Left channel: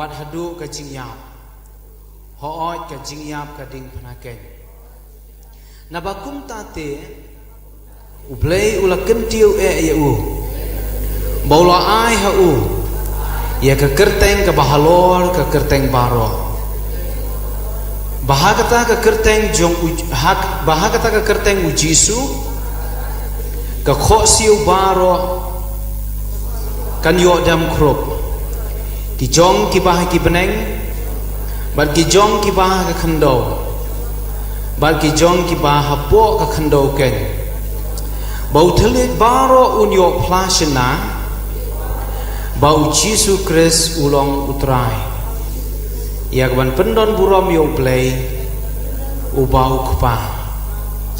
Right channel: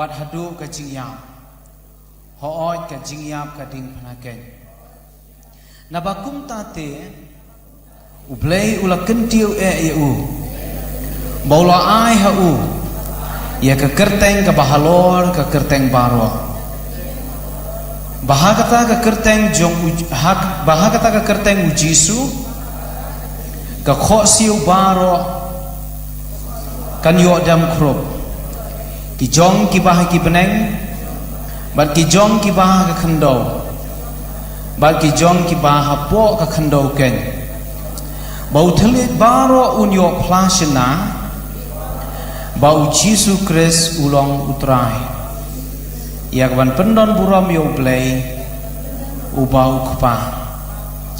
วัดฮัดูกะจิงยามฮออยกะจิงยามกะดิงพนาเกนนาบากุมตาเตอุเบลอุลกันเตียวยอูบาวลาไอฮะอูยากะเกิร์เตงกะบาฮาลอร์กะเกิร์เตงบารอบาฮากตากะเกิร์เตงจงบาฮากตากะเกิร์เตงอุจิสุกะขอซิวบารอกันยอดำครบกิจงกิบากิบเนงบัดกิจงกิบากับขันโดบัดกิจงกิบาฮับปอกับขันโดเกนบ่าวทะเลบารออุนยอพลาชนะบ่าวยิสุคริสอุลองอุตรายอยากวันเป็นดอนบุรอมโยเบลย์อุบาอุขปา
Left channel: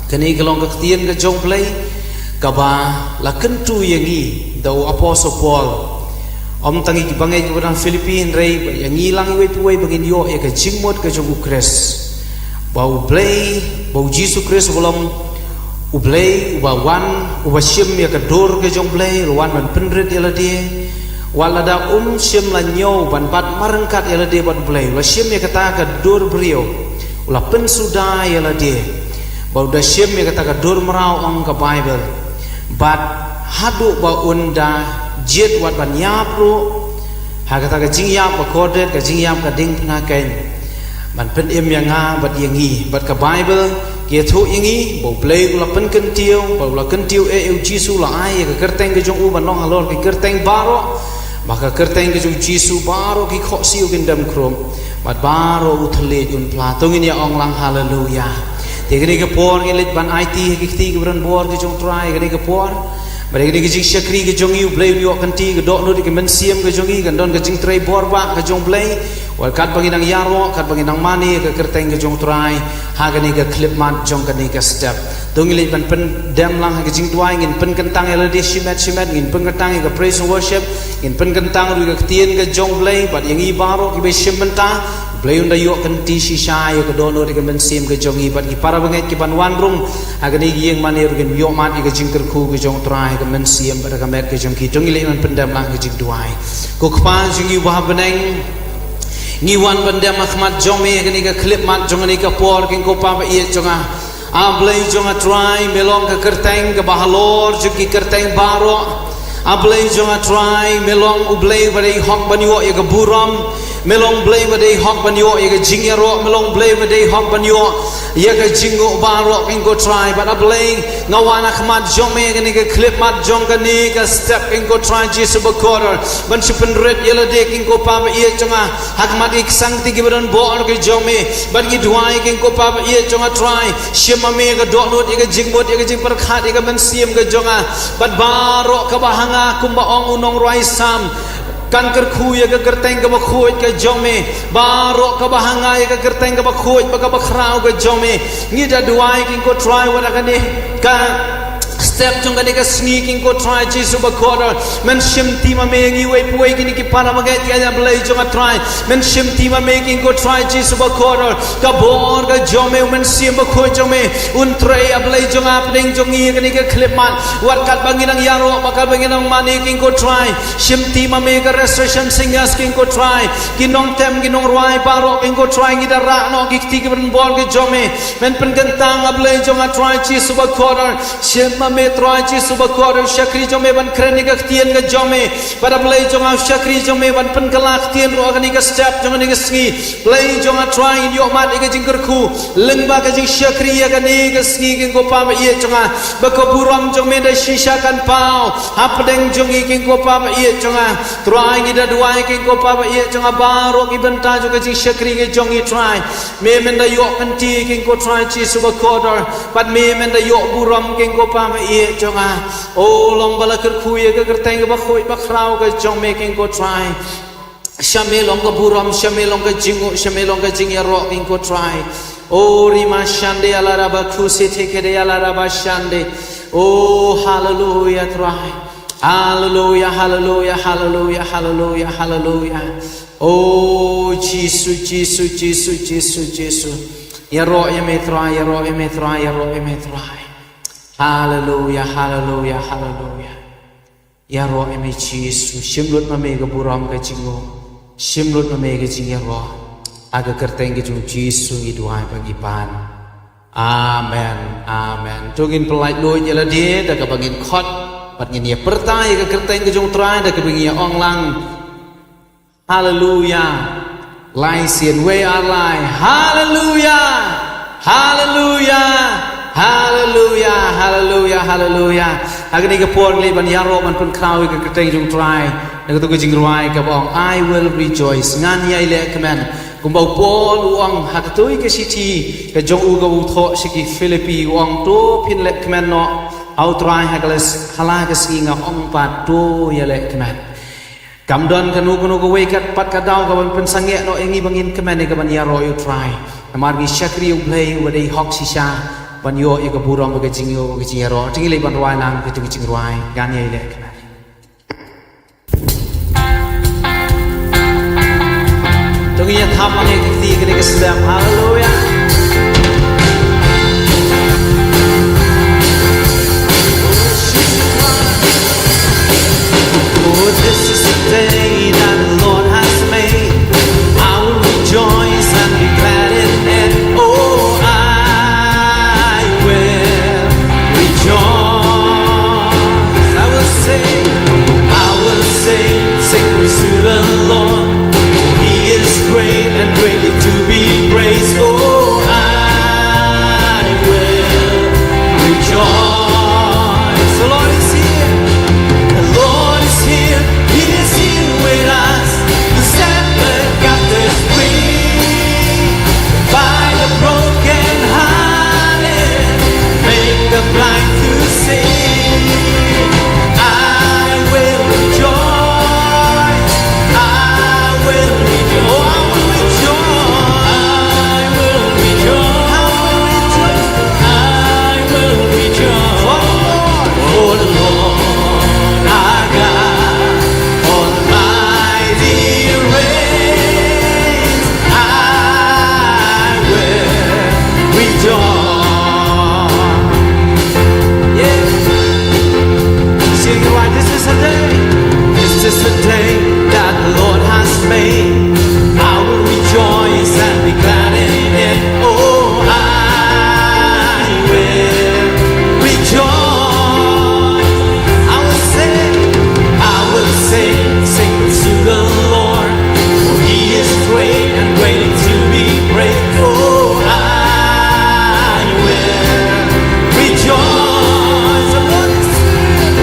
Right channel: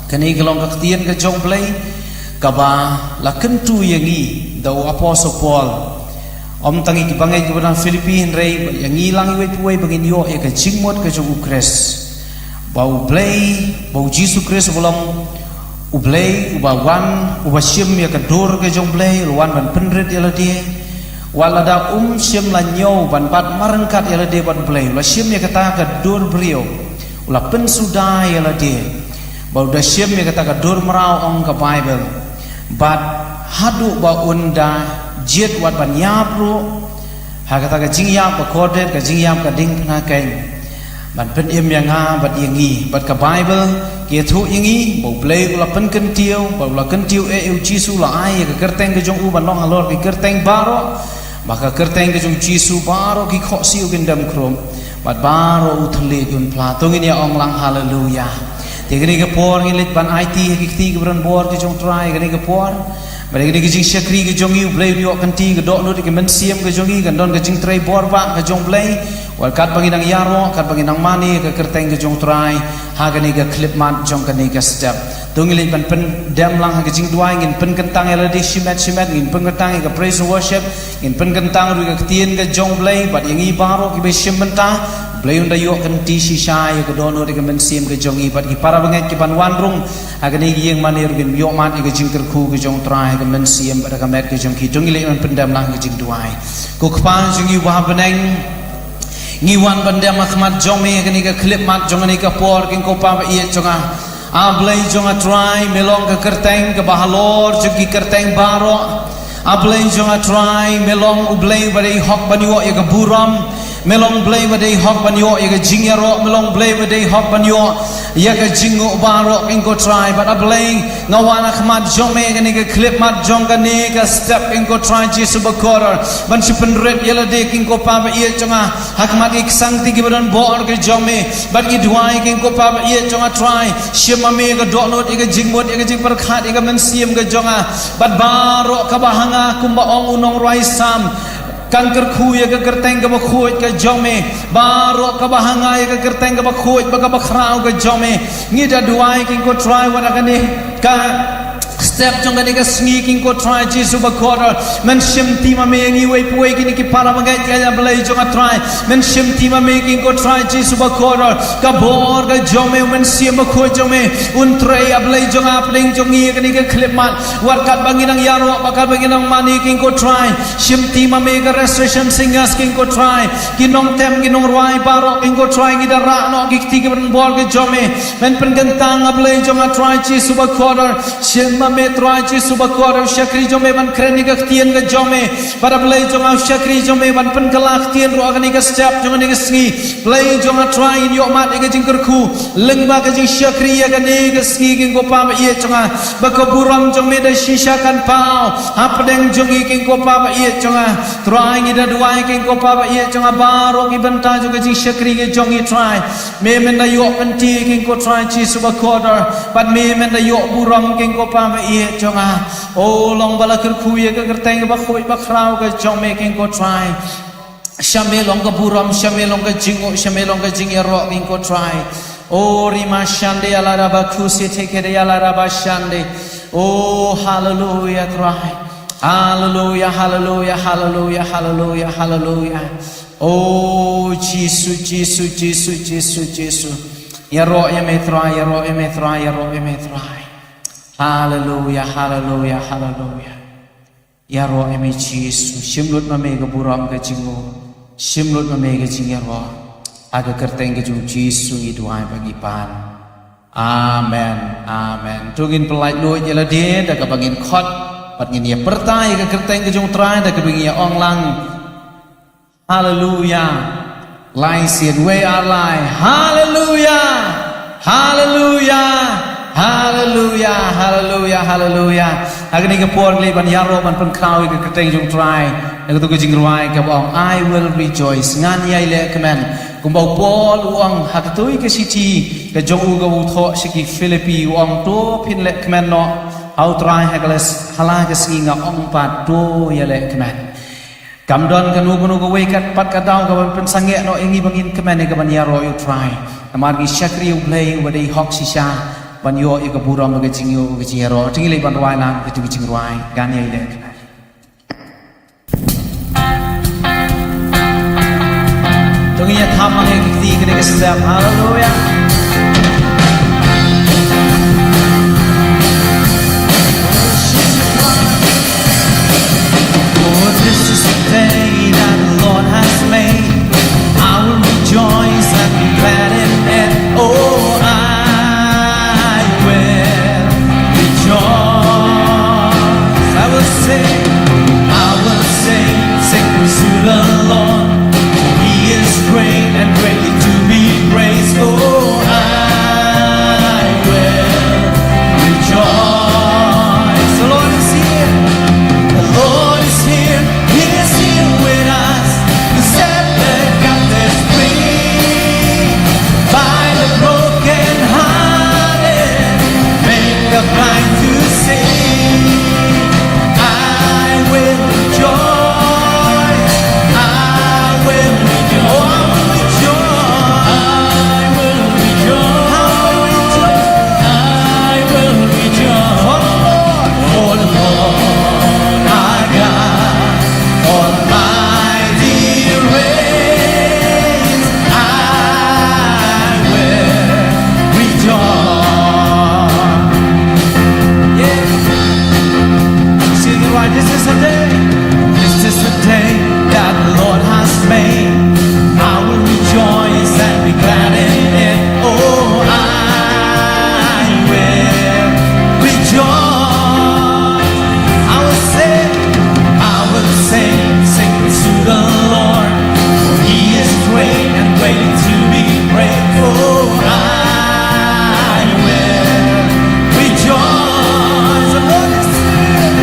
คันนี้ก็ลองกับเตียนกับจงเบลย์กับบ่าลักขันตุยังงี้ดาวอพอสปอลom tangi ki bangai ki bana Filipin rei yang ngilang iwe puai bangin yo ya ka jingmot ka jong ukres bau blei bau Jesus Christ bolom ublei uba wan uba sim ya ka dor ka jong blei luan ban penrit ya la dia walada sim la nyo ban pat marengkat ya la dia ban blei la sim ya kata ka dor brio ula pen suda ya la dia bau da sim ya kata ka dor merau ong ka Bible bat hadu ba unda jet wat ban yap ru hakata ka jingyap ba kodet ka jingyap ka ding phna kain ban pen em yang nga bat yangi bat ka Bible ke thu yangi bo play la pen kan tiu bo la kan tiu e jisu la ai ka kerteng ka jong u ban long alor ki kerteng baro ba ka kerteng ka jong jisu baro ki kho siu kin dam krom bat baro u thale yun pla tongin ya ong lang hallelujah te gani ka por ngi lit ban IT ki ti ka bran bor ki jong try gani ka por mereka ni kejing syakri kejong iu blay ni wak kanti kedok nu di kemensiam kejong iu kandon kejing tray borba kejong blay wal kat bagi nang yaro kat bagi nang mani ke kerteng kejong try haga ni ke clip mat jong kan ni ke step tungi lip pan pen dam lang kejing duai ngin pen kentang eladi shimet ngin pen kentang ke praise and worship ngin pen kentang ru ke tien ke jong blay bat yang i baro ki be shim benta blay unda yo kanti shisha ya ke dono di kemensiam kejong i bat ki para banget ki pan wan rung haga ni yang mani ru gen yo mat ke jing terku kejong try ke mensiam pada kamet ke jong ki tungi lip pan pendam lang kejing duai ko kpa jing i wa beneng ngiwan bandam akhmat jomi kini ke klip mat jong ni ke por king ko pa ie jonga ablay jonga try melong ke kerteng ke bahalor jogi kerteng baro ablay jonga try melong ublay badai hok banyo ye ke buram melong blay badai hok banyo ye ke jingyaro melong blay badai hok banyo ye ke jingo baro king ko try but ablay ngawan akhmat jomi kini ke klip mat jong kini ke step king ko try jisu bakor ban sipen red yela de king ko pa ie jonga hakmat ik sang ti ki badan bor ke jomi bat ki duai king ko pa ie jonga try shema me ke dok not ke jingmot ke jing perkhat ke mensiam ke jonga bat baro ka bahanga kumba ong unong roi sam kan kerku ya ke kerteng ke bakhuit ke jome baro ka bahanga ya ke kerteng ke bakhuit ba ka bakrau ke jome ngida duai king ko try wada kan ni ka step jong kan ka sneaking ko try jisu bakor men shim ti ma me ngi wei puai kini ki para magai ya blai jong try men shim ti ma me king ko try jisu bakor ka bor ka jome men sim ba khoi jome un tray ablai jong apning jong ngi kini ka clip mat wat kat bangin ang yaro bakal bangin ang mani king ko try shim ti ma me ka restoration singers king ko try kinong tem kinong ruai baro king ko try ngi da ra no ki ti ki ban bor ka jome men pen gantang ablai jong try jisu bakor shim ma me try jisu bakor syakri jome ban kreni ka tien ka jome para blai jong syakri jome ban pen kalak tien ro ka ni ka step jong ni ka sngi blai jong try in yo mat ka jing kerku leng ba ka jing syakri ya ka ni ka sngi king ko pa ba ie jong ba ko buram jong me da shisha kan pau hapdeng jong i king ko pa ba ie jong try ngi da duai king ko pa ba ie jong baro ki benta jong ka jing syakri ka jong i try me men da yo kan ti king ko try jisu bakor but me men da yo buram king ko pa ba ie jonga o long bala kerku ye ke kerteng ba khoi ba khrau ke jong making ko try shame long ka buram shame long ka jingo shame long ka jing ya ro king ko try o rima shande ala raba khusi theke de ala raba shande o hallelujah try hallelujah hallelujah hallelujah hallelujah hallelujah o Jesus ya ro ya me try ya ro ya me try ya ro ya me try hallelujah hallelujah hallelujah ya ro eme Jesus shimlut ma me ga buram ga jingo Shimlut mamega jingero. Aga kerteng ke jung Jisu iduai bagi pan. Amen. Amen. Tungin pelait lo nyala dia dah kabangin khot. Pat ngin ya pertai ke kerteng ke jung trai dah kabangin ya ong lang. Hallelujah. Lai sien we alai. Hallelujah. Hallelujah. Hallelujah. Hallelujah. Hallelujah. Agni ke puan le ban yaro ban pen krau ke kerteng jung trai. Dah tu ke jing ruai ke bong. I will rejoice. Ngan yai le kemen. Kumbau Paul uang hakatui ke siti ke jong uga utho siki Filipi uang to pin le kemen no au trai hagales hala ke singa ong pat to ya le kemen kamdon kanu kanu go wekat pat kadau ka ban sange no ingi bangin kemen ke ban yaro you try amar gi shakri u play wadai hok sisha ban yo e ka buram ke jingyo ke jingero tingi le ban rwai lang ke jing rwai gan ye le kemen Tunggunya tamang yang ketiga kita sedap haleluya. Oh, this is the day that the Lord has made. I will rejoice and be glad in it. Oh, I will rejoice. I will sing praise to the Lord. He is great and greatly to be praised. Oh, I will rejoice. The Lord is here. The Lord is here. He is here with us to set the captives free. Bind the broken hearted, make the blind to see. I will rejoice. This is the day that the Lord has made. I will rejoice and be glad in it. Oh, I will rejoice. I will sing to the Lord. For He is great and greatly to be praised. Oh, I will rejoice. The Lord is here.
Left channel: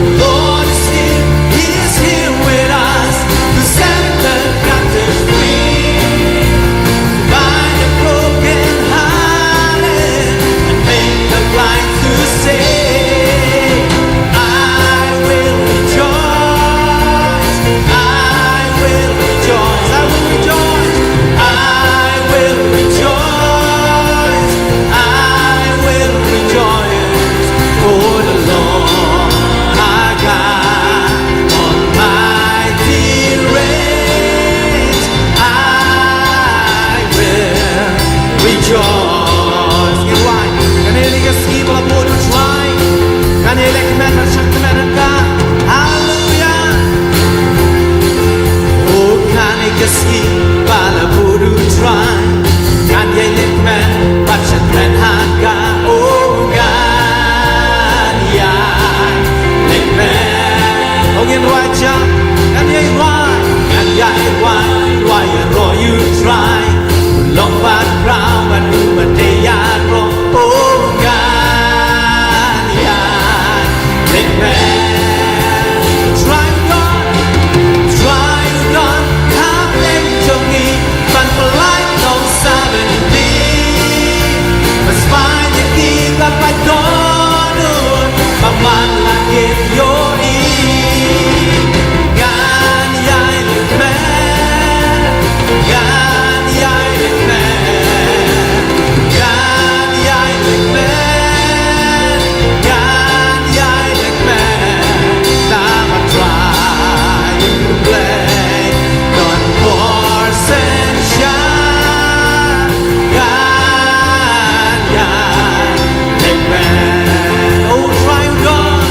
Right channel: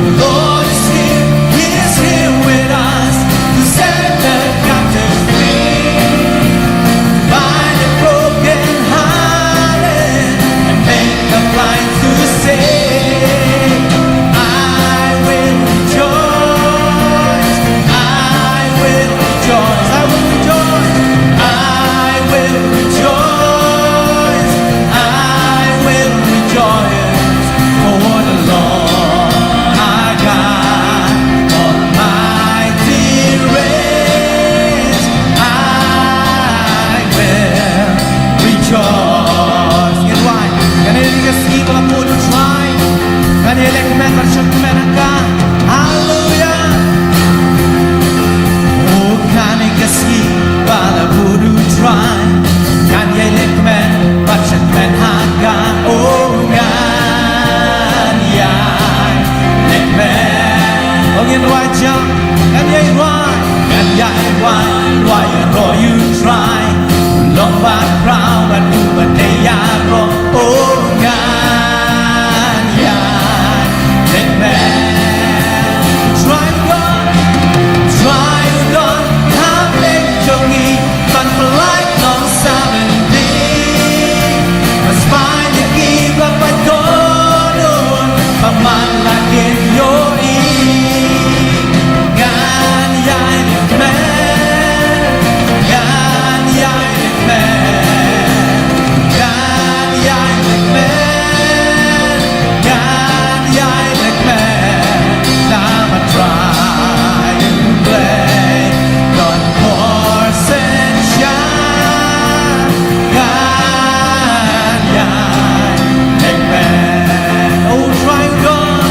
The Lord is here. He is here with us to set the captives free. Bind the broken hearted and make the blind to see. I will rejoice. I will rejoice. I will rejoice. I will rejoice. I will rejoice. For the Lord our God Almighty reigns. I will rejoice. Get why? Can you lick a ski while I'm going to try? Can you lick men but shut the men and God? Hallelujah. Oh, can you lick a ski while I'm going to try? Can you lick men but shut men and God? Oh, God, yeah, lick men. Oh, get right, John. Can you right? Can you right? You try. Long bad crown and who but they are wrong. Oh God, yeah, let me try to done, come back to me, but for life no 70. But spine you give up I don't, but man like in your ear. God, yeah, let me. God, yeah, let me. God, yeah, let me. God, yeah, let me. Now I try to play on horse and shine. God, yeah, let me. Oh, try God.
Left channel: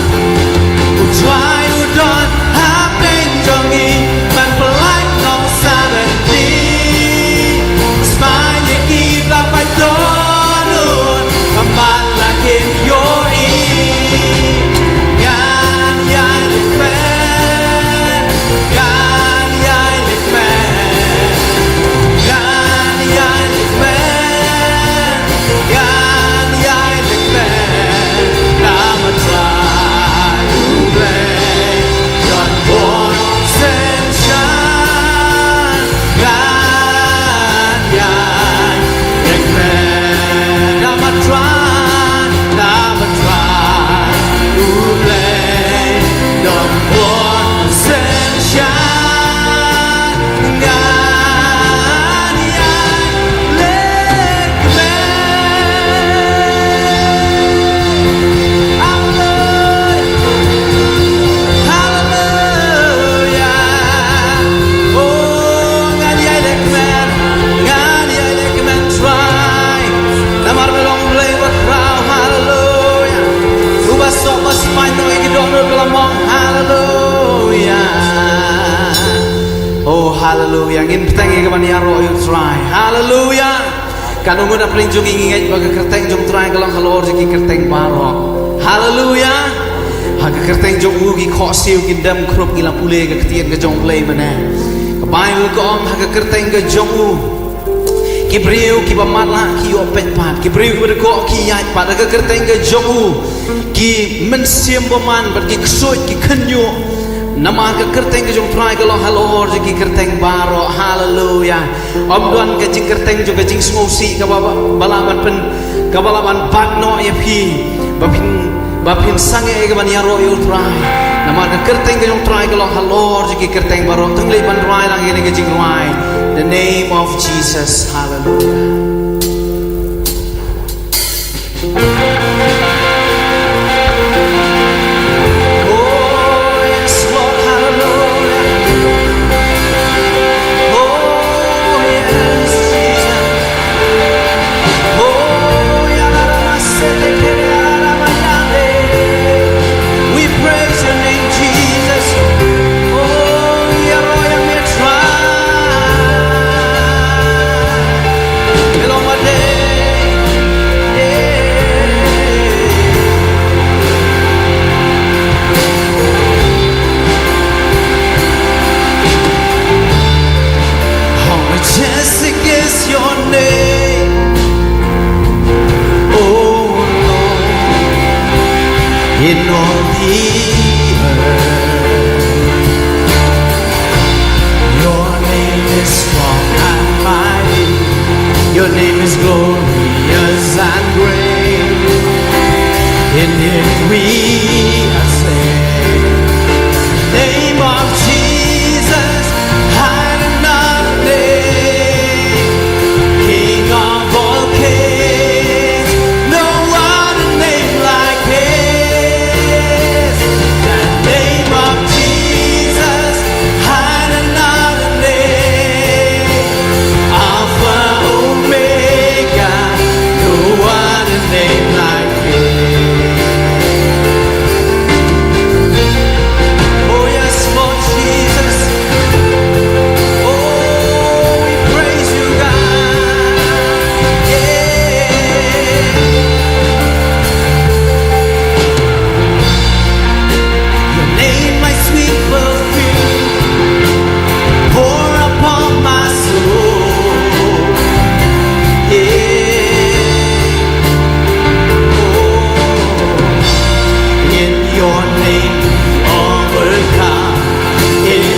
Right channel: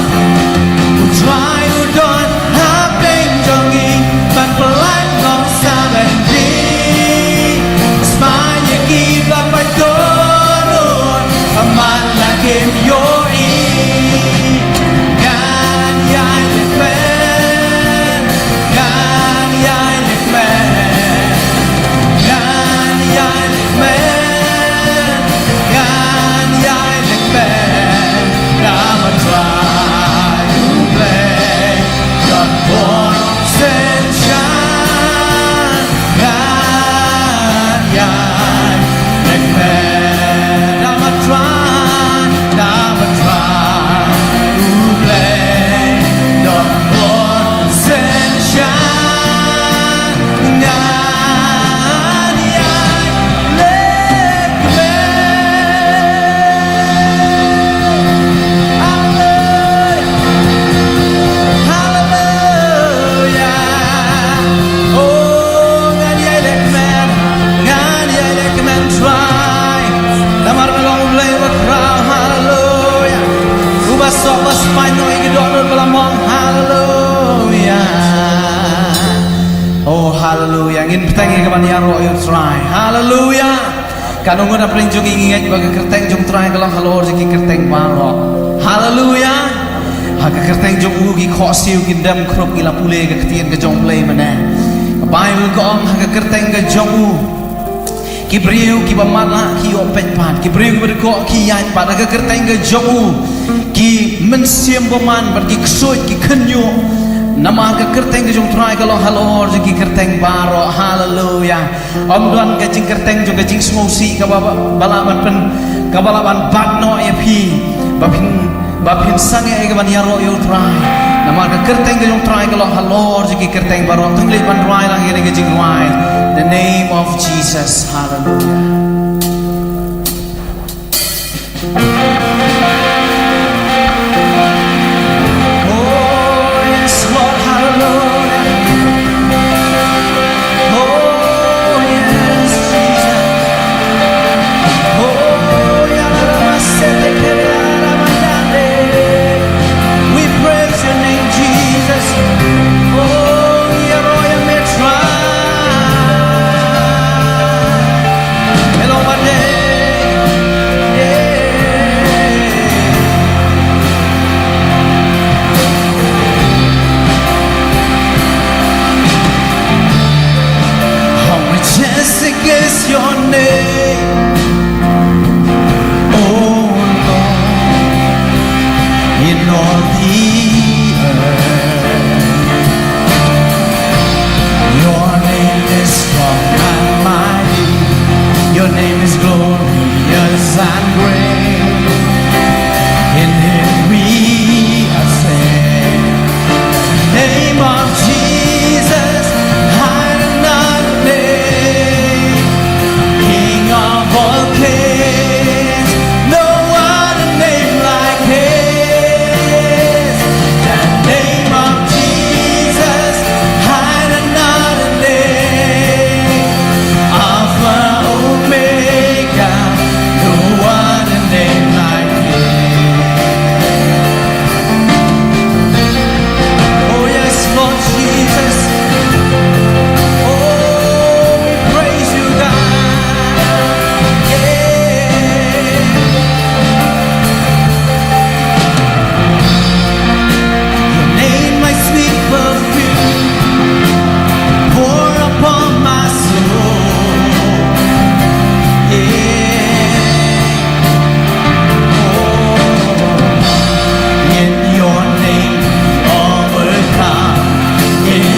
sọ bas pai noi cái đó rồi bala mong hallelujah. Oh hallelujah. Ngin petang ke bani aro you try. Hallelujah. Kalau ngon apring jong ingat baga kerteng jong try kalau halor jeki kerteng baro. Hallelujah. Haga kerteng jong ugi kho siu kindam krop ngila pule ke ketien ke jong play mana. Bible ko om haga kerteng ke jong u. Ki beriu ki bamala ki opet pat ki beriu ki berko ki yat pat haga kerteng ke jong u. Ki mensiam baman ber ki ksoi ki kenyo. Nama ke kerteng ke jong try kalau halor jeki kerteng baro. Hallelujah. Om duan ke jing kerteng jong ke jing smosi ke balaban pen ke balaban bagno ya pi bapin sange ke ban yaro yo try. Nama ke kerteng ke jong try kalau halor jeki kerteng baro tungli ban try lang ini ke jing try. The name of Jesus. Hallelujah. In all the earth, your name is strong and mighty, your name is glorious and great. In it we are saved. Name of Jesus, hide another name, King of all kings, no other name like his.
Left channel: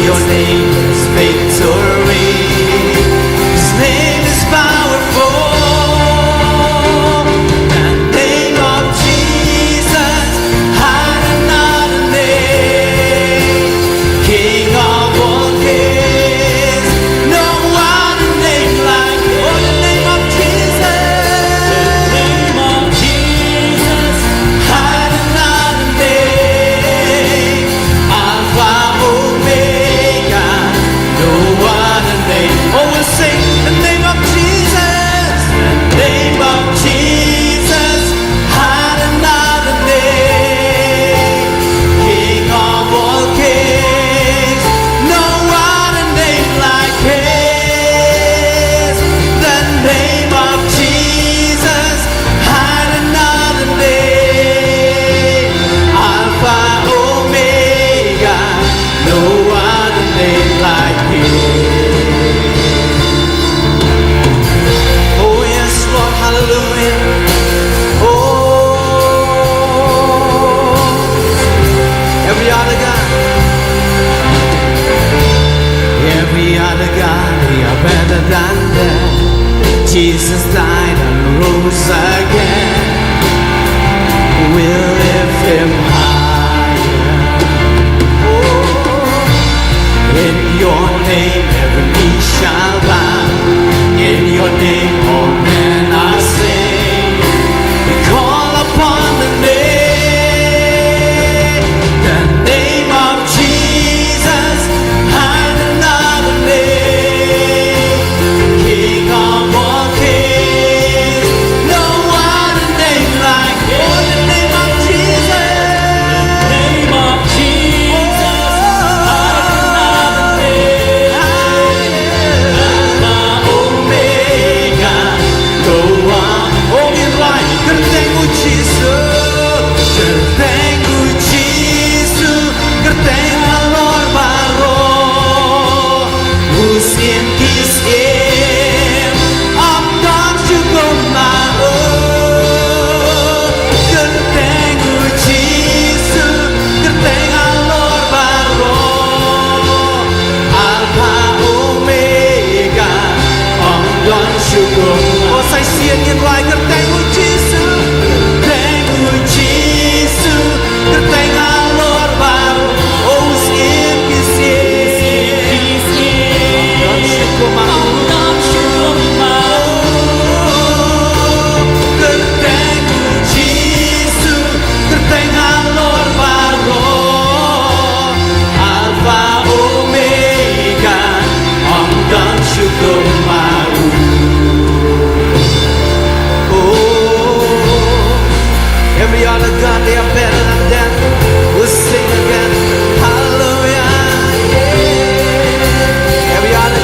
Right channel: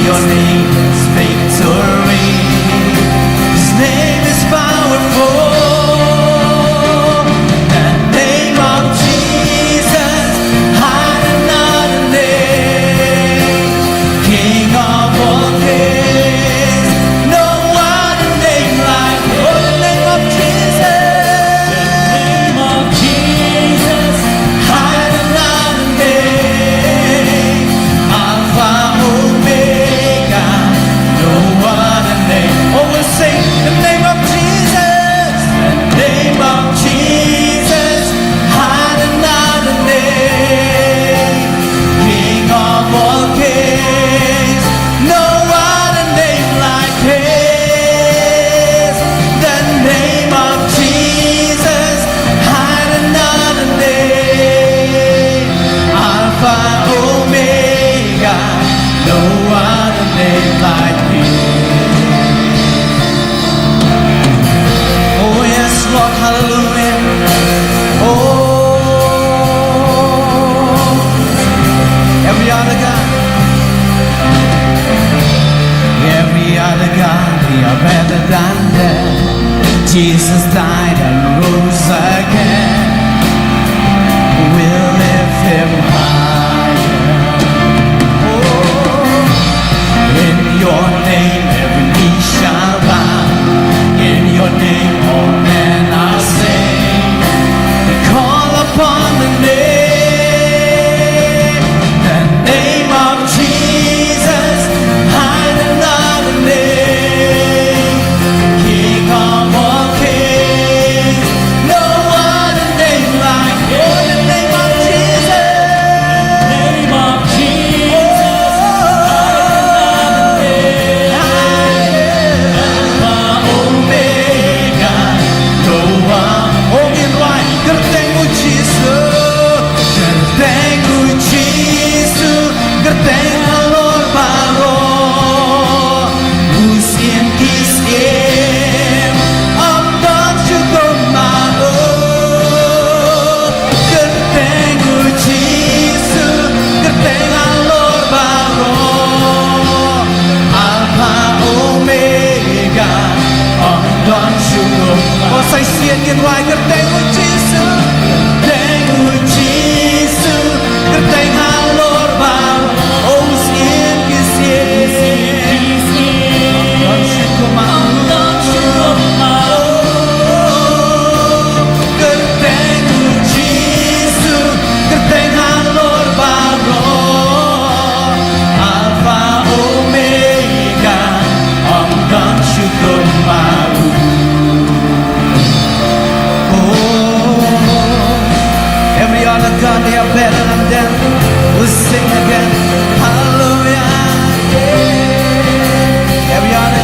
Your name is victory. His name is powerful. The name of Jesus, hide another name, King of all kings, no other name like him. Oh, the name of Jesus, the name of Jesus, hide another name, Alpha Omega. Oh, we'll sing the name of Jesus, the name of Jesus, hide another name, King of all kings, no other name like his. The name of Jesus, hide another name, Alpha Omega, no other name like his. Lord, hallelujah. Oh, every other God, they are better than that. Jesus died and rose again. We'll lift him higher. Oh, in your name every knee shall bow. In your name all men are saved. We call upon the name of Jesus, hide another name, King of all kings, no one Oh, say xiên nghiêng loài gật tay của Giêsu, tay của Giêsu, gật tay ngã lor vào, oh xiên kia xiên, đón Chúa mau, gật tay của Giêsu, gật tay ngã lor vào, Alpha Omega, ông đón Chúa mau. Every other God, they are better than them. We'll sing again, hallelujah, yeah. Every other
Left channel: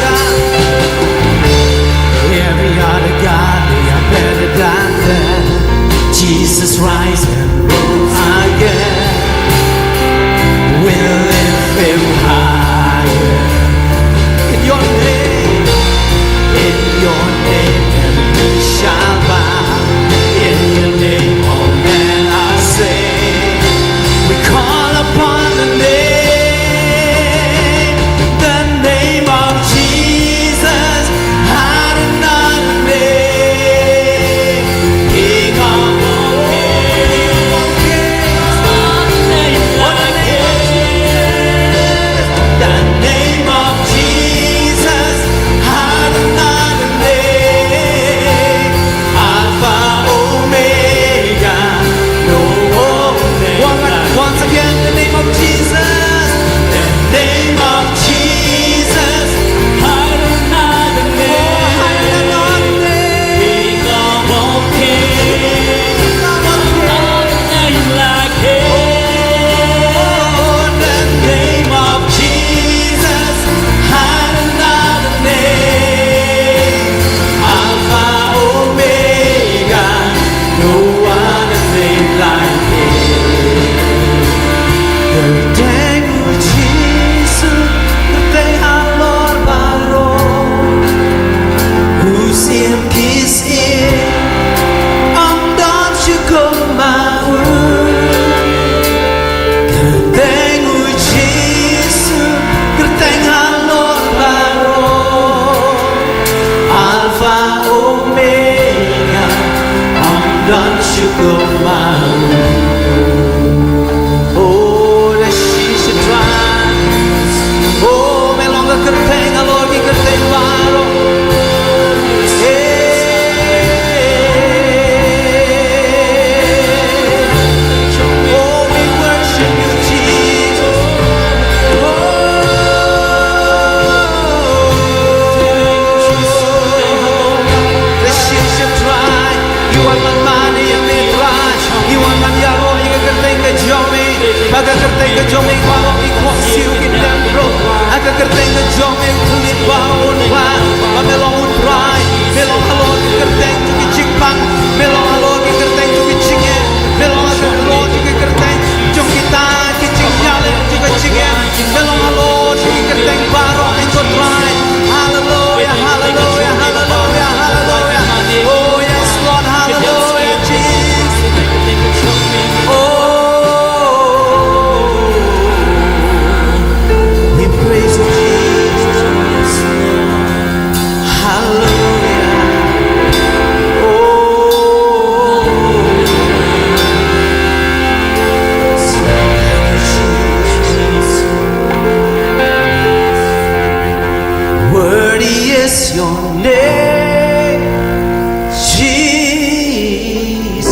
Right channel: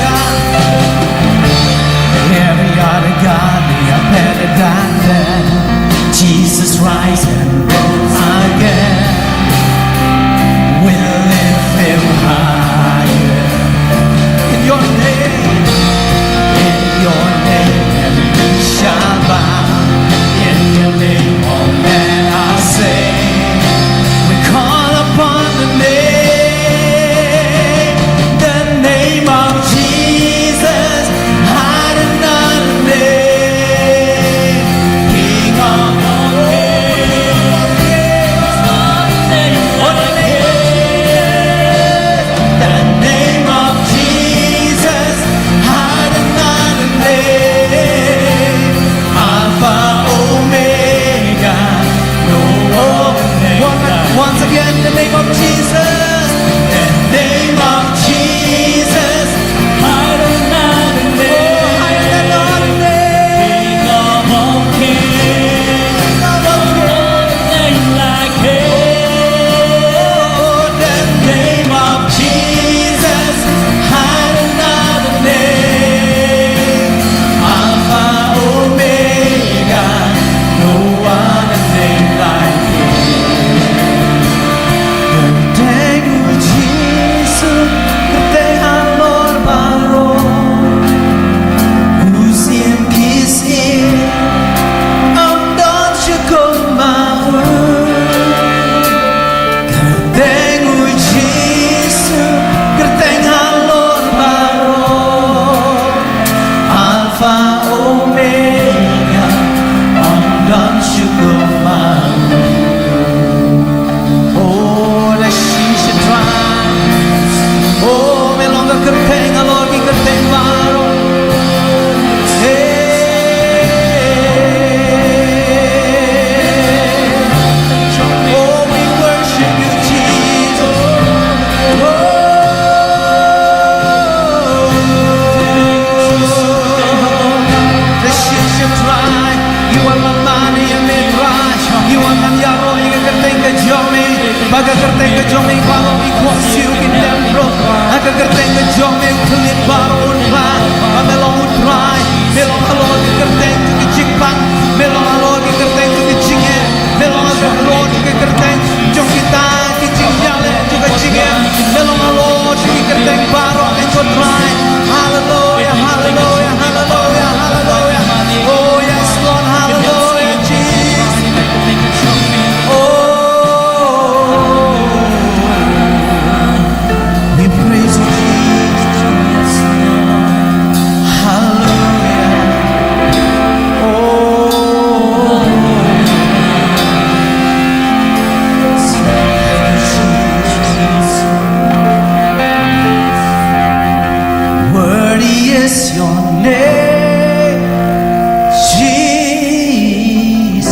God, they are better than them. Jesus rise and rose again. We'll lift Him higher. In Your name, every knee shall bow. In Your name, all men are saved. We call upon the name of Jesus, higher than another name. King of all kings, what name like His? The name of Jesus, higher than another name. Alpha. Once again, the name of Jesus, the name of Jesus, higher than another name, higher than another name. King of all kings, what name like His? Oh, the name of Jesus, higher than another name. Alpha, Omega, no other name like His. Don't you go my oh, that she should try. Oh, me longer kerteng alor ki kerteng baro. Oh, we worship You, Jesus. Oh, that she should try. You are my money and me try. You are my yaro, you can think of Jomi. Baga kerteng ke Jomi, baro ikut siu kindam bro. Aga kerteng ke Jomi, kulit baro unplan. Melong utrai, melong halor ke kerteng tu ke Jingpynthymmai, melong halor ke kerteng tu ke Jingye, melong halor ke kerteng jong kita ke Jingyale tu ke Jingye, melong halor ke kerteng baro ikut try. Hallelujah, hallelujah, hallelujah, hallelujah. Oh yes, Lord, hallelujah, Jesus. We praise You, Jesus. Hallelujah. Worthy is Your name, Jesus.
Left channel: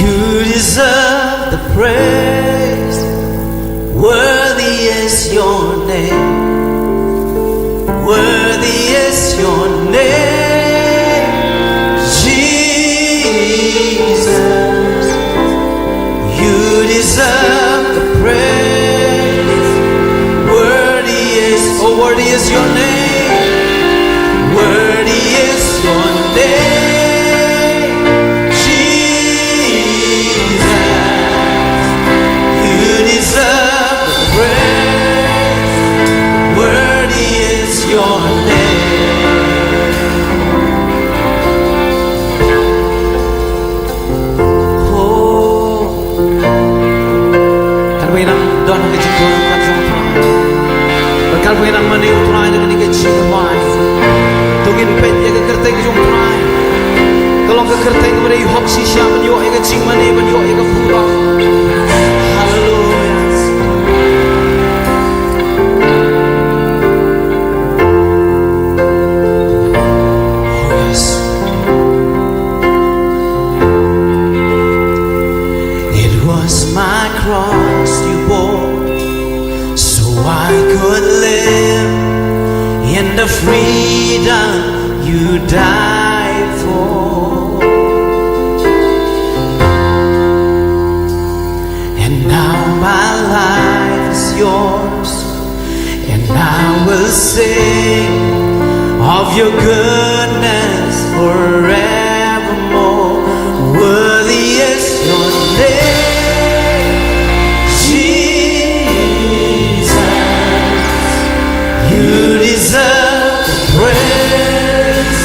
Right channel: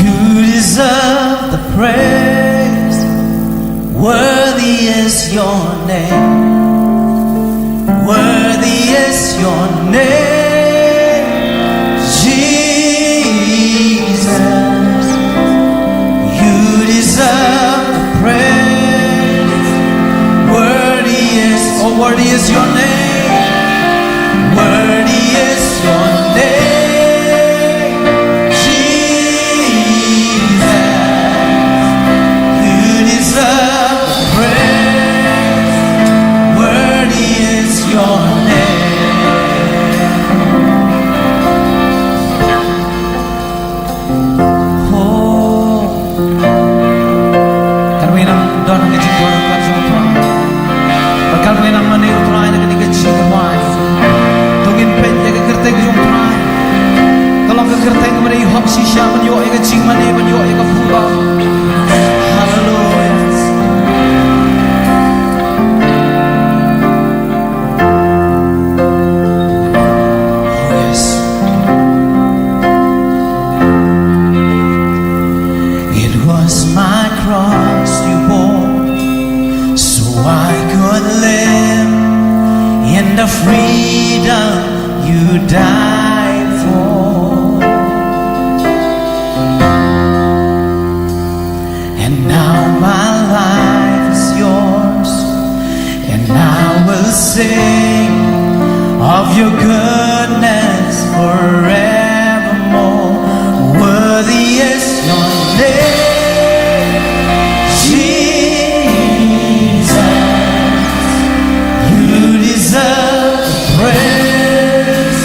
You deserve the praise. Worthy is Your name. Worthy is Your name, Jesus. You deserve the praise. Worthy is Your name. Worthy is Your name, Jesus. mani utrai na kani ka Jingpynthymmai tungin pen ya ka kerteng jong utrai kalong ka kerteng mani hok si sya man yo ya ka Jingmani man yo ya ka pura hallelujah. My cross you bore so I could live in the freedom you died for, and now my life is yours, and I will sing of your goodness forevermore. Worthy is your name, you deserve the praise.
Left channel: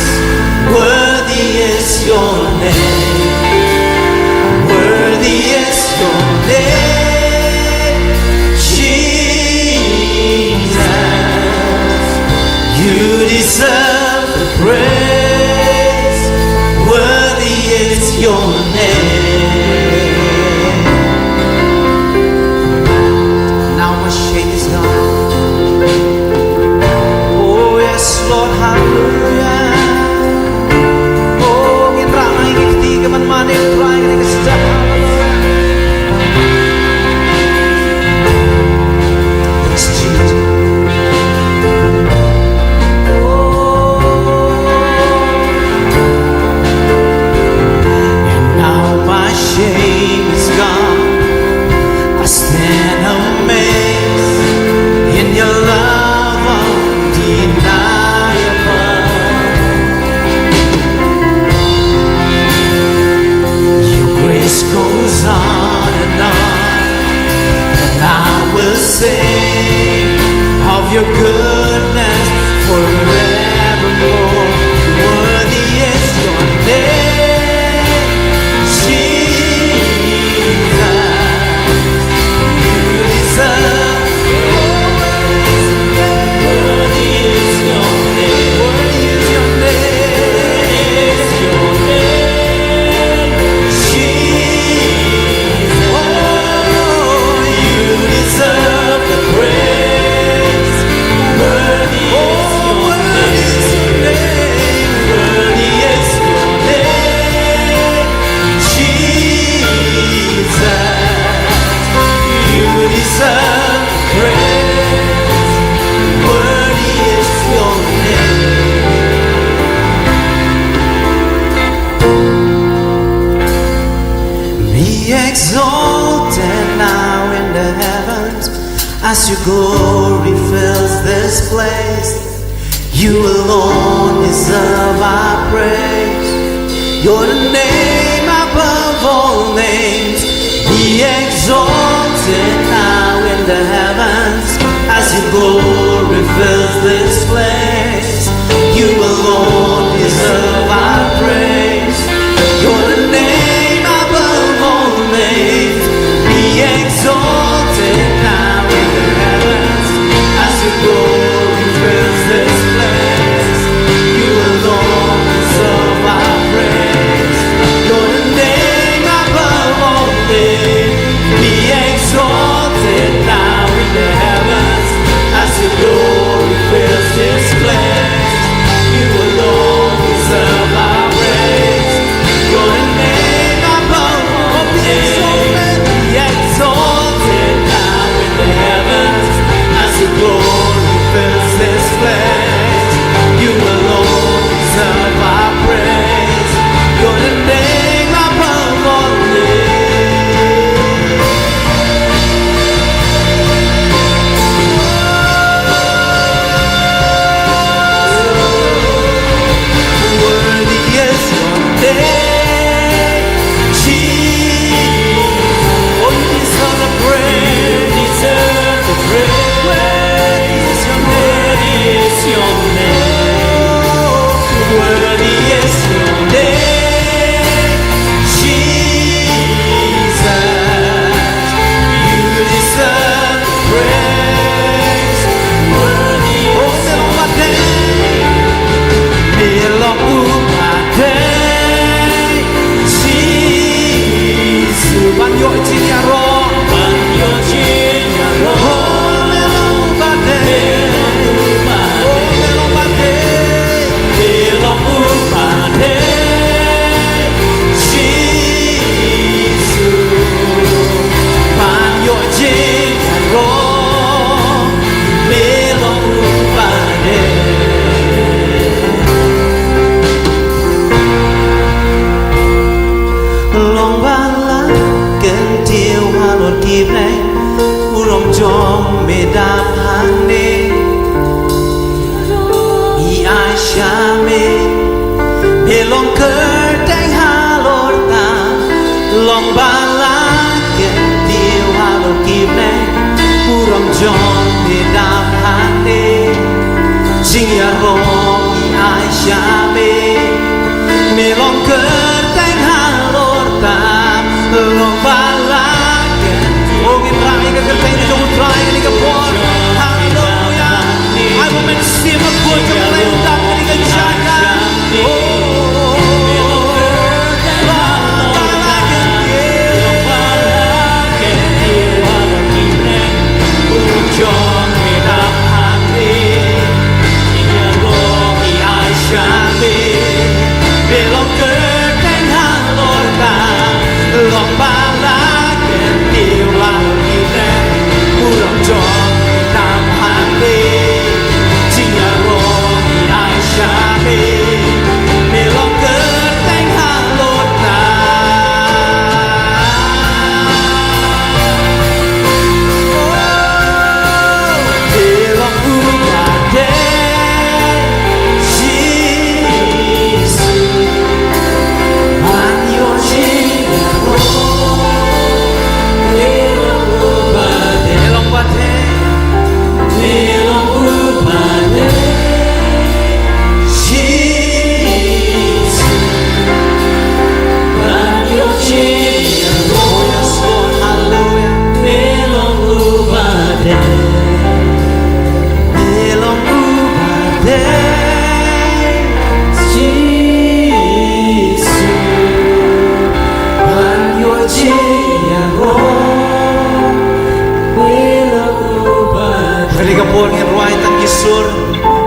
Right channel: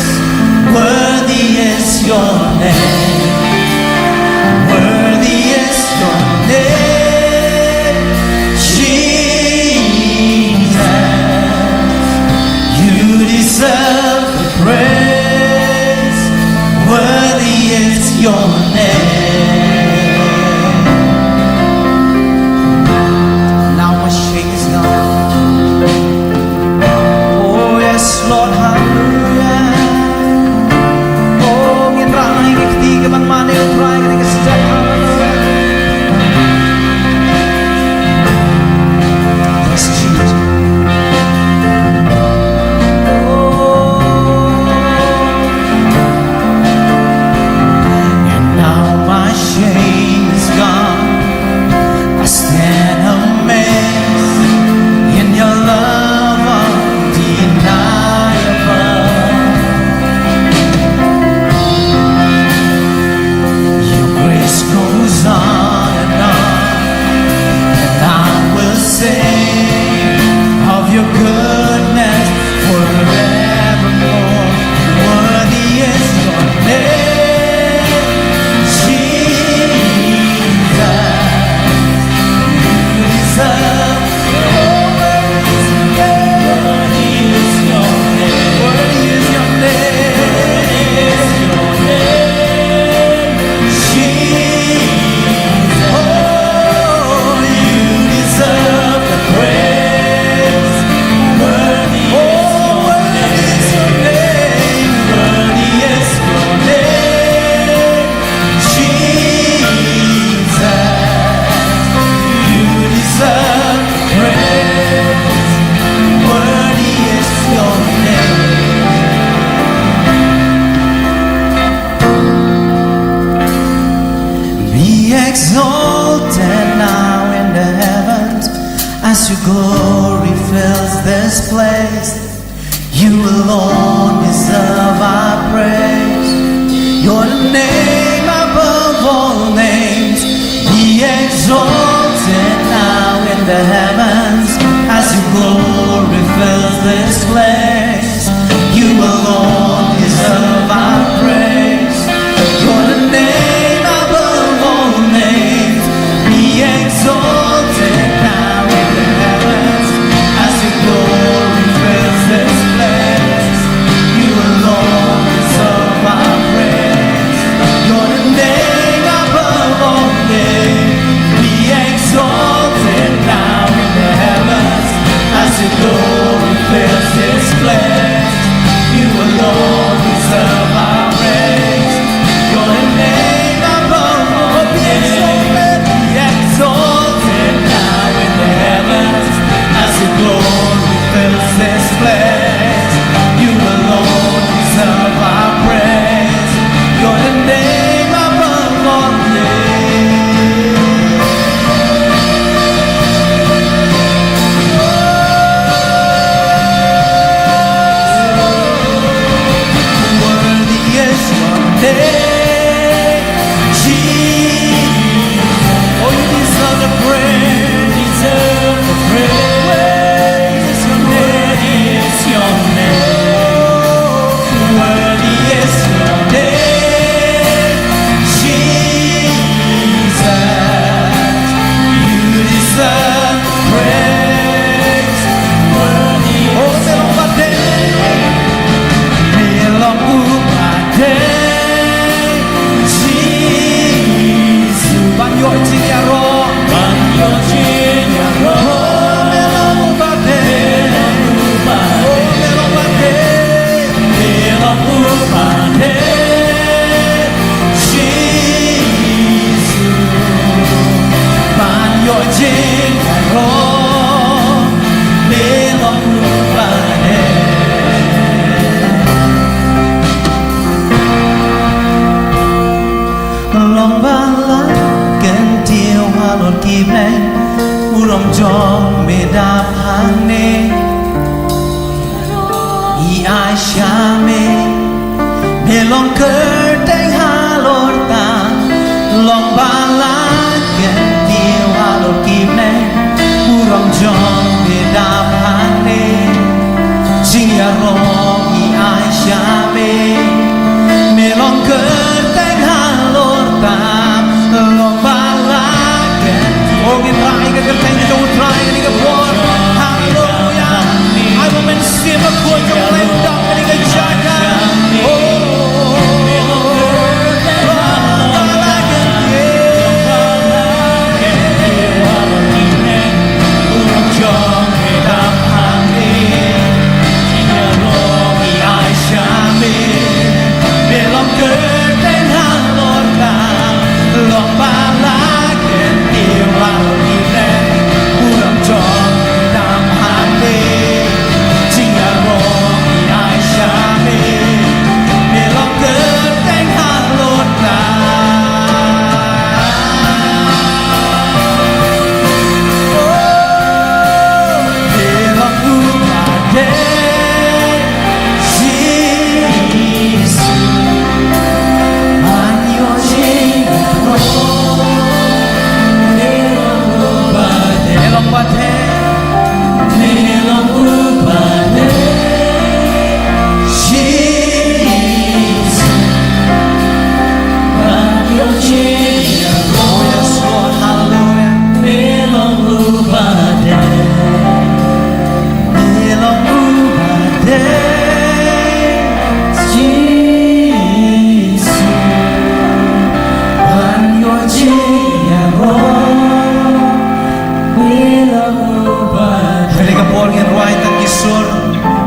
Worthy is your name. Worthy is your name, Jesus. You deserve the praise. Worthy is your name. Now my shame is gone. Lord, hallelujah. Oh, ngin rana ingin ketiga man mani utrai ngin kesedap hallelujah. Yes, Jesus. And now my shame is gone. I stand amazed in your love undeniable. Goes on, and I will sing of your goodness forevermore. Worthy is your name, Jesus. You deserve. Worthy is your name. Worthy is your name. Exalted now in the heavens as your glory fills this place. You alone deserve our praise. You're the name above all names. Be exalted now in the heavens as your glory fills this place. You alone deserve our praise. You're the name above all names. Be exalted now in the heavens as your glory fills this place. You alone deserve our praise. You're the name above all names. Be exalted now in the heavens as your glory fills this place. You alone deserve our praise. You're the name above all names. Be exalted now in the heavens as your glory fills this place. You alone deserve our praise. You're the name above all names. yo jinyaro Banyo jinyaro melong bade melong bade Melong upade Jesus banyo jinyaro melong bade long bala ken tiêu halor kibleng urom jong meda phane I ashame melong ker teng halor ta long bala ken tiêu halor kibleng urom jong meda phane jing ya rong I ashame melong ker teng halor ta long bala ken ogin rai ka ker teng jong rai ni ka por hallelujah I will men sim a ko jong lem dam ni ka jaga Jong medap hangni Inya rogi aisyami belong ke teng halor ta long bala ken tiwa ine uram jong dam hande jinga rogi aisyami belong ke teng halor ta belong upade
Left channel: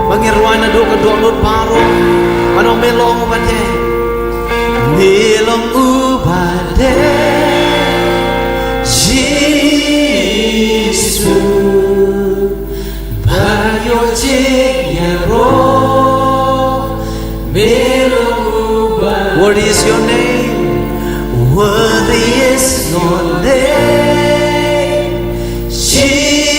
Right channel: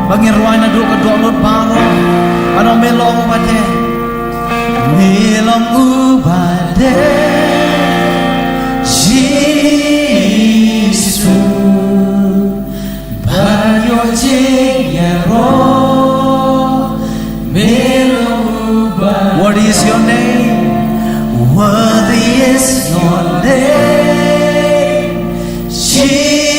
Bangirwai na do ka do lot baro ano melong ubade melong ubade Jesus banyo jinyaro melong ubade. What is your name? Worthy is your name, Jesus.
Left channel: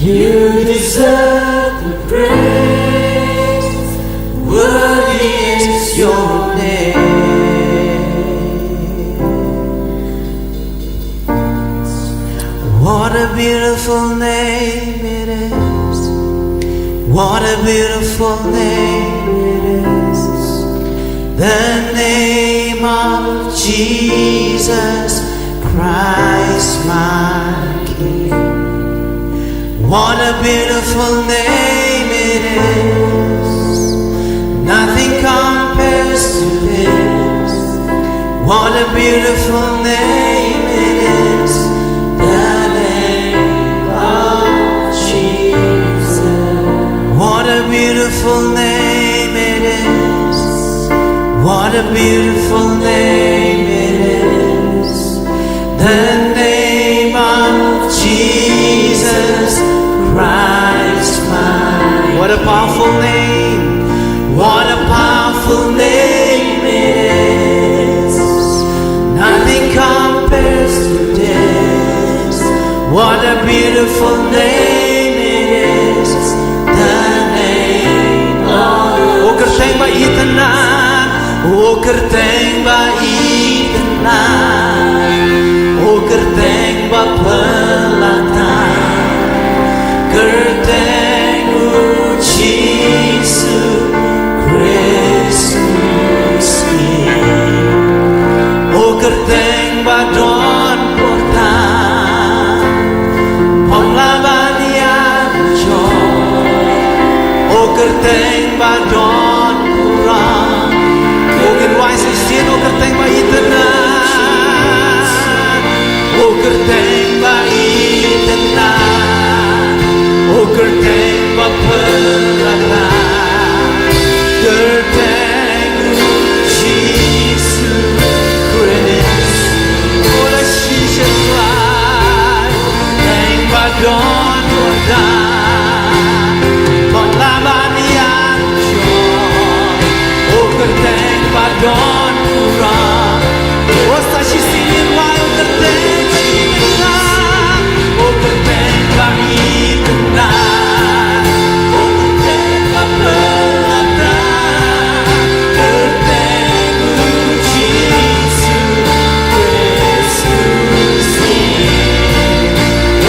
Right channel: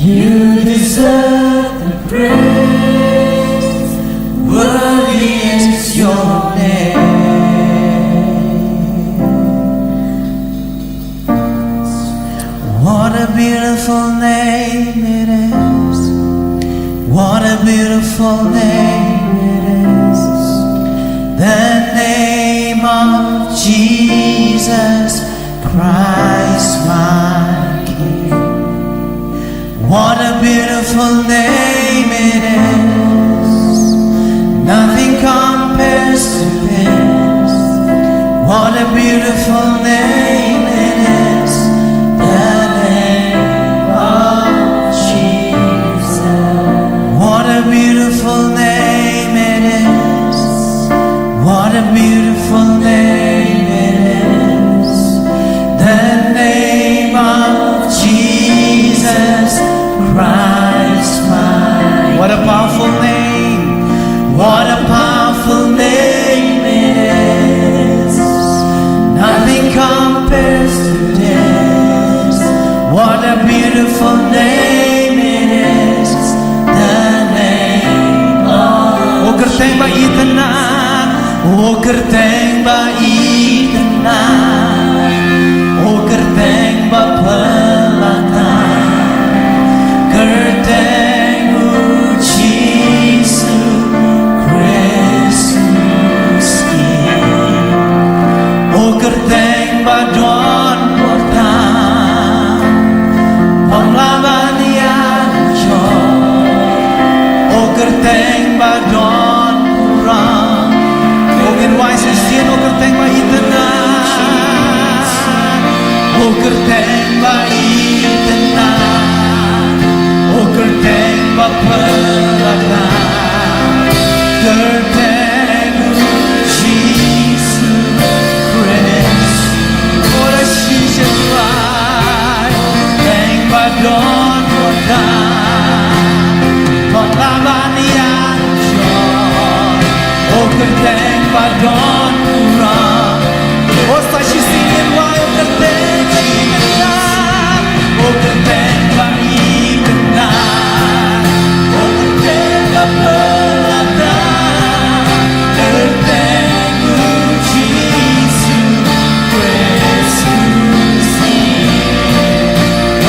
You deserve the praise. Worthy is your name. What a beautiful name it is. What a beautiful name it is. The name of Jesus Christ, my King. What a beautiful name it is. Nothing compares to this. What a beautiful name it is. The name of Jesus. What a beautiful name it is. What a beautiful name it is. The name of Jesus Christ, my. What a powerful name. What a powerful name it is. Nothing compares to this. What a beautiful name it is. The name of. O kerteng ba itanan. O kerteng ba itanan. O kerteng ba pelatan. Kerteng ucisu Kristus King. O kerteng ba don portan. Panglaban yan jong. O kerteng ba don kurang. O wise is sin o kerteng ba itena o kerteng ba itena o kerteng ba pelana kerteng Jesus Christ ora shisha fly teng ba don wada Polabanian John o kerteng ba don kurang o sa shisingin wai o kerteng itena o kerteng ba itena o kerteng ba pelana kerteng Jesus Christus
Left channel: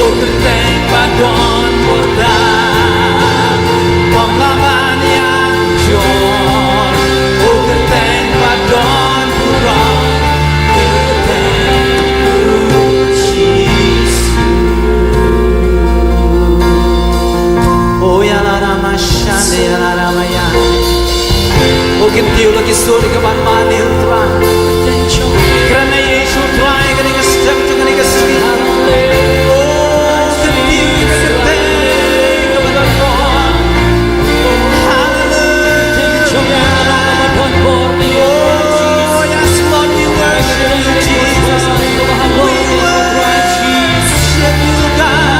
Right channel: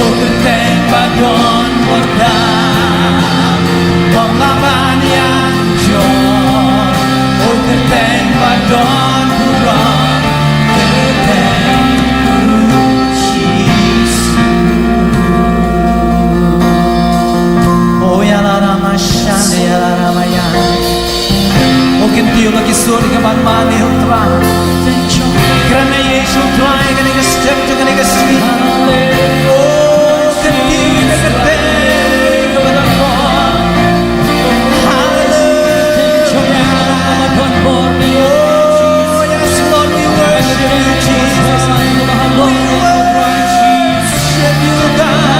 o kerteng ba don wada Polabanian John o kerteng ba don kurang Shande ala ramaya, o kintiu lagi suri kaman mani utra, karena Yesus try kani ka step tu kani ka street, o kintiu ka kerteng kaman Lord, Hallelujah, oh yes Lord we worship you Jesus, we worship you God.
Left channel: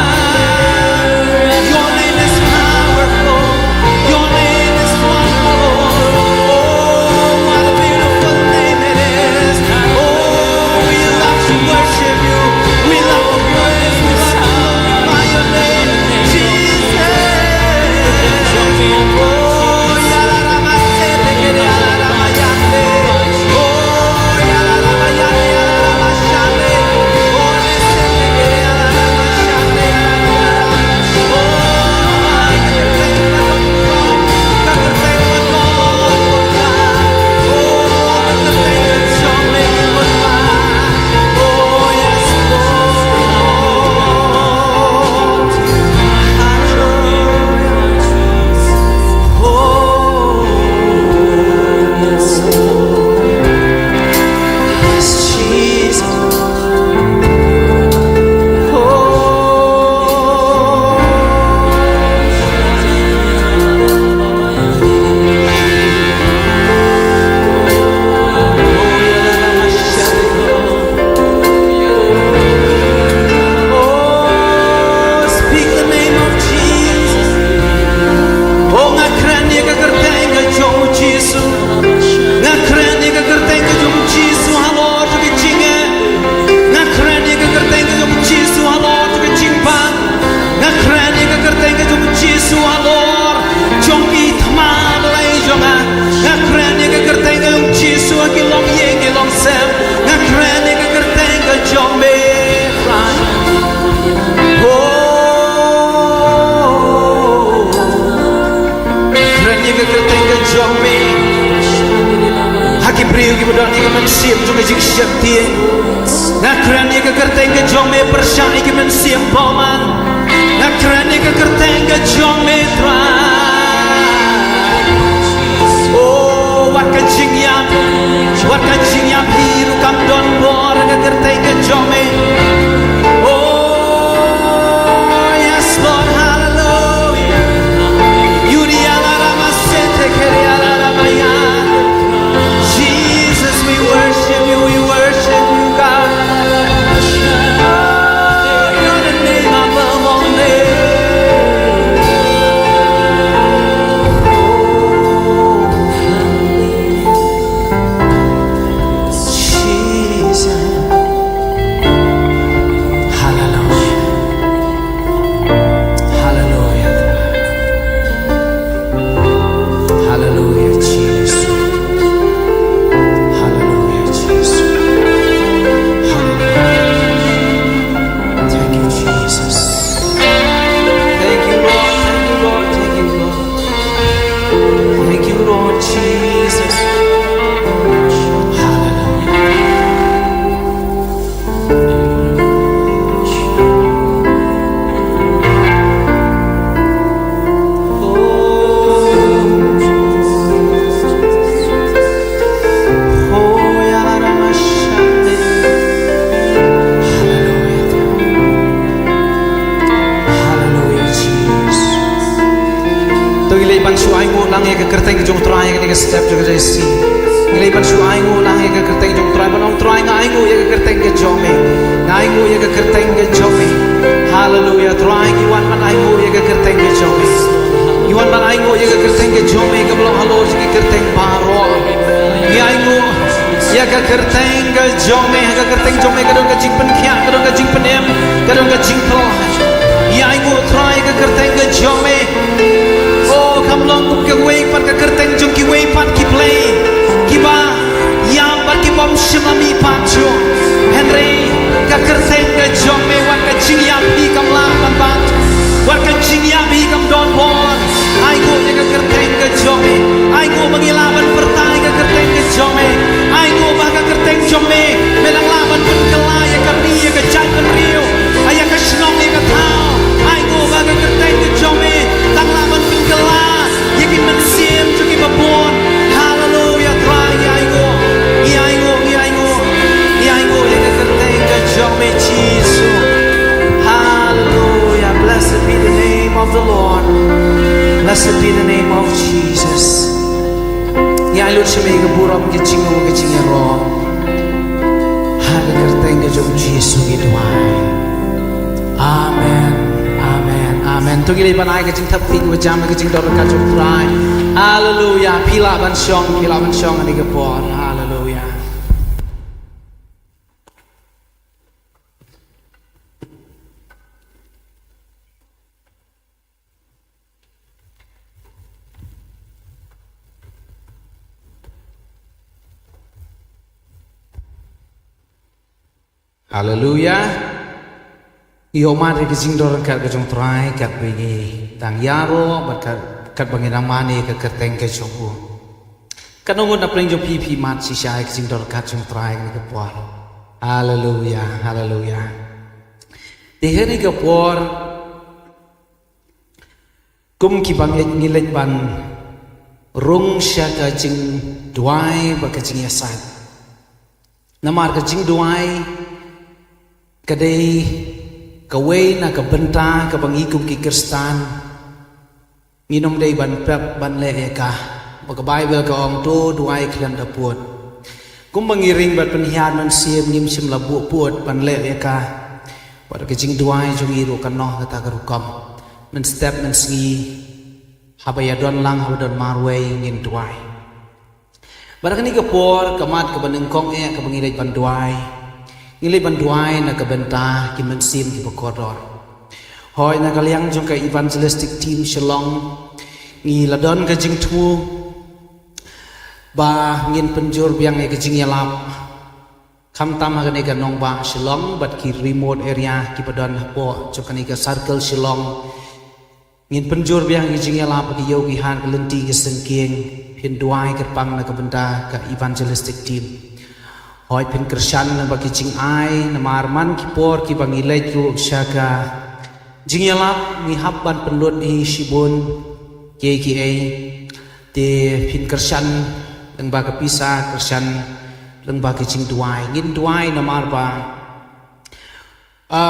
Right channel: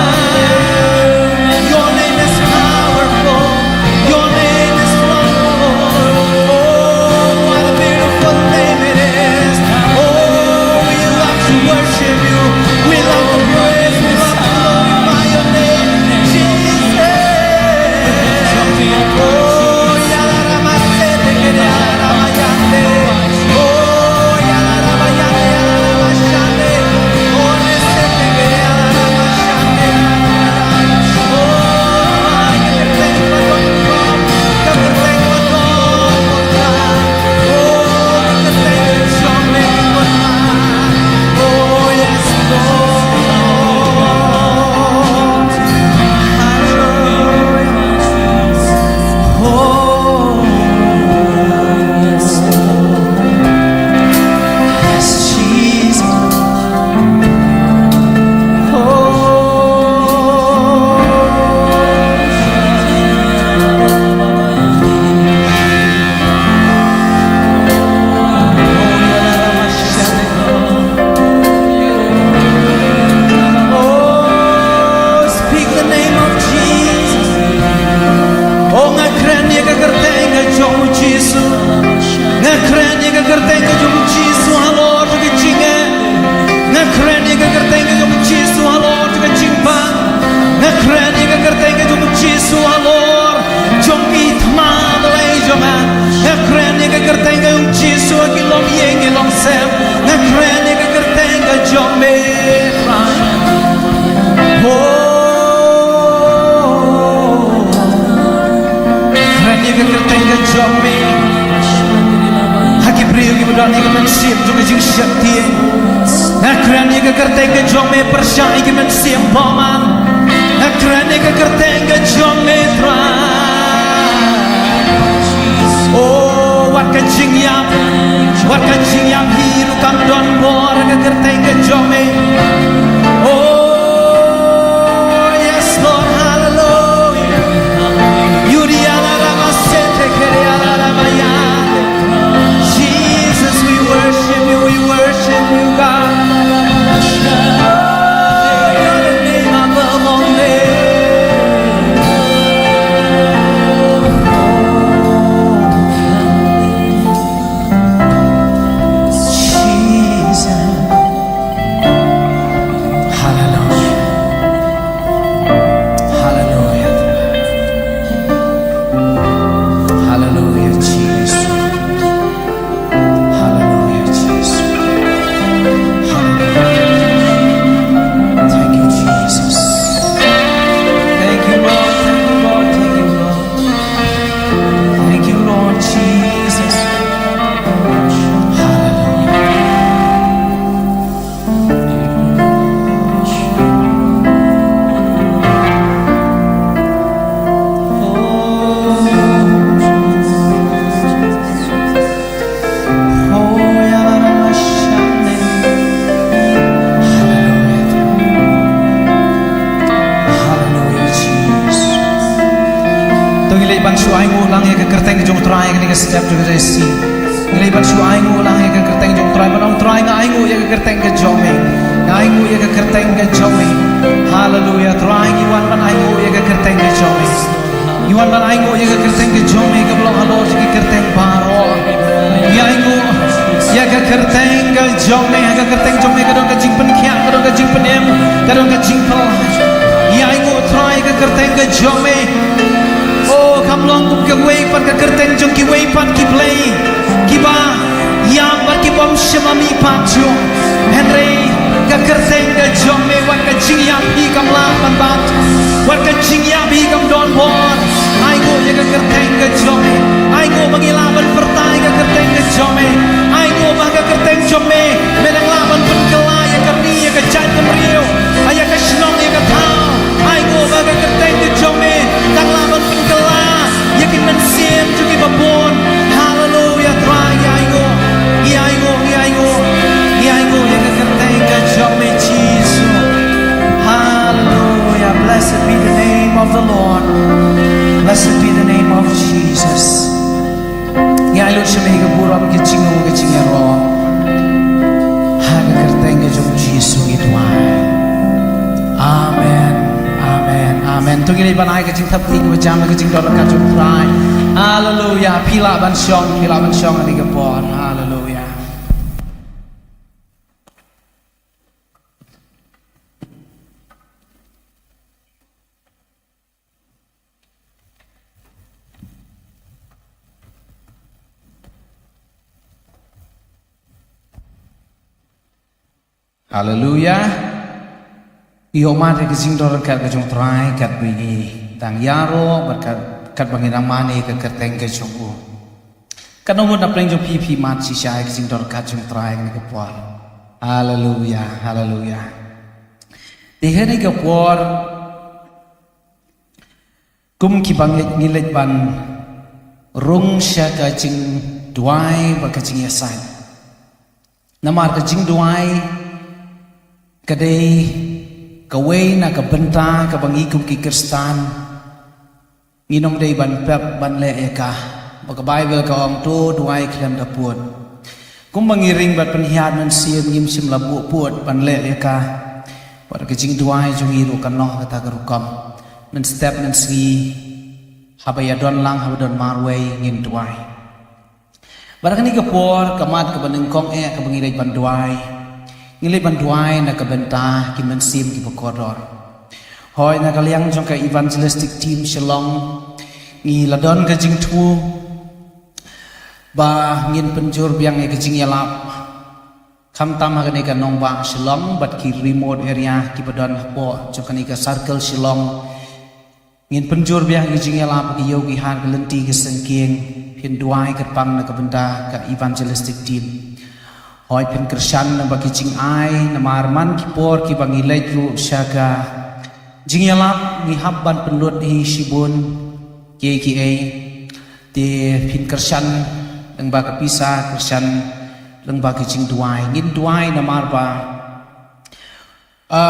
bansu aingu lang ya ke kerteng jong try ke step juga resi ngilai bansu aingu lang ya ke kerteng jong try banong try nga aingu ya ke kerteng ke jome aingu ya ke kerteng ke jome hallelujah try iwan ban aingu ya ke kerteng ke jome iwan ban aingu ya ke kerteng ke jome ke belong halo ke kerteng baro ya aingu ya ke kerteng ke jome ya ke kerteng jome ke dong ke jingpenkhya ke dong ke jingpenem ke dong ke jingpel ya aingu try ke kerteng ke jome oh kam long kum ke wei pat ke kerteng jong ki wei pat ki play ki ba yang bar ki bom shimami pat jo Henry ke kerteng ke jome wan ke jing ya pi kam la ban bat wan ke jing ya pi kam don bon ai go ye ke kerteng ke jome ai go mangilaban pertai ke kerteng ke jome ai go ba ke kerteng jome medang laban pen kela ye ke ri ye ke jan pen riu ay ke snong ye ke thao ai go ba ke kerteng ke jome tang laban pen kela ye ki men sim ju ki babon hallelujah try ai go ai go ai go ai go ye ke kerteng ke jome Jesus hallelujah blessed be the name of the Lord blessed be the name of Jesus ya lut shme ke buram ke chingo ke chingero ha ke kerteng ke jome Jesus ki tuai amen amen amen tu gili banai ke jing thap ting wa jam ke jing dor ka jom trai hallelujah pila ban shong ani ke por hallelujah hallelujah yo mari ke jing dor ka jom trai kat bigi dang yaro berkat kat bangin amani ke kerteng ke jong u kanongun na pleng jong pi mat si shai ke jing dor ka jom trai ni ke por hallelujah hallelujah de hene ke por kum ki bang ngilet ban rung sha ka jing duai ba ka jing yasai namar ka jing duai kadai kawai na ka benta ka bangi kum ki kristan nginom dei ban pep ban le ka baka bible ka ong to duai khlem da puat kum bangiring bat penhiat nan siam ngim sim la bu puat ban le ka par ka jing duai jongi ro kan no ka ta ka rukam nan step nan sngi habaya don lang habadon marway ngin duai barakani ka por kamat ka baneng kong ka bangirei ban duai ngilai banduai na kabenta ki mensim ki bokodor hoi na kaliang jong ka evangelistic team Shillong ngi ladon ka jing thu ba ngin penjur biang ka jing yalap kham tam ha ka nong ba Shillong bat ki remote area ki badon po jong ka ka circle Shillong ngin penjur biang ki jing yalap ki yo ki han ka lenti ki sengking phin duai ka pang na kabenta ka evangelistic team hoi pen krishan na bagi jing ai na marman ki por ki bangi leitru syaka jing yalap ni habban penlut hi shibun KKA te pin krishan leng ba ka pisa krishan leng ba ki jing duai ngin duai na marba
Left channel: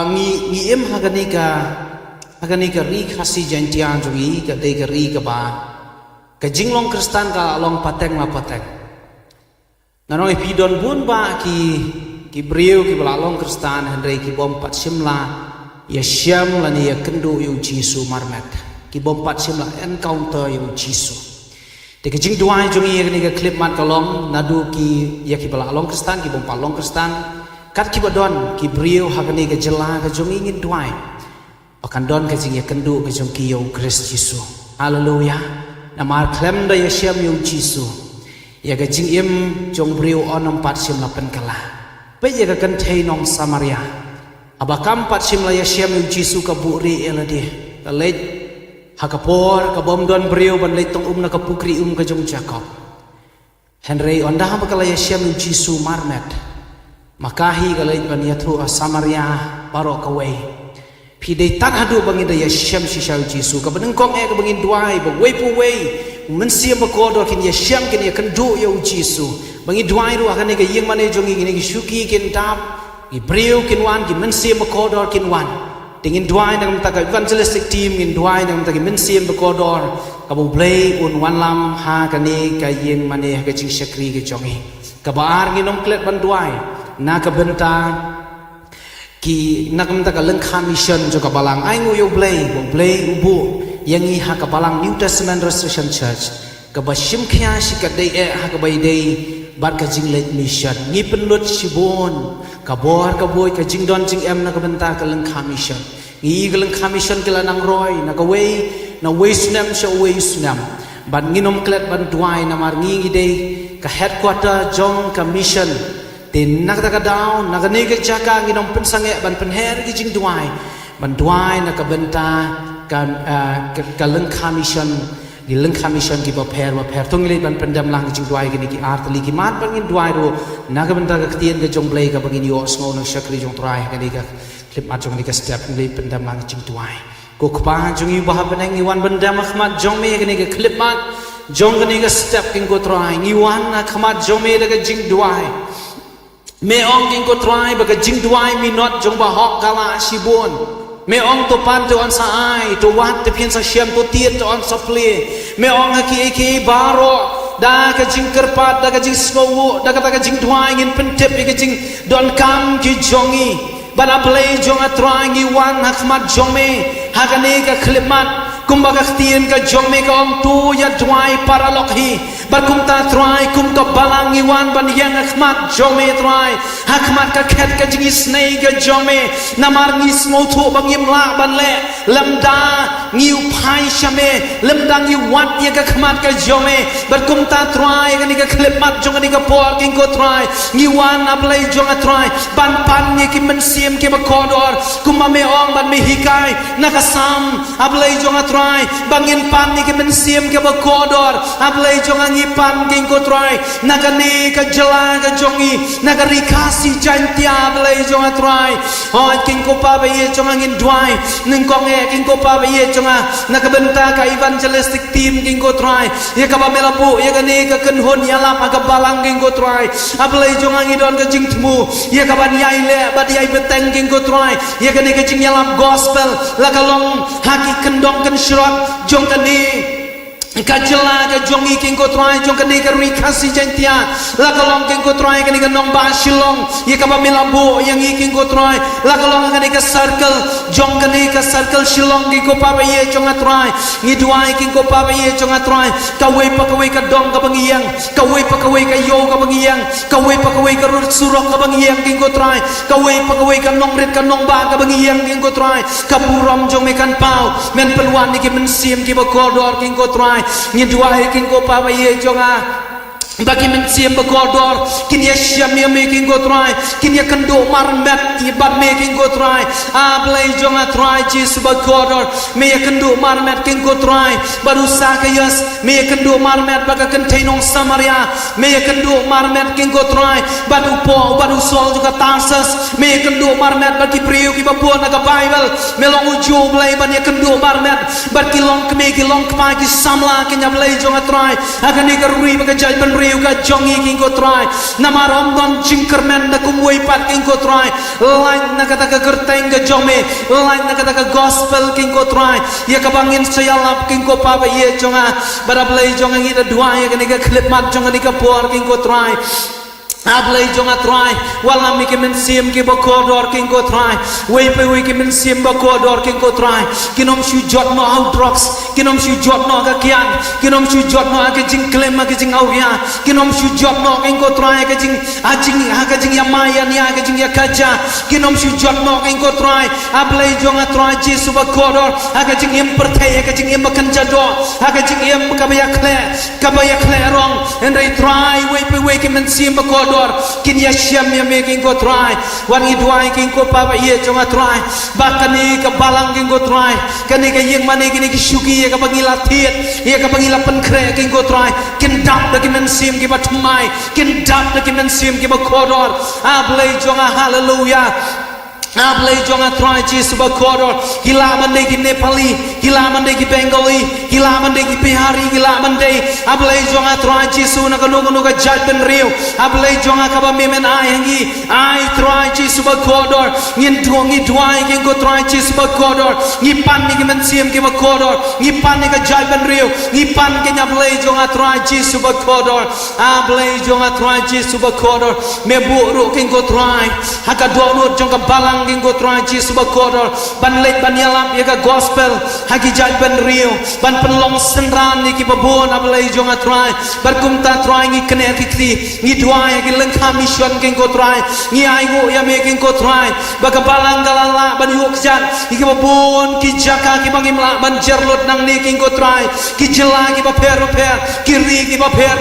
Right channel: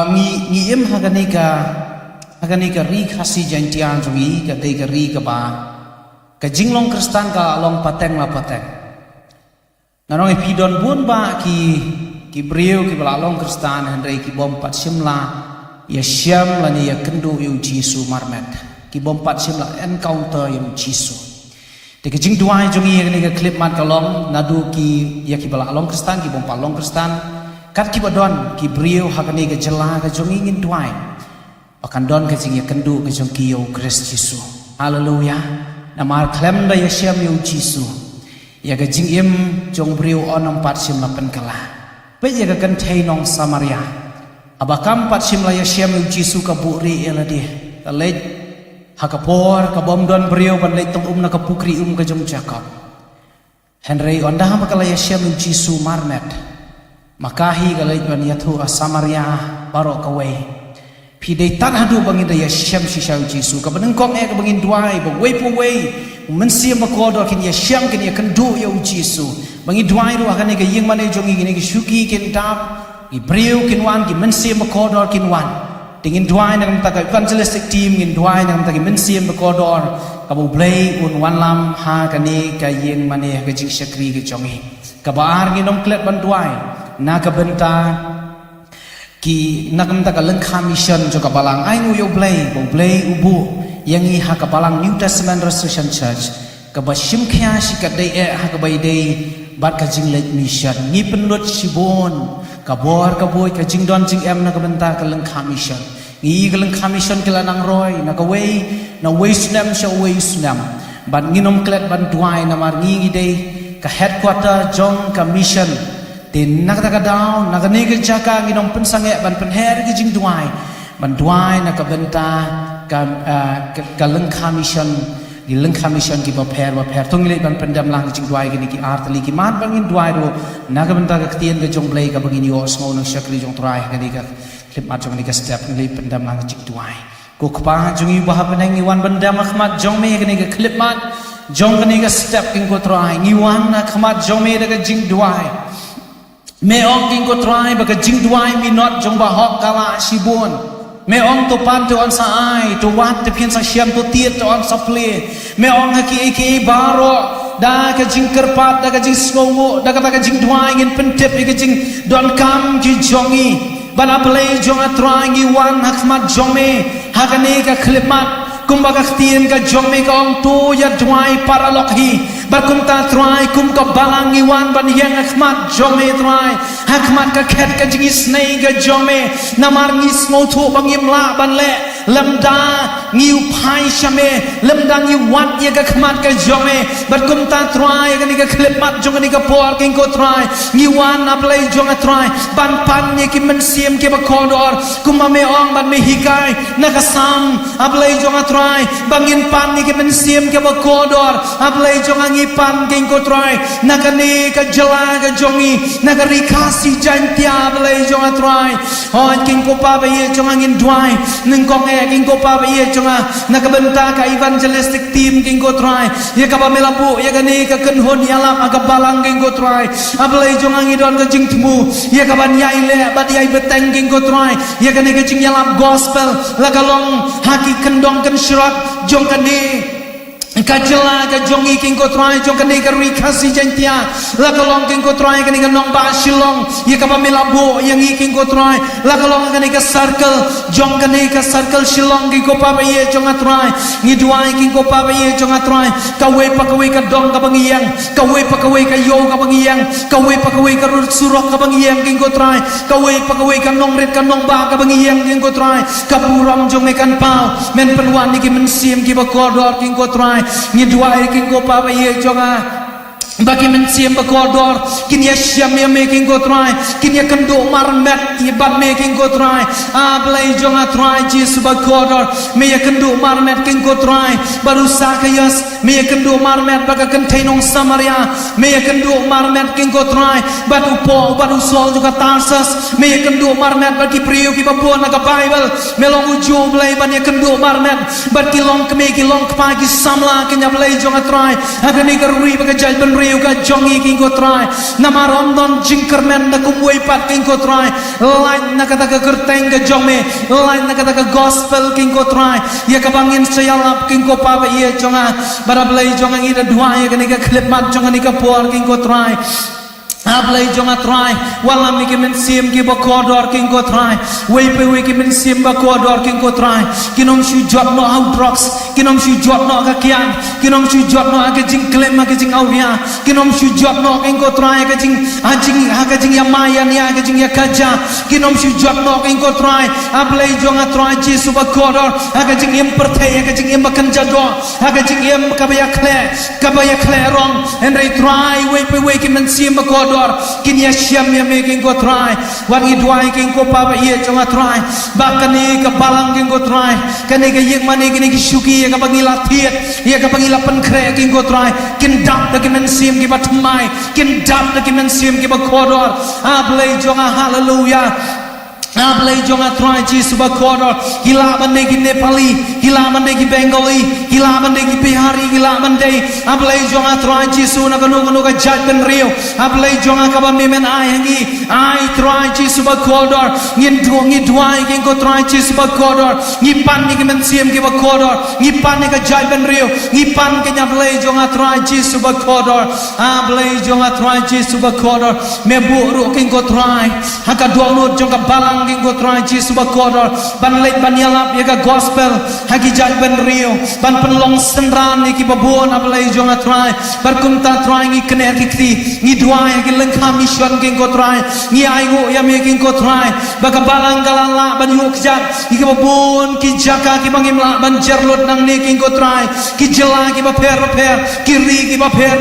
ngi em hagani ka ri khasi jantian jongi ka dei ka ri ka ba ka jing long kristan ka long pateng la pateng nanong ipidon bun ba ki brio ki balalong kristan Henry ki bom pat simla ya syam la ni ya kendu yu jisu marmet ki bom pat simla encounter yu jisu de ke jing duai jongi ni ka clip mat kalong nadu ki ya ki balalong kristan ki bom palong kristan kat ki badon ki brio hakani ka jela ka jongi ngin duai akan don ka jing ya kendu ka jong ki yu Christ jisu hallelujah namar klem da ya syam yu jisu ya ka jing im jong brio onom pat sim la pen kala pe ya ka kan thei nong Samaria abakam pat sim la ya syam yu jisu ka buri elade ka le hakapor ka bom don brio ban le tong na ka pukri ka jong Jacob Henry onda ha kala ya syam yu jisu marmet makahi ka le ban ya thu a Samaria baro ka we pi dei tan hadu bangin da ya syam si shau jisu ka beneng kong ka bangin duai ba we pu we mensiam bakodor kin ya syam kin ya kan do ya jisu bangi duai ru akan ga yeng mane jongi gini ki shuki kin tap ki brio kin wan ki mensiam bakodor kin wan tingin duai nak mta ka evangelistic team ngin duai nak mta ki mensiam bekodor ka bu blay un wan lam ha ka ni ka yeng mane ka jing syakri ke jongi ka baar nginom klet ban duai na ka benta ki nak mta ka lengkha mission jo ka balang ai ngu yo blay bu blay ubu yang i ha ka balang New Testament Restoration Church ka ba shim khya shi ka dei ha ka bai dei bat ka jing let mission ngi penlut shibon ka bor ka boy ka jing don jing em na ka benta ka lengkha mission ngi ka lengkha mission kila nang roy na ka way na way snam sha way snam ban nginom klet ban duai na mar ngi dei ka headquarter jong ka mission tin nak ta ka down nak ni ka jaka nginom pensange ban penher ki jing duai ban duai na ka benta ka lengkha mission di lengkha mission ki paper tung le ban pendam lang jing duai ki ki art li ki mat bangin duai ro na ka benta ka tien ka jong blai ka bangin yo sngo nang shakri jong trai ka ni ka clip mat jong ni ka step le pendam lang jing duai ko khpa jong i bah benang i wan pendam khmat jong me ka ni ka clip mat jong ka ni ka step king ko trai ngi wan na khmat jong me da ka jing duai me ong king ko trai ba ka jing duai mi not jong ba hok kala shibon me ong to pan to on sa ai to wat te pian sa siam to tiet to on sa ple me ong ha ki baro da ka jing kerpat da ka jing sngongo da ka jing duai ngin pentep ka jing don kam ki jongi bana play jong a trying i wan hakmat jome ha ka ne ka khlimat kumba ka tien ka jome ka ong tu ya duai paralok hi bar kum ta try kum ka balang i wan ban yang hakmat jome try hakmat ka khet ka jing snei ka jome namar ngi smo thu bang yim la ban le lamda ngi phai shame lamda ngi wat ye ka khmat ka jome bar kum ta try ka ni ka khlimat jong ni ka por king ko try ngi wan a play jong a try ban pan ye ki men siem ke ba kodor kumba me ong ban me hikai na ka sam a play jong a try bangin pan ni ke men siem ke ba kodor a play jong a ngi pan king ko try na ka ni ka jala ka jongi na ka rikasi jantia play jong a try on king ko pa ba ye jong a ngin dwai ning kong e king ko pa ba ye jong a na ka benta ka evangelistic team king ko try ye ka ba melabu ye ka ni ka ken hon ya lap ka balang king ko try a play jong a ngi don ka jing tmu ye ka ban yai le ba yai beteng king ko try ye ka ni ka jing ya lap gospel la ka long haki kendong ken shrot jong ka ni kajela ka jongi king ko try jong kani ka rikasi jantia la ka long king ko try kani ka nong ba shilong ye ka ba milabu yang i king ko try la ka long kani ka circle jong kani ka circle shilong king ko pa ba ye jong a try ngi duai king ko pa ba ye jong a try ka we pa ka dong ka bangiyang ka we pa ka yo ka bangiyang ka we pa ka rut surok ka bangiyang king ko try ka we pa ka nong rit ka nong ba ka bangiyang king ko try ka buram jong me kan pau men penwan ni ki men sim ki ba kodor king ko try ni duai king ko pa ba ye jonga bagi men siem ba kodor kin ya syam ya making go try kin ya kendo marmet ti ban making go try a play jonga try Jesus ba kodor me ya kendo marmet king go try baru sakayas me ya kendo marmet ba ka containong Samaria me ya kendo marmet king go try batu po batu sol juga Tarsus me ya kendo marmet ba ki priu ki ba po na ka Bible me long ujo play ban ya kendo marmet ba ki long ke me ki long pa ki samla kin ya play jonga try akan ni ka rui ba ka judgment ka jongi king ko try namarom don jingkermen na kumway pat king ko try line na kata ka kerteng ka jome line na kata ka gospel king ko try ya ka bangin sayalap king ko pa ba ye jonga barablay jonga ngida dua ya ka ni ka clip mat jonga ni ka por king ko try ablay jonga try wala mi ke men sim ki ba kodor king ko try we pe we ki men sim ba kodor king ko try kinom shu jot no out drugs kinom shu jot no ka kian kinom shu jot no ka jing klem ka jing awia kinom shu jot no king ko try ka jing ka jing ya maya ni ka jing ya kaja kinom shu jot no king ko try ablay jonga try Jesus ba kodor ka jing im perthai ka jing im kan jado ka jing im ka ba ya kle wrong and they try we pe we ki men sim ba kodor kin ya syam ya making go try wan i duai king ko pa ba ye jonga try bakani ka balang king go try kani ka yek mane kini ki shuki ya ka bangila thiet ya ka bangila pen khre king go try kin dap da ki men sim ki ba thmai kin dap da ki men sim ki ba kodor a blay jonga hallelujah Ablay jonga try Jesus bakodor gila mande ki Nepali gila mande ki Bengali gila mande ki Bihari gila mande ablay jonga try Jesus na kanu ka judgment rio ablay jonga ka ba memen ai hangi ai try Jesus bakodor ngin duai king ko try Jesus bakodor ngi pan ni ki men siem ki bakodor ngi pan ni ka judgment rio ngi pan ke ablay jonga try Jesus bakodor ablay jonga try Jesus bakodor me bu king ko try haka do nur jong ka balang king ko try Jesus bakodor ban lek ban yalap ya ka gospel haki judgment rio ban penlong senran ni ki babon ablay jong try barkum ta try ngi kene ki kti ngi duai ki lengkha mission king ko try ngi ai go ya me king ko try baka balang galala ban yuk jat ki babon ki jaka ki bangimla ban jerlot nang ni king ko try ki jela ki ba per ki ri ki ba per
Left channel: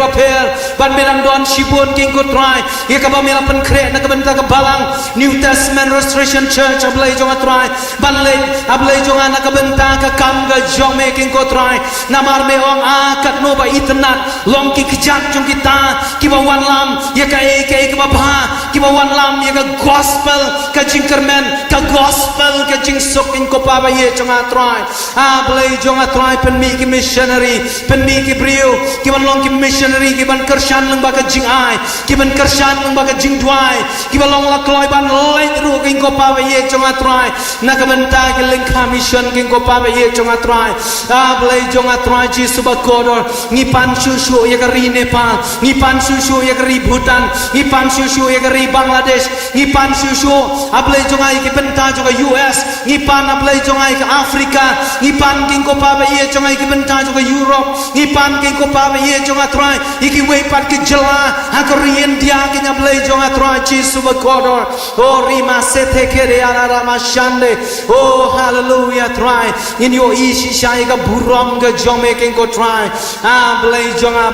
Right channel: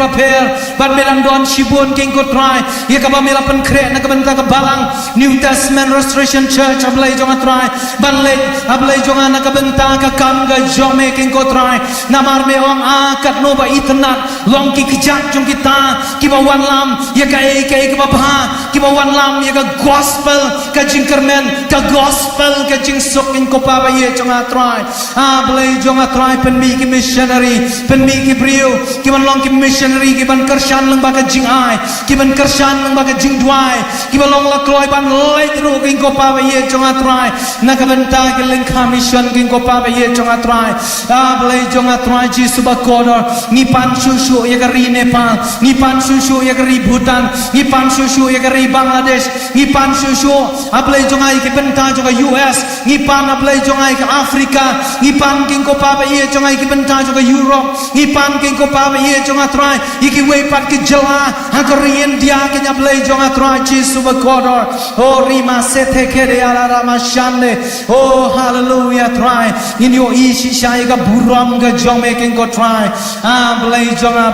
ban melang don shibun king ko try ya ka ba mela pen kre na ka ban ta ka balang New Testament Restoration Church ablay jonga try ban lek ablay jonga na ka benta ka kam ga jome king ko try namar me ong akat no ba itnat long ki kijat jong kita ki ba wan lam ya ka ke ba bha ki ba wan lam ya ka gospel ka jingkermen ka gospel ka jing sok king ko pa ba ye jonga try ablay jonga try pen mi ki missionary pen mi ki brio ki ban long ki missionary ki ban kershan lang ba ka jing ai ki ban kershan lang ba ka jing duai ki ba long la kloi ban lek ru king ko pa ba ye jonga try na ka benta ki lengkha mission king ko pa ba ye jonga try ablay jonga try Jesus bakodor ngi pan susu ya ka ri Nepal ngi pan susu ya ka ri Bhutan ngi pan susu ya ka ri Bangladesh ngi pan susu ablay jonga ki benta jonga US ngi pan ablay jonga ki Afrika ngi pan king ko pa ba ye jonga ki benta jonga Europe ngi pan king ko pa ba ye jonga try iki we pat ki jela ha ka ri India ki ablay jonga try Jesus bakodor oh rima sethe kere ala rama shande oh hallelujah try in your ishi shai ka buram ga jome king ko try ablay jonga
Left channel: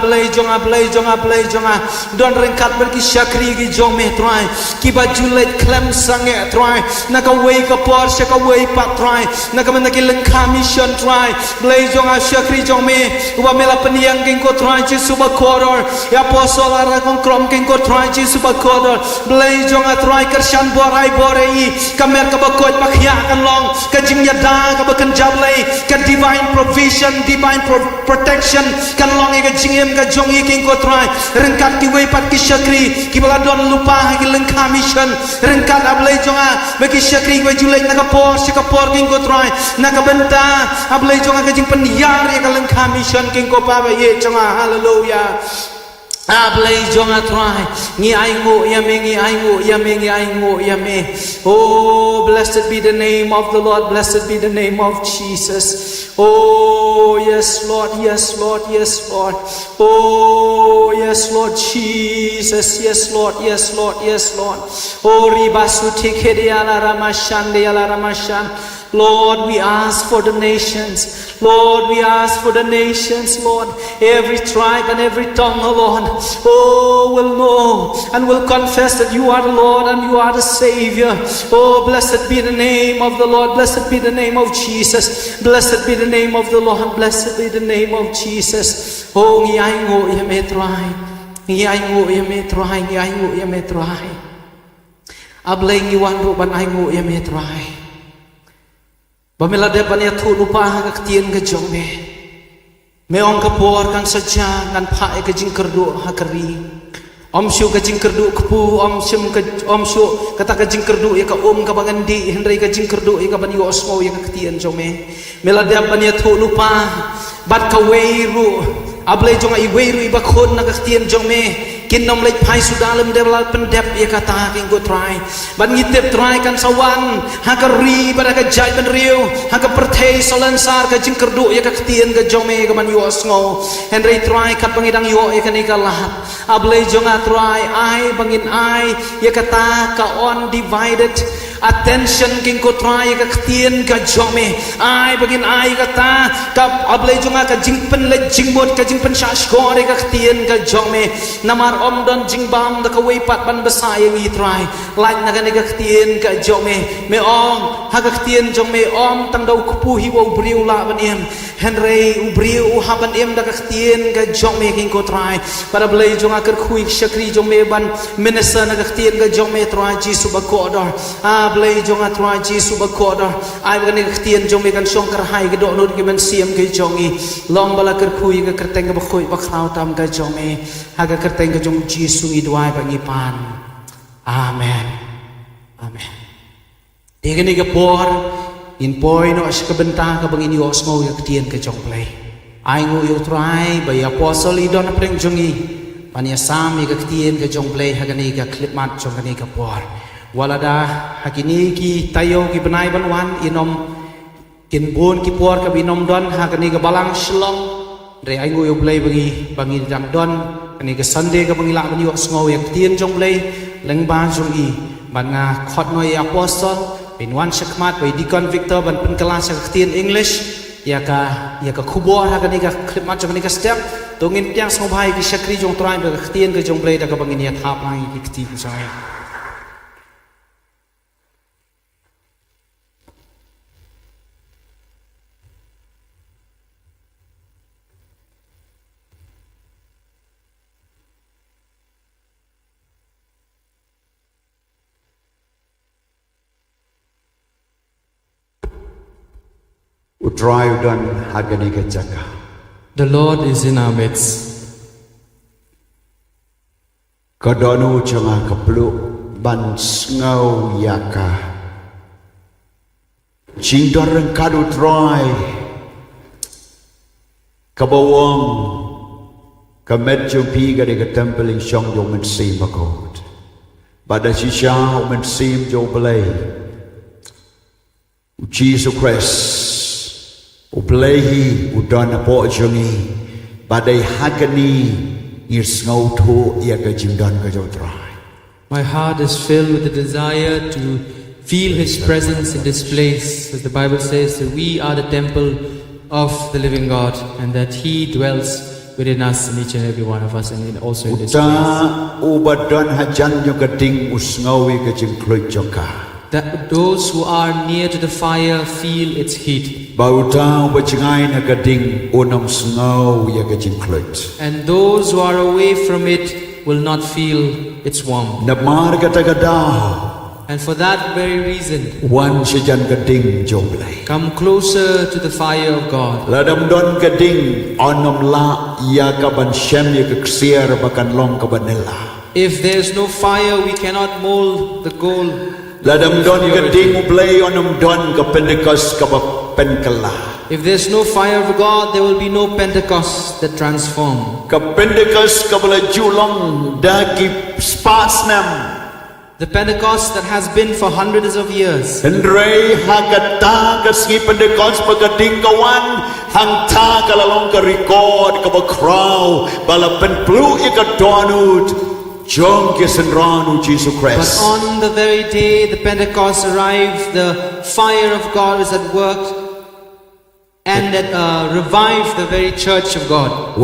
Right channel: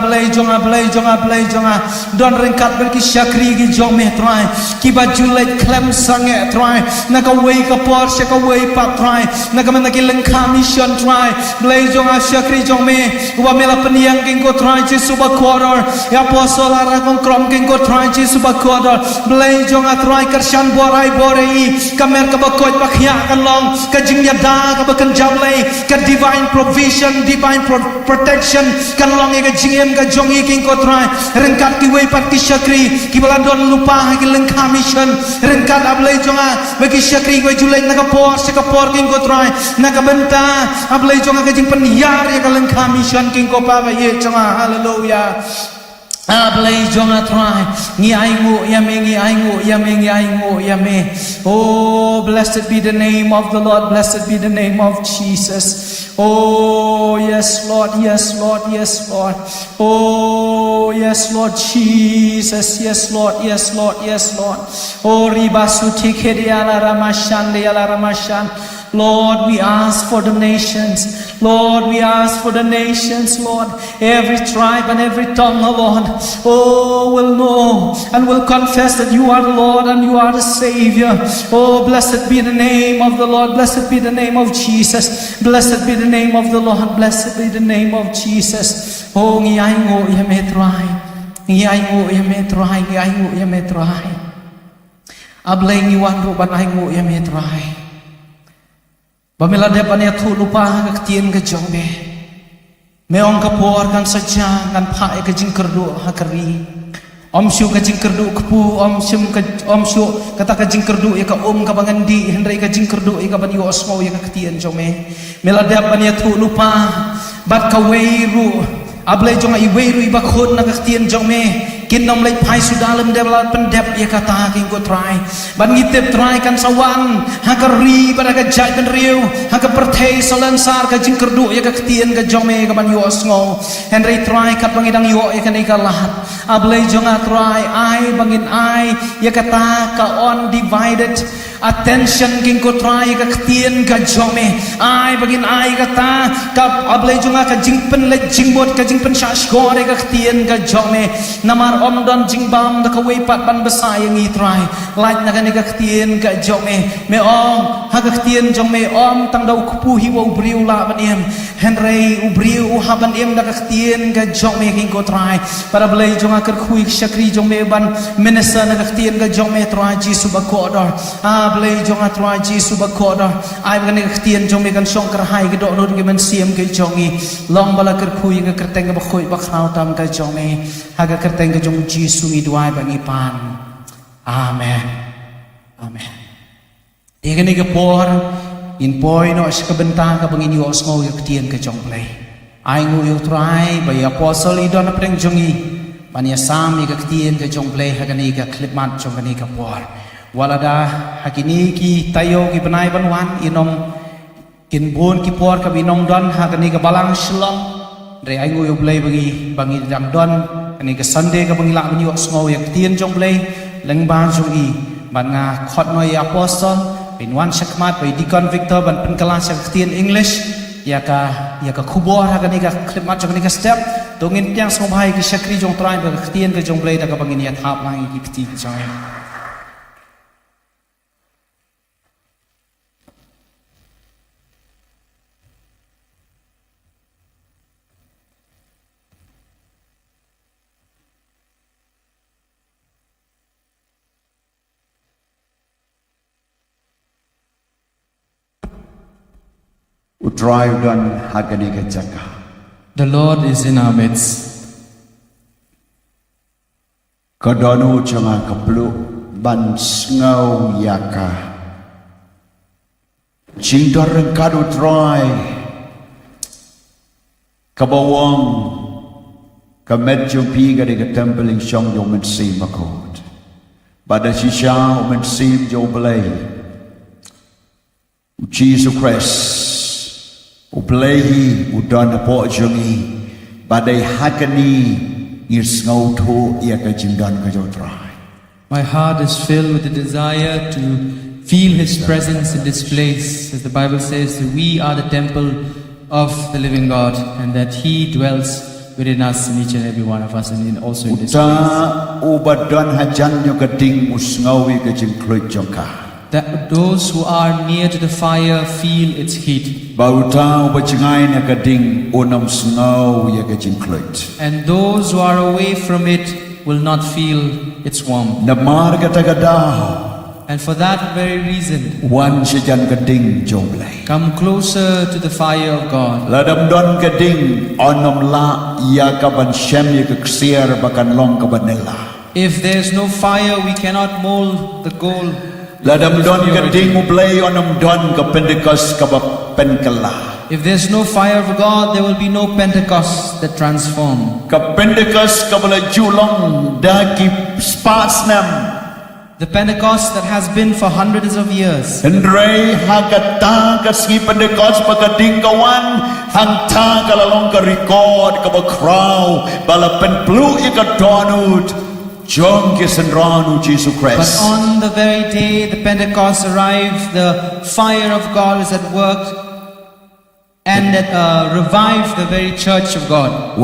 don rengkat ber ki shakri ki jome try ki ba julet klem sange try na ka wei ka por se ka wei pat try na ka men ki lengkha mission try blay jonga shakri jome wa mela peniang king ko try Jesus bakodor ya apostol ara Khongkrom king ko try Jesus bakodor blay jonga try kershan borai borei kamer ka bakoj pakhya kan long ka jing yada ka bakan jablay ka divine provision divine protection kan long ka jingem ka jongi king ko try rengkat ki wei pat ki shakri ki bala don lupa ki lengkha mission rengkat ablay jonga bagi shakri wei juleng na ka por king ko try na ka benta ablay jonga ka jing penyar ya ka lengkha mission king ko pa ba ye jonga hallelujah ablay jonga try ngi ai ngo ya me oh blessed be the name of the Lord blessed be the name of Jesus oh yes Lord oh yes Lord Jesus yes Lord oh ribasu tikedi ala ramashan Lord, we ask for the nations. Lord, we ask for the nations, Lord. Every tribe and every tongue, oh Lord, oh, will know and will confess that you are the Lord and you are the Savior. Oh, blessed be the name of the Lord. Blessed be the name of Jesus. Blessed be the name of the Lord. Blessed be the name of Jesus. Oh, ngiyay ngo yametrai. Ablay ngiwan ruban ay ngo yametrai. Pamela depan ya tu lupa ka tien ka jome meong ka por kan saja kan pha ka jingkerdu hakari om syu ka jingkerdu kpu om syu kata ka jingkerdu ya ka ka bangandi hendrai ka jingkerdu ya ka ban yo osmo ya ka tien jome mela depan ya tu lupa bat ka weiru ablay jonga I weiru I bakhon na ka tien jome kin nom lek phai sudalem develop pendep ya kata king go try ban ngitep try kan sawan ha ka ri pada ka jai ban riu ha ka perthei solansar ka jingkerdu ya ka tien ka jome ka ban yo sngo henry try kat bangidang yo ya kan ka lahat ablay jonga try ai bangin ai ya kata ka undivided attention king ko try ka tien ka jome ai bangin ai kata ka ablay jonga ka jingpen le jingbot ka jingpen shash ko ka tien ka jome namar om don jingbam da kawai pat ban besa yang i try like na kan ga ktien ka jong me om ha ga ktien jong me om tang dau kupu hi wo briu la ban em henry u briu u ha ban em da ga ktien ga jong me king ko try para blai jong akar khui shakri jong me ban minister na ga ktien ga jong me try jisu ba ko dor blai jong a try jisu ba ko dor ai ba ga ktien jong me kan song kar hai ga do no gi man siam ke jong i long bala kar khui ga kerteng ga ba khui ba khrau tam ga jong me ha ga kerteng ga jong jisu i duai ba ngi pan amen amen Ini ke por in poi no sekebentang ke bangin yo ngau yo ktien ke jong play ai ngu yo try ba ya apostle i don preng jongi pania sam i ke ktien ke jong play hagani ke clip mat jong kani ke por walada hakini ki tayo ki benai banwan inom kin bon ki por ka binom don hagani ke balang shlom re ai ngu yo play bangi dang don kani ke sunday ke bangi la ban yo ngau yo ktien jong play leng ba jong i ban nga khot no ya apostleเป็นวันชักมาดไปดีคอนวิกเตอร์บันเป็นกลาชักเตียนอังกฤษอยากคูบัวฮะกันนี่ก็คลิปมาจากนี่ก็สเต็ปตรงนี้ยังสงบหายกิชักรีจงตรายไปกับเตียนกับจงเปลยแต่กับบางอย่างทับลายกิตีกิจอย Drive done Haganika Jaka. The Lord is in our midst. Kadonu Changa Kaplu Ban Snow Yaka. Jingdoran Kadu Dry Kabawong Kamet Jumpi Gadika Temple in Shong Yoman Sim Makot. Badashisha Omen Sim Joblay Jesus Christ. Ublehi udon apo jongi badai hakani is ngau tho ya ka jingdan ka jotrai. My heart is filled with the desire to feel His presence in this place, as the Bible says that we are the temple of the living God and that He dwells within us, in each and every one of us, and also in this place. Ubadon hajan yo kading usngawi ka jingkloy jongka. That those who are near to the fire feel its heat. And those who are away from it will not feel its warmth. And for that very reason, come closer to the fire of God. If there is no fire, we cannot mold the gold. Ladam don gading ublay onam don ka Pentecost ka penkala. If there's no fire of God, there will be no Pentecost that transform. Ka Pentecost ka bala julong da ki spatsnam. The Pentecost that has been for hundreds of years. Hendrei hakata ka ski Pentecost pagdating kawan hang ta ka lalong ka record ka ba crow bala penplu ka donut. But on the very day the Pentecost arrived, the fire of God is at work and that revived the very church of God.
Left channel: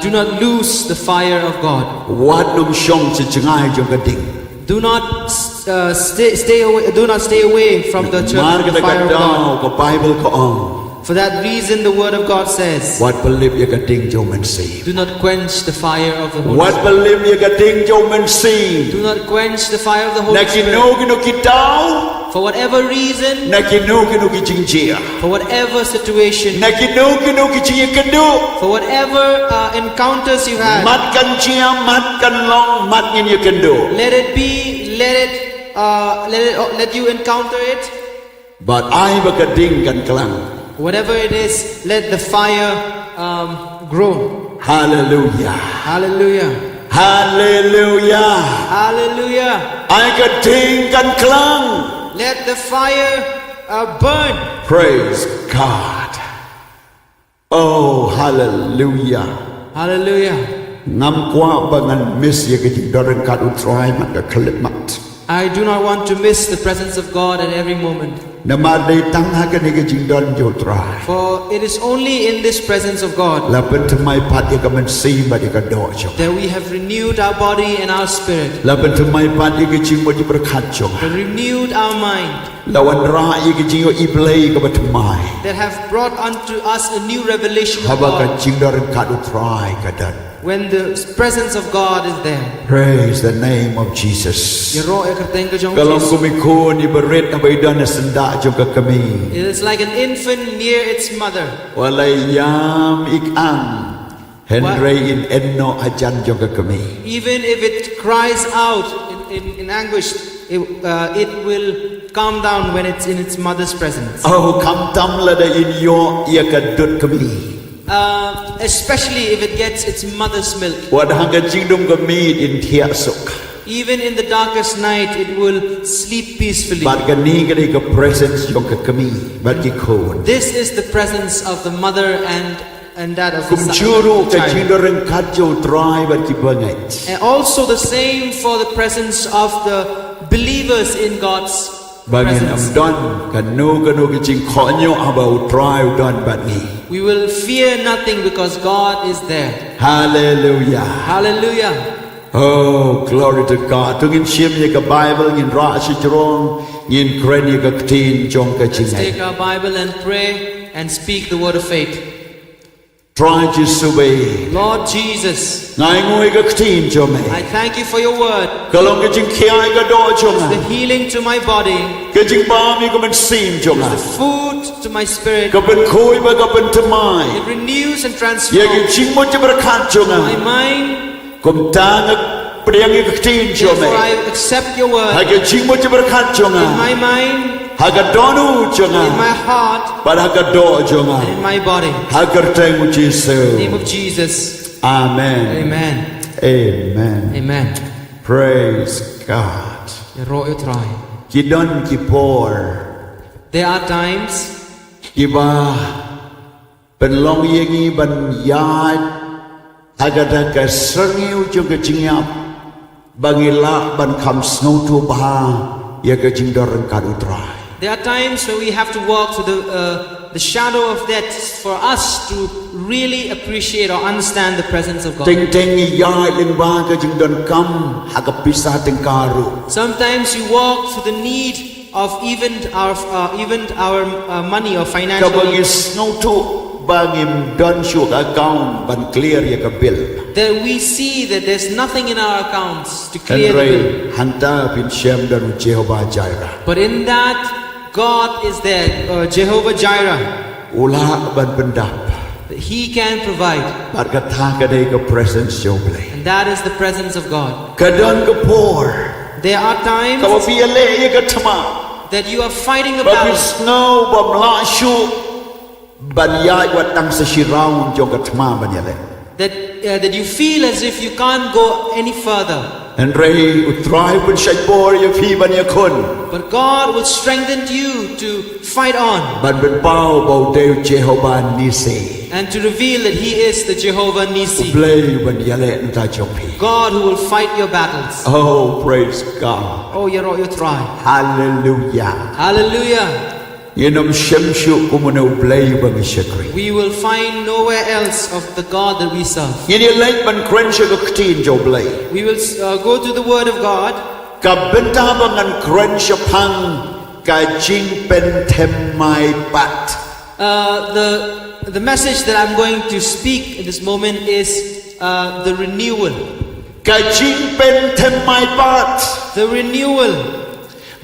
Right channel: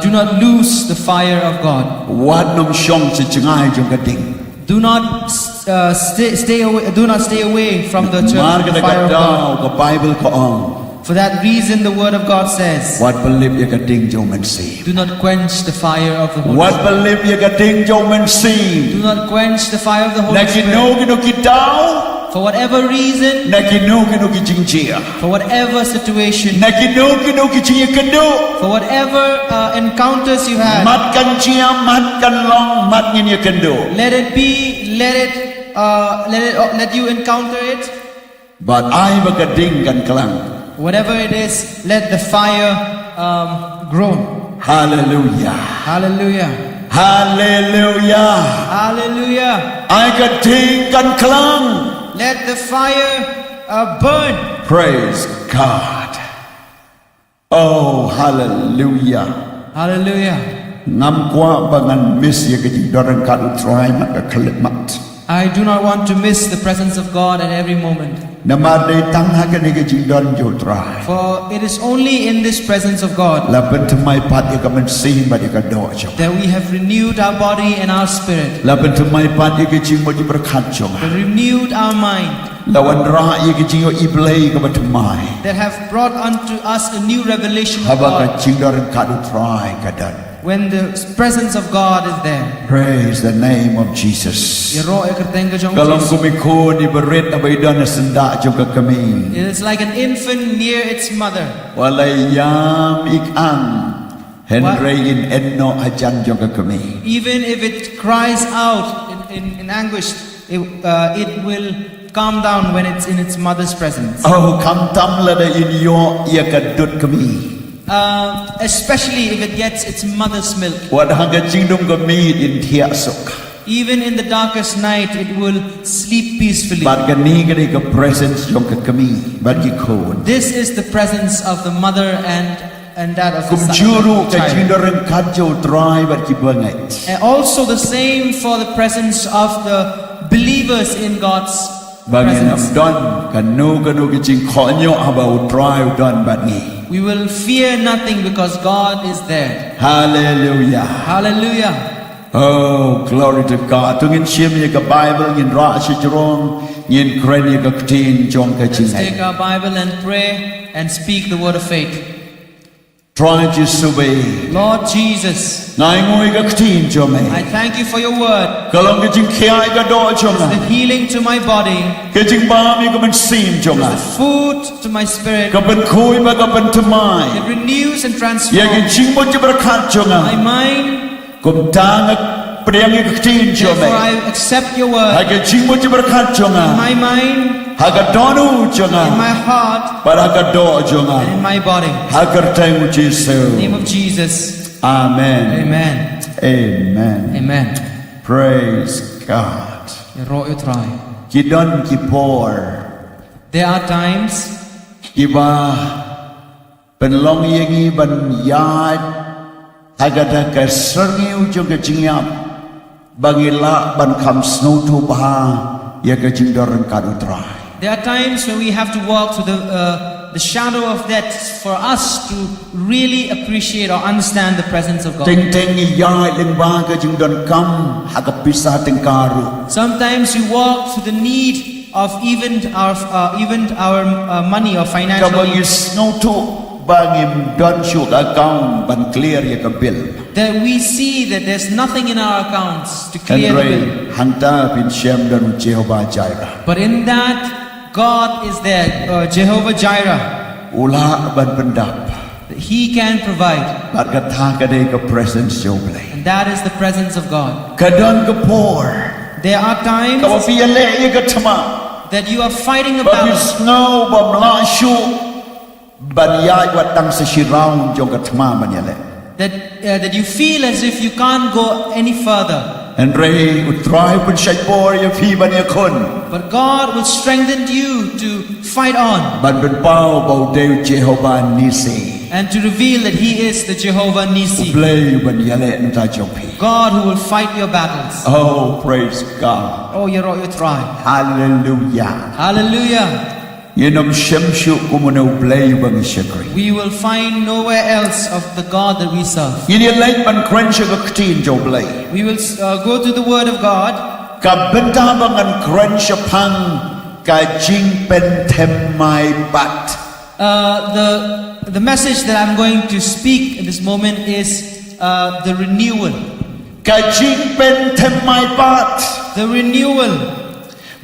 Do not lose the fire of God. Do not stay away from the church, the fire of God. For that reason, the Word of God says, do not quench the fire of the Holy Spirit. Do not quench the fire of the Holy Spirit. For whatever reason, for whatever situation, for whatever encounters you had, let you encounter it. But I kan kelang. Whatever it is, let the fire grow. Hallelujah. Hallelujah. Hallelujah. Hallelujah. I kan kelang. Let the fire burn. Praise God. Oh, hallelujah. Hallelujah. Ngam kwa bangan mis ya ke dorang kat utrai mat ka kelip mat. I do not want to miss the presence of God at every moment. Namadai tang hakani ke jingdon jo trai. For it is only in this presence of God Lapentmai pat ya ka man sim ba ya ka do jo. that we have renewed our body and our spirit, Lapentmai pat ya ke jing mo ji berkat jo. that renewed our mind, Lawan ra ya ke jing yo iblai ka batmai. that have brought unto us a new revelation of Haba ka God jingdon ka do trai ka dan. when the presence of God is there. Praise the name of Jesus. Kalau kumiku ni berit abai dan senda jo ka kami. It is like an infant near its mother. Walai yam ik ang Henry in enno ajan jo ka kami. Even if it cries out in anguish, it will calm down when it's in its mother's presence. Oh kam tam la da in yo ya ka dut kami. Especially if it gets its mother's milk. Wat hanga jingdum kami in tia sok. Even in the darkest night, it will sleep peacefully. Bat kani ka ka presence jo ka kami. Bat ki kon. This is the presence of the mother and that of the Kumjuru ka child. jingdoreng kadjo try bat ki bangai. And also the same for the presence of the believers in God's Bangin am presence. don kanu ki jing khonyo abau try don bat ni. We will fear nothing because God is there. Hallelujah. Hallelujah. Oh, glory to God. Tungin shim ye ka Bible ngin ra shi jrong ngin kren ye ka tin jong ka Let's jingai. take our Bible and pray and speak the word of faith. Try to subay. Lord Jesus, Ngai ngoi ka tin jome. I thank you for your word. Kalong ka jing khiai ka do jonga. The healing to my body, Ka jing ba mi ka man sim jonga. the food to my spirit. Ka ban khui ba ka ban tamai. It renews and Ye ki transforms jing mo ji berkat jonga. my mind. Kum tang priang ye ka tin jome. Therefore, I accept your Ha word ka jing mo ji berkat jonga. in my mind, Ha ka donu jonga. in my heart, Bar ha ka do jonga. and in my body. Ha ka teng Jesu. In the name of Jesus. Amen. Amen. Amen. Amen. Praise God. Kidon kipor. There are times Kiba penlong yengi ban yad agada ka serniu juga jingyap bangila ban kam snow to ba ya ka jingdoreng kadutrai. There are times when we have to walk through the shadow of death for us to really appreciate or understand the presence of God. Teng teng ya ling ba ka jingdon kam hagapisa tengkaru. Sometimes you walk through the need of even our money or financial Kabagi needs, snow to bangim don shuk account ban clear ya ka bill. that we see that there's nothing in our accounts to clear the bill. Hanta bin Shem dan Jehovah Jireh. But in that, God is there, Jehovah Jireh. Ula ban pendap. That He can provide, Barkatha kadai ka presence joble. and that is the presence of God. Kadon ka por. There are times Kawapiya le ya ka tama. that you are fighting a Babi battle, snow bam la shu. Ban ya wat tang sa shiraun jong ka tama ban ya le. that you feel as if you can't go any further. And ray utrai pun shai por ya fi ban ya kun. But God will strengthen you to fight on Ban ben pau bau deu Jehovah Nisi. and to reveal that He is the Jehovah Nisi, Ublay ban ya le nuta jong pi. God who will fight your battles. Oh, praise God. Oh, you try. Hallelujah. Hallelujah. Yenom shemshu kumune ublay ban shakri. We will find nowhere else of the God that we serve. Yini late ban crensha ka ktin joblay. We will go to the Word of God. Ka benta bangan crensha pang ka Jingpynthymmai pat. The message that I'm going to speak at this moment is the renewal. Ka Jingpynthymmai pat. The renewal.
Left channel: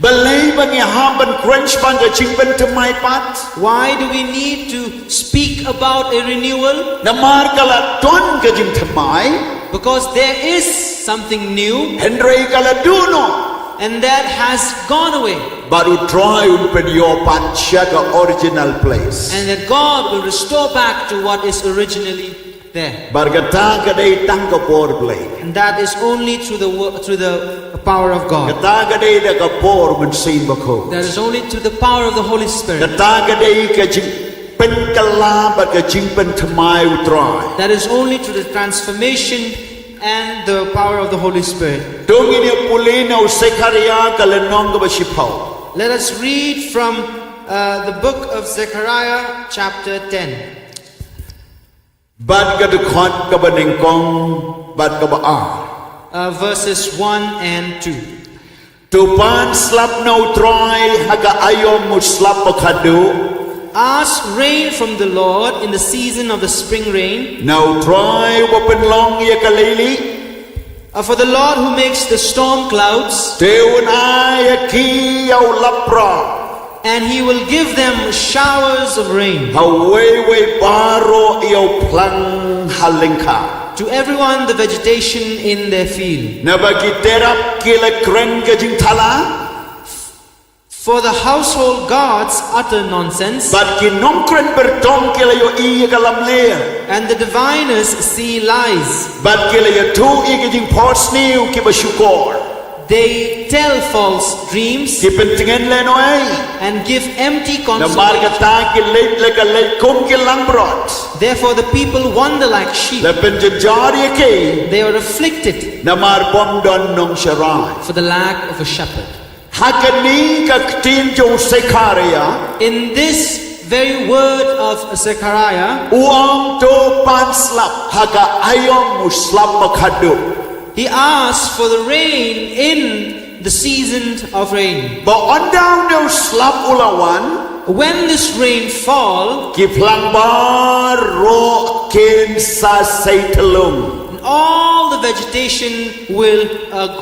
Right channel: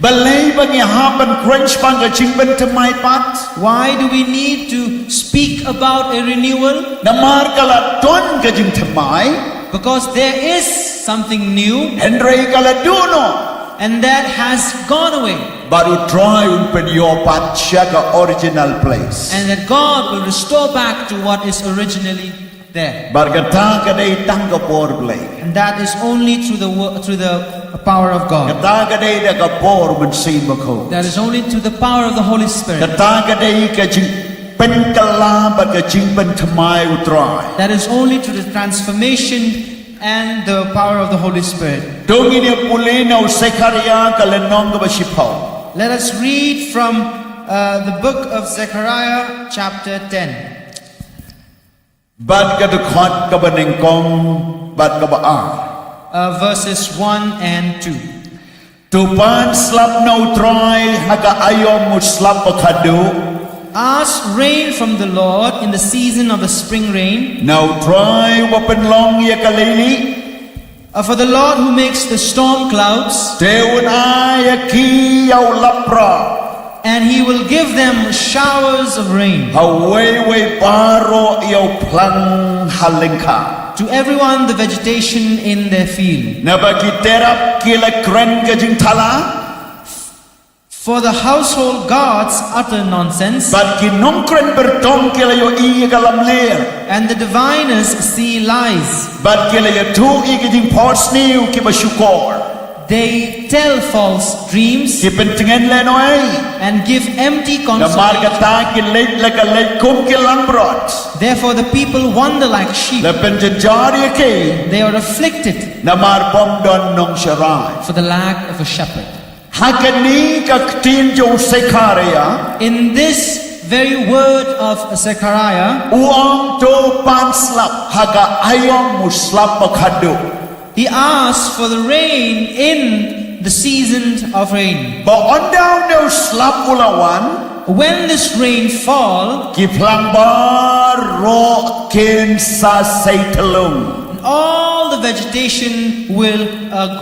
Balay bang yahaban crench pang ka Jingpynthymmai pat. Why do we need to speak about a renewal? Namar kala ton ka Jingpynthymmai. Because there is something new, Henry kala duno. and that has gone away, Baru try unpen your pat shaka original place. and that God will restore back to what is originally there. Bargata kadai tangka por blay. And that is only through the power of God. Kata kadai da ka por mun sin bako. That is only through the power of the Holy Spirit. Kata kadai ka Jingpynthymmai ba ka Jingpynthymmai utrai. That is only through the transformation and the power of the Holy Spirit. Dongini pulina u Zechariah kalenong kabashipau. Let us read from the book of Zechariah, chapter 10. Bad kadukot kabaningkong bad kabaa. Verses 1 and 2. Tupan slap no troy haga ayom mu slap pakadu. Ask rain from the Lord in the season of the spring rain. No troy wapen long ya kalili. For the Lord who makes the storm clouds, Teun ayaki yaw lapra. and he will give them showers of rain. Haway paro yaw plang halingka. To everyone the vegetation in their field. Nabakiterap kila kren kajing tala. For the household gods utter nonsense, But kinong kren bertong kila yo iya kalam ler. and the diviners see lies. But kila yo tu iya kajing pos niu kiba syukor. They tell false dreams Kipentingan leno ay. and give empty Namar consolation. kata kilait laka lait kum kilang brot. Therefore the people wander like sheep. Lepen jejari ke. They are afflicted Namar bom don nong syarai. for the lack of a shepherd. Hakani kaktin jo Zechariah. In this very word of Zechariah, Uang to pan slap haga ayong muslap makadu. he asks for the rain in the season of rain. Ba on down no slap ulawan. When this rain fall, Kiplang bar ro ken sa saytalung. all the vegetation will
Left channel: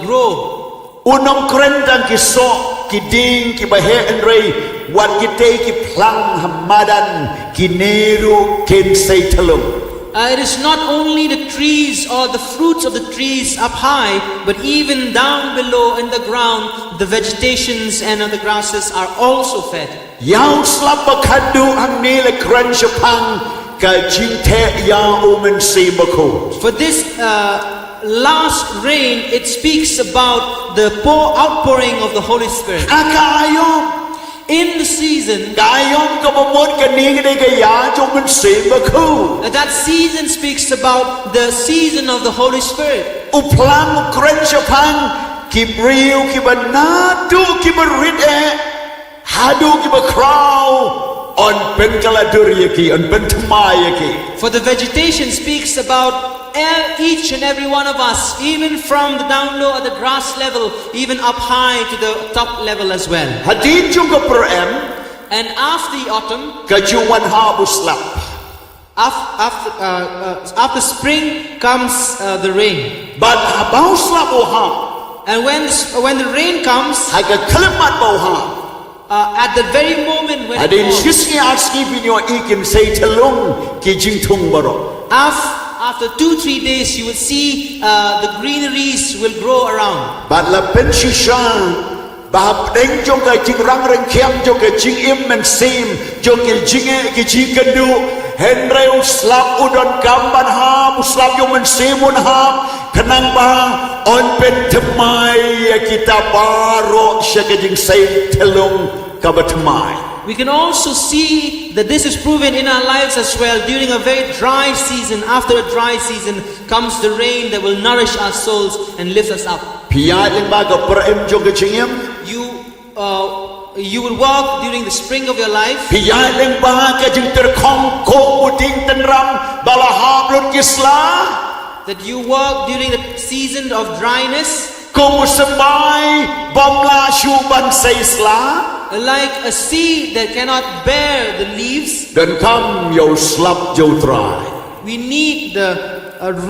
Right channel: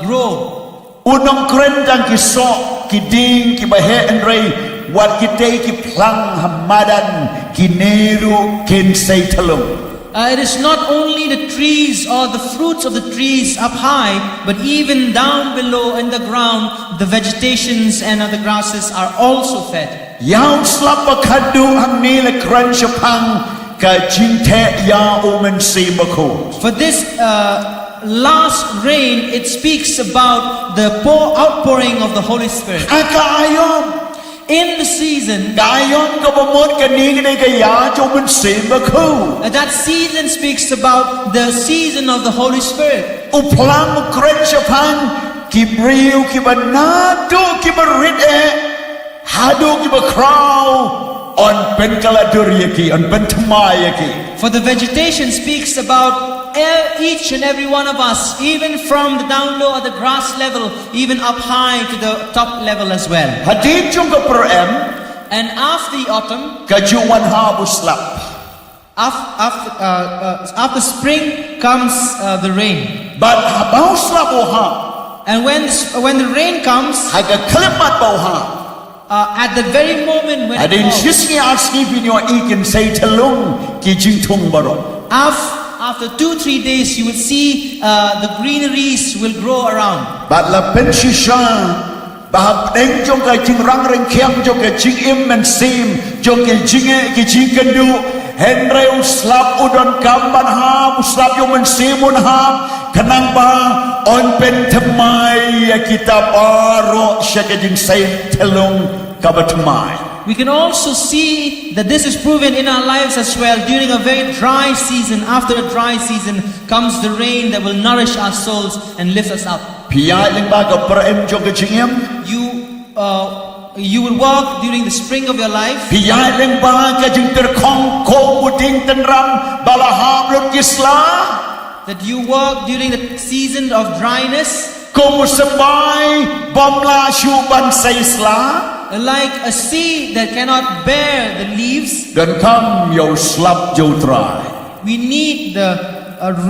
grow. Unong kren tang kiso kiding kibahe enrei wat kite kiplang hamadan kineru ken saytalung. It is not only the trees or the fruits of the trees up high, but even down below in the ground, the vegetations and the grasses are also fed. Yaw slap makadu ang nila kren syapang ka jingte ya umen si bako. For this last rain, it speaks about the outpouring of the Holy Spirit. Akayom In the season, kayom kabamot kani kay kaya umen si bako. that season speaks about the season of the Holy Spirit. Uplang ukren syapang kibriu kibanadu kibarit hadu kibakraw on penkaladuriyaki on pentumayaki. For the vegetation speaks about each and every one of us, even from the down low at the grass level, even up high to the top level as well. Hadin chung ka perem And after the autumn, kajuan habuslap. after spring comes the rain. But habaw slap ha And when the rain comes, haga kalimat baw ha. at the very moment when it Hadin falls, sisngi arski pinyo ikin say talung ki jingtung baro. after 2-3 days, you will see the greeneries will grow around. But la penshisha bahap deng jong ka jing rang reng kiam jong ka jing im men sim jong ki jinge ki jing kendu henre uslap udon kamban ha uslap jong men simun ha kenang ba on pentemai ya kita baro syaka jing say telung kabatemai. We can also see that this is proven in our lives as well. During a very dry season, after a dry season comes the rain that will nourish our souls and lift us up. Piyai leng ba ka perem jong ka jingim You will walk during the spring of your life. Piyai leng ba ka jing ter Khongkrom uding tenram balaham lut kisla. That you walk during the season of dryness, Kumusabai bomla syuban saisla. like a seed that cannot bear the leaves. Dan kam yo slap yo dry. We need the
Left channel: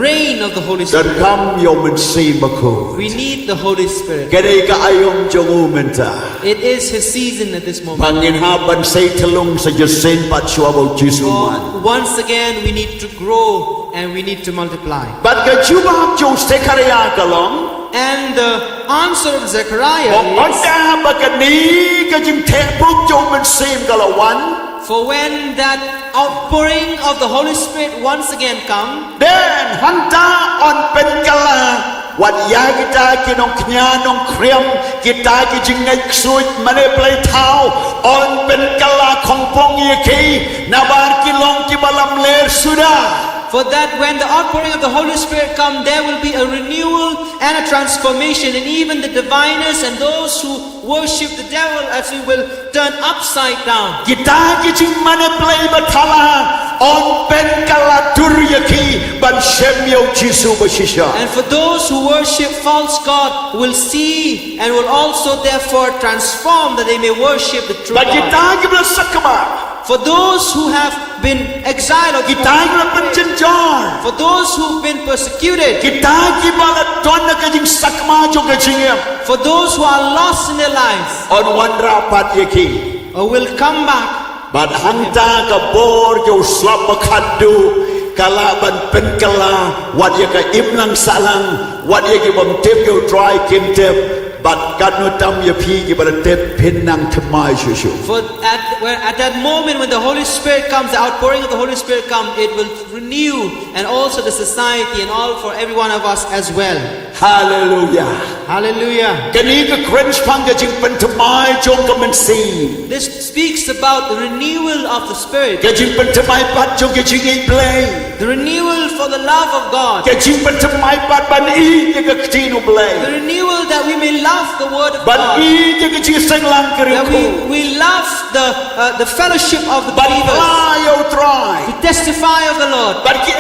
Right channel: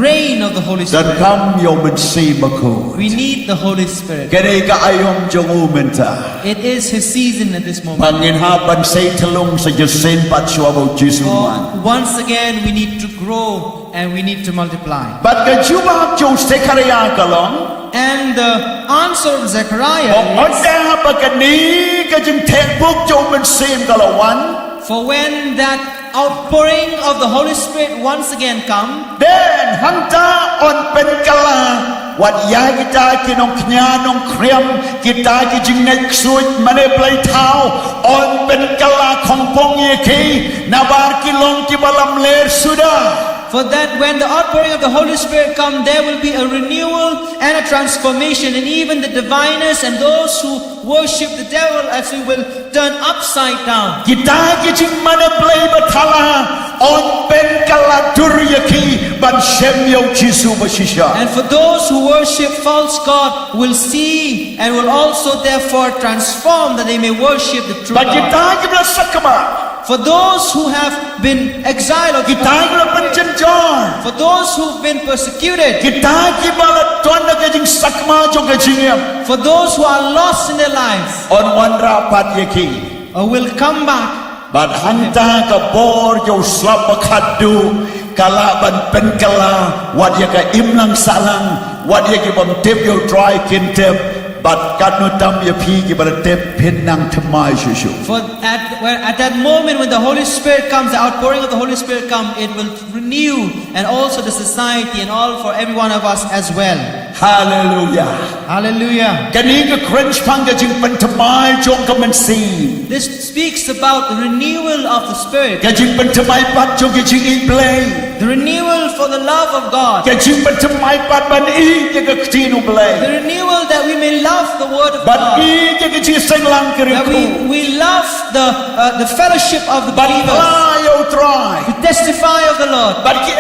rain of the Holy Dan Spirit. kam yo mensi baku. We need the Holy Spirit. Kadai ka ayom jongu menta. It is His season at this moment. Pangin haban say telung sa jasen pat syuabo jisuman. Once again, we need to grow and we need to multiply. But ka juba jo Zechariah kalong. And the answer of Zechariah is, Onda bakani ka jing tebuk jo mensim kalawan. for when that outpouring of the Holy Spirit once again come, Dan hanta on penkala wat ya kita kinong knyanong kriam kita ki jingay ksuit maneplay tao on penkala kongpong yeki nabar kilong ki balam ler sudah. For that when the outpouring of the Holy Spirit come, there will be a renewal and a transformation, and even the diviners and those who worship the devil as we will turn upside down. Kita kijing mana play batala on pen kala duryaki ban shemyo Jisu bashisha. And for those who worship false God will see and will also therefore transform that they may worship the true But God. kita kibla sakama. For those who have been exiled or Kita kibla penjenjar. for those who've been persecuted, Kita kibla tuan kijing sakama jong kijingem. for those who are lost in their lives, On one rapat yaki. will come back. But hanta ka bor jo slap bakadu kala ban pen kala wat yaka imlang salang wat yaki bam tep jo try kin tep. But God no tam ya pi ki bala tep pinang thamai shushu. For at that moment when the Holy Spirit comes, the outpouring of the Holy Spirit comes, it will renew and also the society and all for every one of us as well. Hallelujah. Hallelujah. Kani ka cringe pang ka Jingpynthymmai jong ka man sim. This speaks about the renewal of the Spirit, Ka Jingpynthymmai pat jong ka jing play. the renewal for the love of God, Ka Jingpynthymmai pat ban i ka tinu the play. renewal that we may love the Word of Ban God, i ka jing sang lang that kiriku. we love the fellowship of the Ban believers, yo try. to testify of the Lord. But ki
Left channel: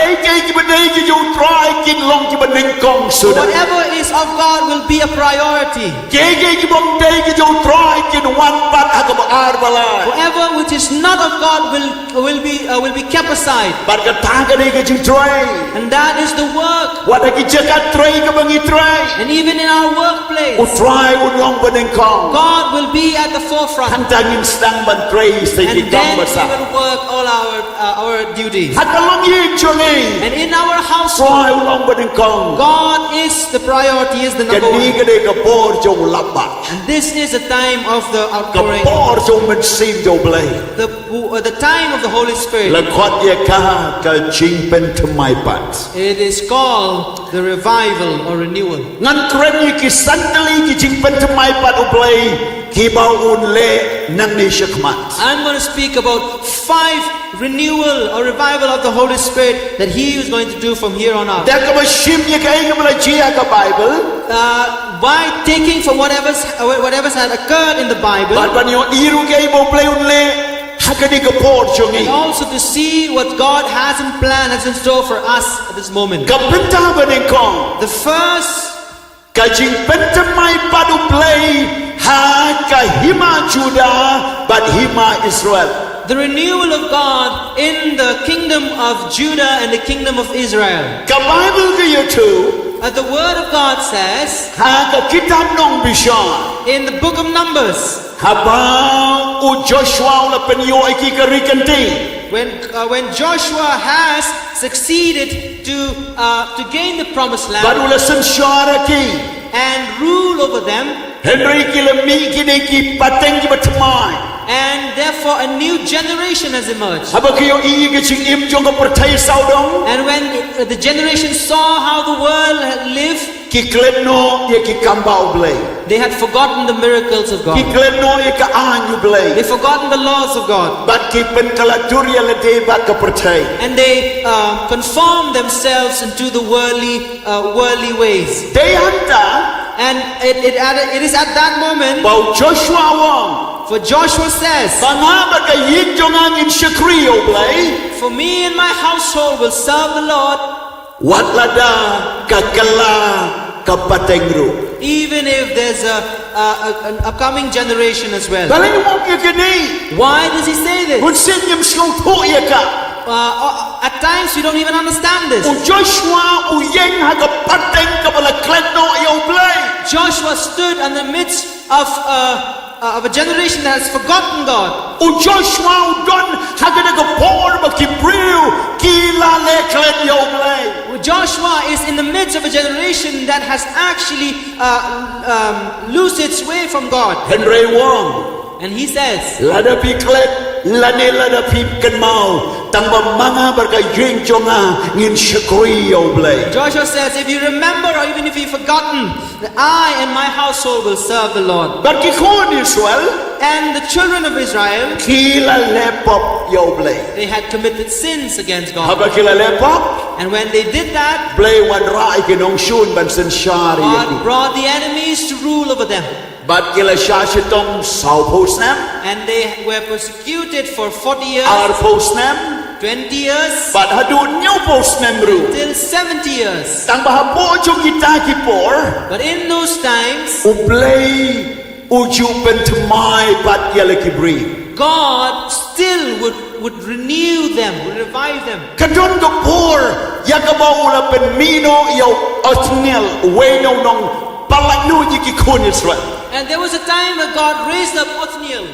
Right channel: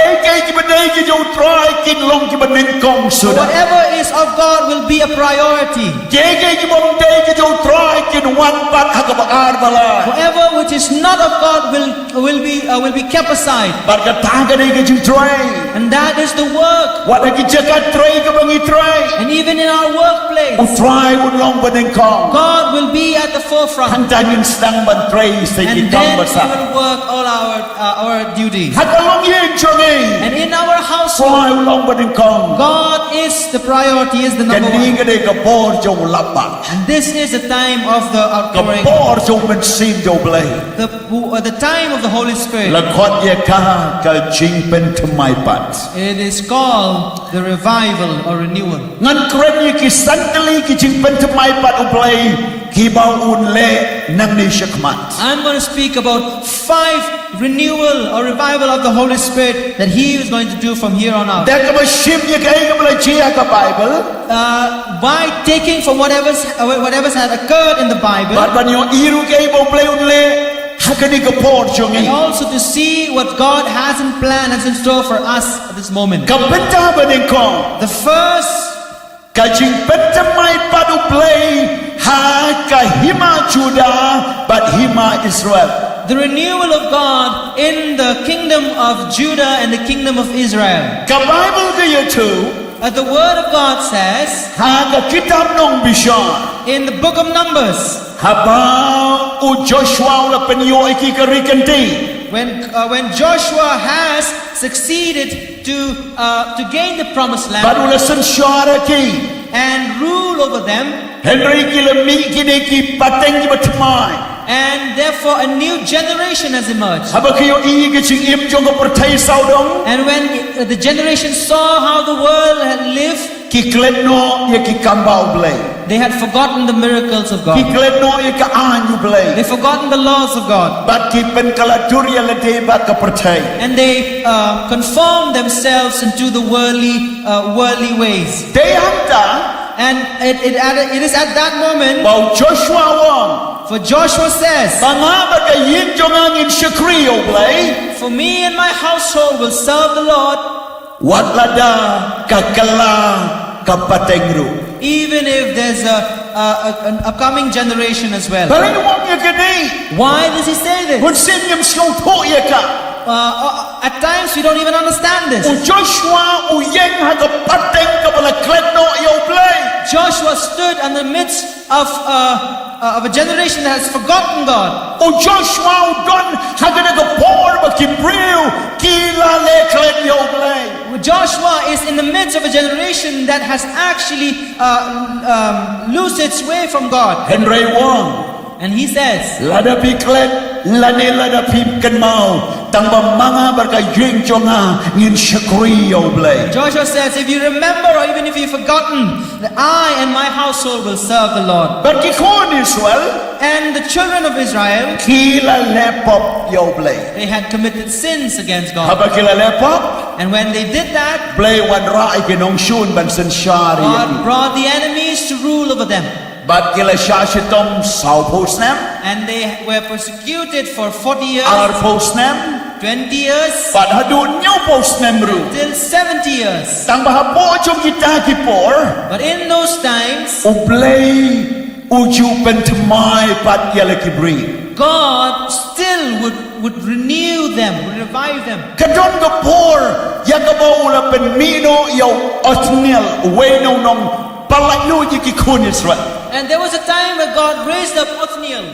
ki badai ki yo try kin long ki baneng kong sudah. Whatever is of God will be a priority. Ki bom dai ki yo try kin wan pat ha ka bakar balai. Whatever which is not of God will be kept aside, But ka ta ka dai ki jing try. and that is the work. Wat ha ki jakat try ka bangi try. And even in our workplace, U try u long baneng kong. God will be at the forefront, Hang tangin sedang ban try sa and ki then kong we basa. will work all our duties. Ha ka long yin chongi. And in our household, Try u long baneng kong. God is the priority, is the number Kani one. ka dai ka bor jong lapa. And this is the time of the Ka outpouring, bor jong man sim jong blay. the time of the Holy Spirit. La khot ye ka Jingpynthymmai pat. It is called the revival or renewal. Ngan kren ye ki santali ki Jingpynthymmai pat uplay ki bau un le nang ni shakmat. I'm going to speak about 5 renewal or revival of the Holy Spirit that He is going to do from here on out. Da ka ba shim ye ka ka bala jia ka Bible. By taking from whatever's had occurred in the Bible, But ban yo iru ka bau play un le hakani ka por and chongi. also to see what God has in plan, has in store for us at this moment. Ka benta baneng kong. The first Ka Jingpynthymmai pat uplay ha ka hima Judah but hima Israel. the renewal of God in the kingdom of Judah and the kingdom of Israel. Ka Bible ka ye tu. The word of God says Ha ka kitab nong bishan. in the book of Numbers, Habang u Joshua ula penyo iki karikanti. when Joshua has succeeded to gain the promised land Baru lesen syara ki. and rule over them, Henry kila mi kini ki pateng ki batmai. and therefore a new generation has emerged. Haba kayo iyi ki ching im jong ka pertai saudong. And when the generation saw how the world had lived, Ki kledno ye ki kambau blay. they had forgotten the miracles of Ki God. kledno ye ka anyu blay. They forgotten the laws of God. Bat ki pen kala durya lete bat ka pertai. And they conformed themselves into the worldly ways. Day hanta And it is at that moment, bau Joshua wong. for Joshua says, Banga ba ka yin jong angin shakriyo blay. for me and my household will serve the Lord, Wat lada ka kala ka patengru. even if there's an upcoming generation as well. Baling wong ye kini. Why does he say this? Kun sin yam slong to ye ka. At times we don't even understand this. U Joshua u yeng ha ka pateng ka bala kledno yo blay. Joshua stood in the midst of a generation that has forgotten God. U Joshua u don ha ka na ka por ba ki briu ki la le kled yo blay. Joshua is in the midst of a generation that has actually lost its way from God. Henry Wong. And he says, Lada pi kled lane lada pi kan mau tang ba manga bar ka yeng jonga ngin shakri yo blay. Joshua says, if you remember or even if you've forgotten, that I and my household will serve the Lord. Bar ki kon Israel And the children of Israel, kila lepop yo blay. they had committed sins against God. Haba kila lepop, And when they did that, blay wan rai kinong shun ban sen shari. God brought the enemies to rule over them. But kila shashitom sao posnam, And they were persecuted for 40 years, ar posnam, 20 years, but hadu new posnam ru. till 70 years. Tang bahapo jo kita kipor, But in those times, ublay Jingpynthymmai pat yala kibri. God still would renew them, would revive them. Kadon kapor, yakabaw ula pen mino yaw otniel, weno nong palagno yikikun Israel. And there was a time where God raised up Othniel.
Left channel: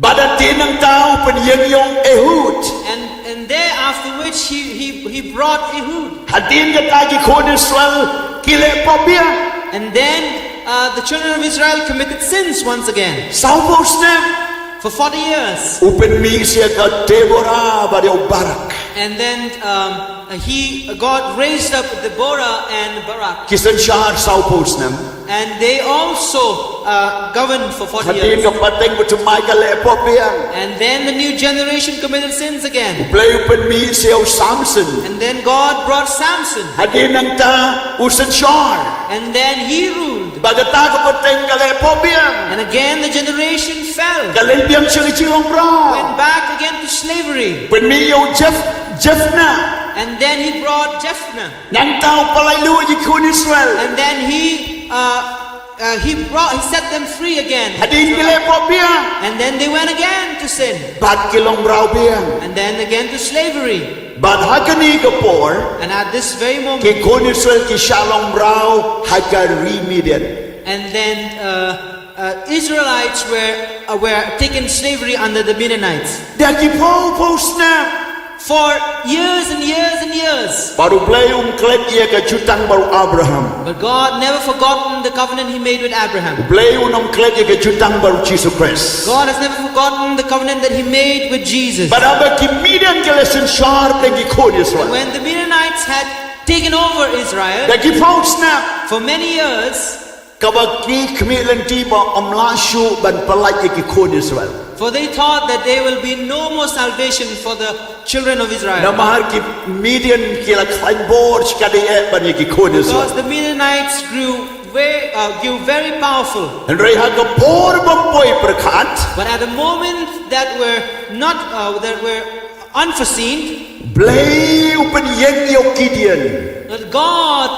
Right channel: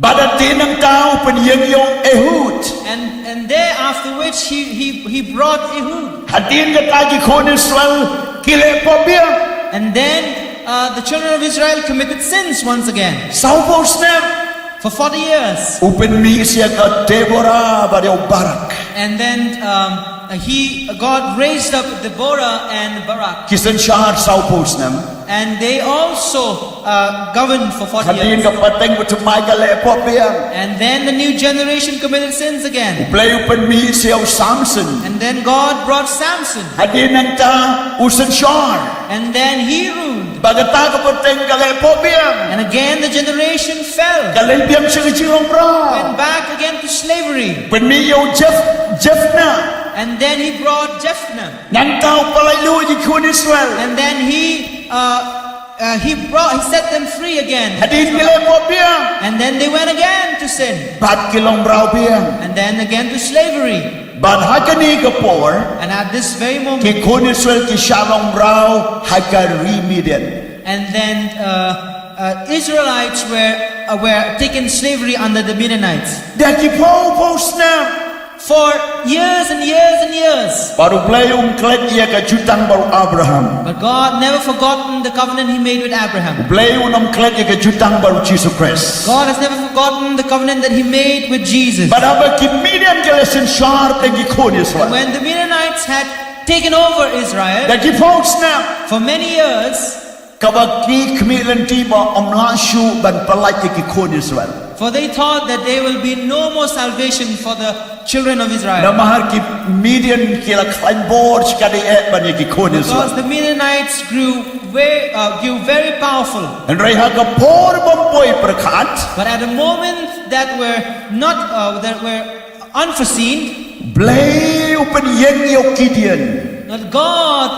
Badatin ng tao pen yung Ehud. And there after which he brought Ehud. Hadin katagi kun Israel kile pobia. And then the children of Israel committed sins once again Saupos nem for 40 years. upen mi siya ka Deborah badaw Barak. And then God raised up Deborah and Barak. Kisan shahar saupos nem. And they also governed for 40 Hadin years. ka pateng butumay ka le pobia. And then the new generation committed sins again. Play upen mi siya Samson. And then God brought Samson. Hadin ng ta usan shahar. And then he ruled. Bagata ka pateng ka le pobia. And again the generation fell. Kalibiyang siya chilong bra. Went back again to slavery. Pen mi yung Jeffna. And then he brought Jephthah. Nang tao palaylo yikun Israel. And then he set them free again. Hadin kile pobia. And then they went again to sin. Bat kilong brau biyang. And then again to slavery. But hakani kapor. And at this very moment, Ki kun Israel ki shalom brau hakari Midian. and then Israelites were taken slavery under the Midianites Daki po snap. for years and years and years. Baru play klet ia ka jutang baru Abraham. But God never forgotten the covenant He made with Abraham. Play klet ia ka jutang baru Jesus Christ. God has never forgotten the covenant that He made with Jesus. But aba ki Midian kelesin sharp tengi kun Israel. When the Midianites had taken over Israel Daki po snap. for many years, Kabaki kmilan tiba omlashu ban palai ki kun Israel. for they thought that there will be no more salvation for the children of Israel. Namahar ki Midian kila klain borch kadi ban ki kun Because Israel. the Midianites grew very powerful. And reha ka por bamboy perkat. But at a moment that were unforeseen, Blay upen yeng yo Gideon. that God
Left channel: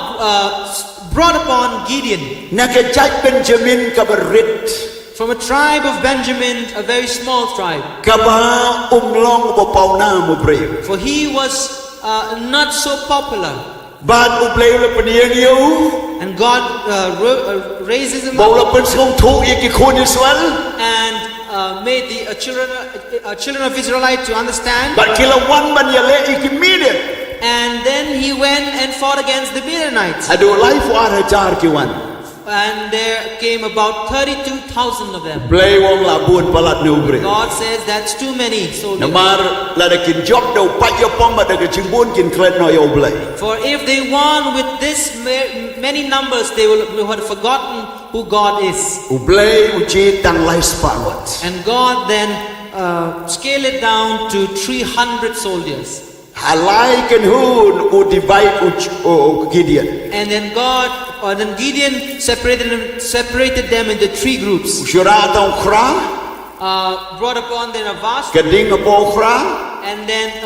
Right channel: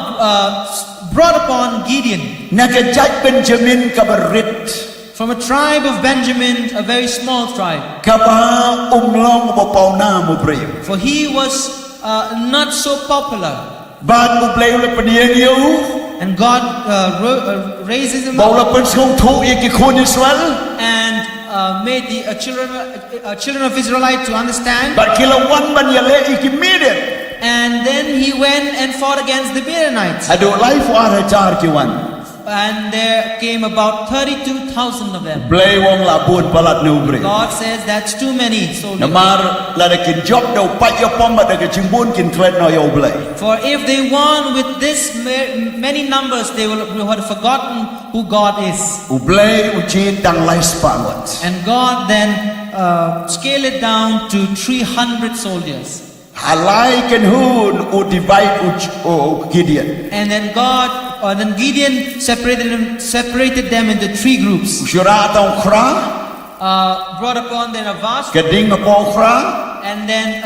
brought upon Gideon Nakajat Benjamin kabarit. from a tribe of Benjamin, a very small tribe. Kaba umlong bapaw na mo brave. For he was not so popular. Bad mo blay ula paniyeng yo. And God raises him up Bawla panskong tu ikikun Israel. and made the children of Israelite to understand. But kilawan man yale ikimidet. And then he went and fought against the Midianites. Ado life war hajar kiwan. And there came about 32,000 of them. Blay wong labun palat no brave. God says that's too many soldiers. Namar lada kin job do pat yo pomba daga chimbun kin klet no yo blay. For if they won with this many numbers, they will have forgotten who God is. Ublay uji tang life spangot. And God then scaled it down to 300 soldiers. Halai ken hun u divide Gideon. And then Gideon separated them into 3 groups. Usyura tong kra. Brought upon them a vast, Kading apo kra. and then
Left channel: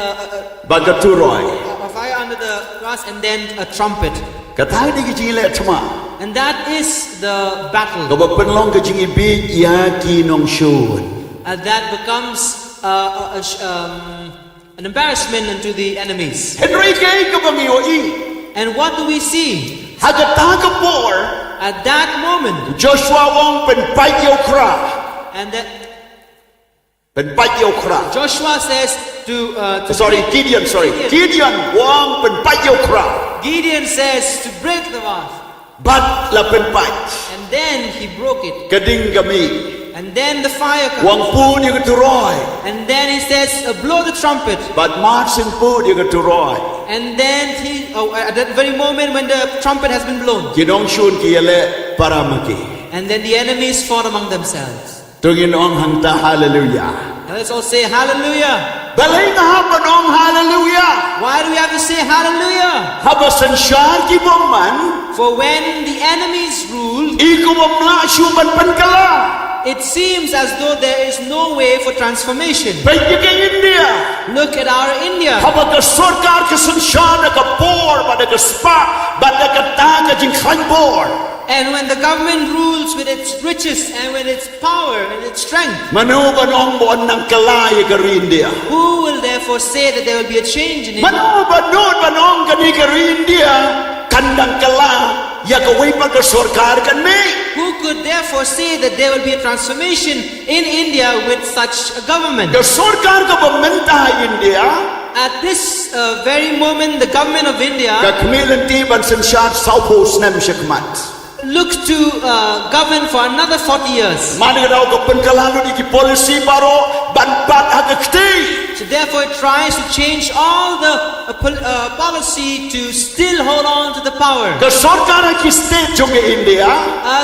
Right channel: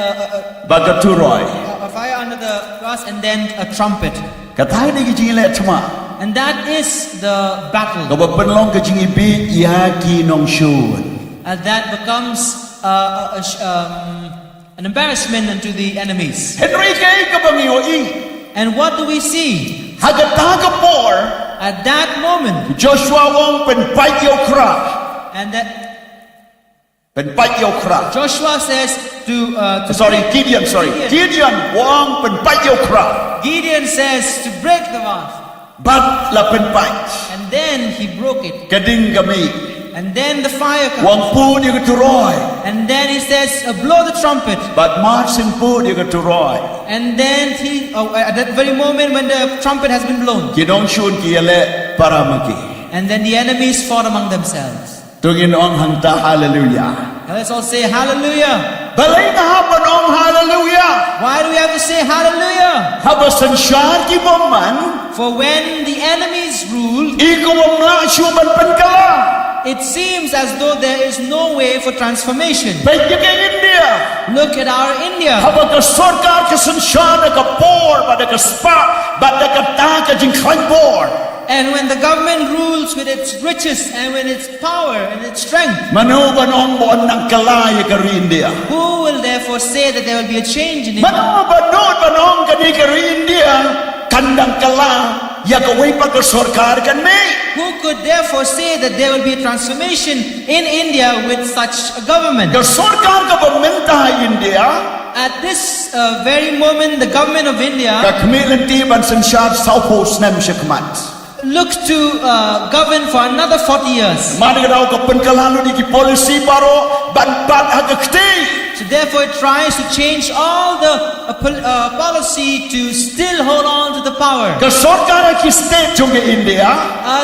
Bagaturoy. a fire under the grass, and then a trumpet. Katay ni gijile tma. And that is the battle. Kabapen long kajing ibi yaki nong shun. That becomes an embarrassment unto the enemies. Henry kay kabang ioi. And what do we see? Hagataga por. At that moment, Joshua wong pen pait yo kra. and that Pen pait yo kra. Joshua says to Gideon, sorry. Gideon wong pen pait yo kra. Gideon says to break the vase. Bat la pen pait. And then he broke it. Kading kami. And then the fire comes. Wang pun yo katuroy. And then he says, blow the trumpet. But Martin pun yo katuroy. And then at that very moment when the trumpet has been blown, Kinong shun kiyale paramaki. and then the enemies fought among themselves. Tungin ong hangta hallelujah. Now let's all say hallelujah. Balay na haban ong hallelujah. Why do we have to say hallelujah? Habasan syar ki boman. For when the enemies ruled, Iko mamla syuban pankala. it seems as though there is no way for transformation. Baik ke India. Look at our India. Habang ka sarkar ka sansyar na ka por, bada ka spa, bada ka ta ka jingkhan por. And when the government rules with its riches and with its power and its strength, Manu banong buon ng kalay ka India. who will therefore say that there will be a change in India? Manu banong kani ka India, kandang kala. Ya kaway pa ka sarkar kan me. Who could therefore say that there will be a transformation in India with such a government? Ka sarkar ka pamenta India. At this very moment, the government of India Ka kamilan ti ban sansyar Southpost nam syakmat. looks to govern for another 40 years. Mani ka daw ka pankalalo di ki policy baro banpat hagakti. So therefore it tries to change all the policy to still hold on to the power. Ka sarkar ki state jong India.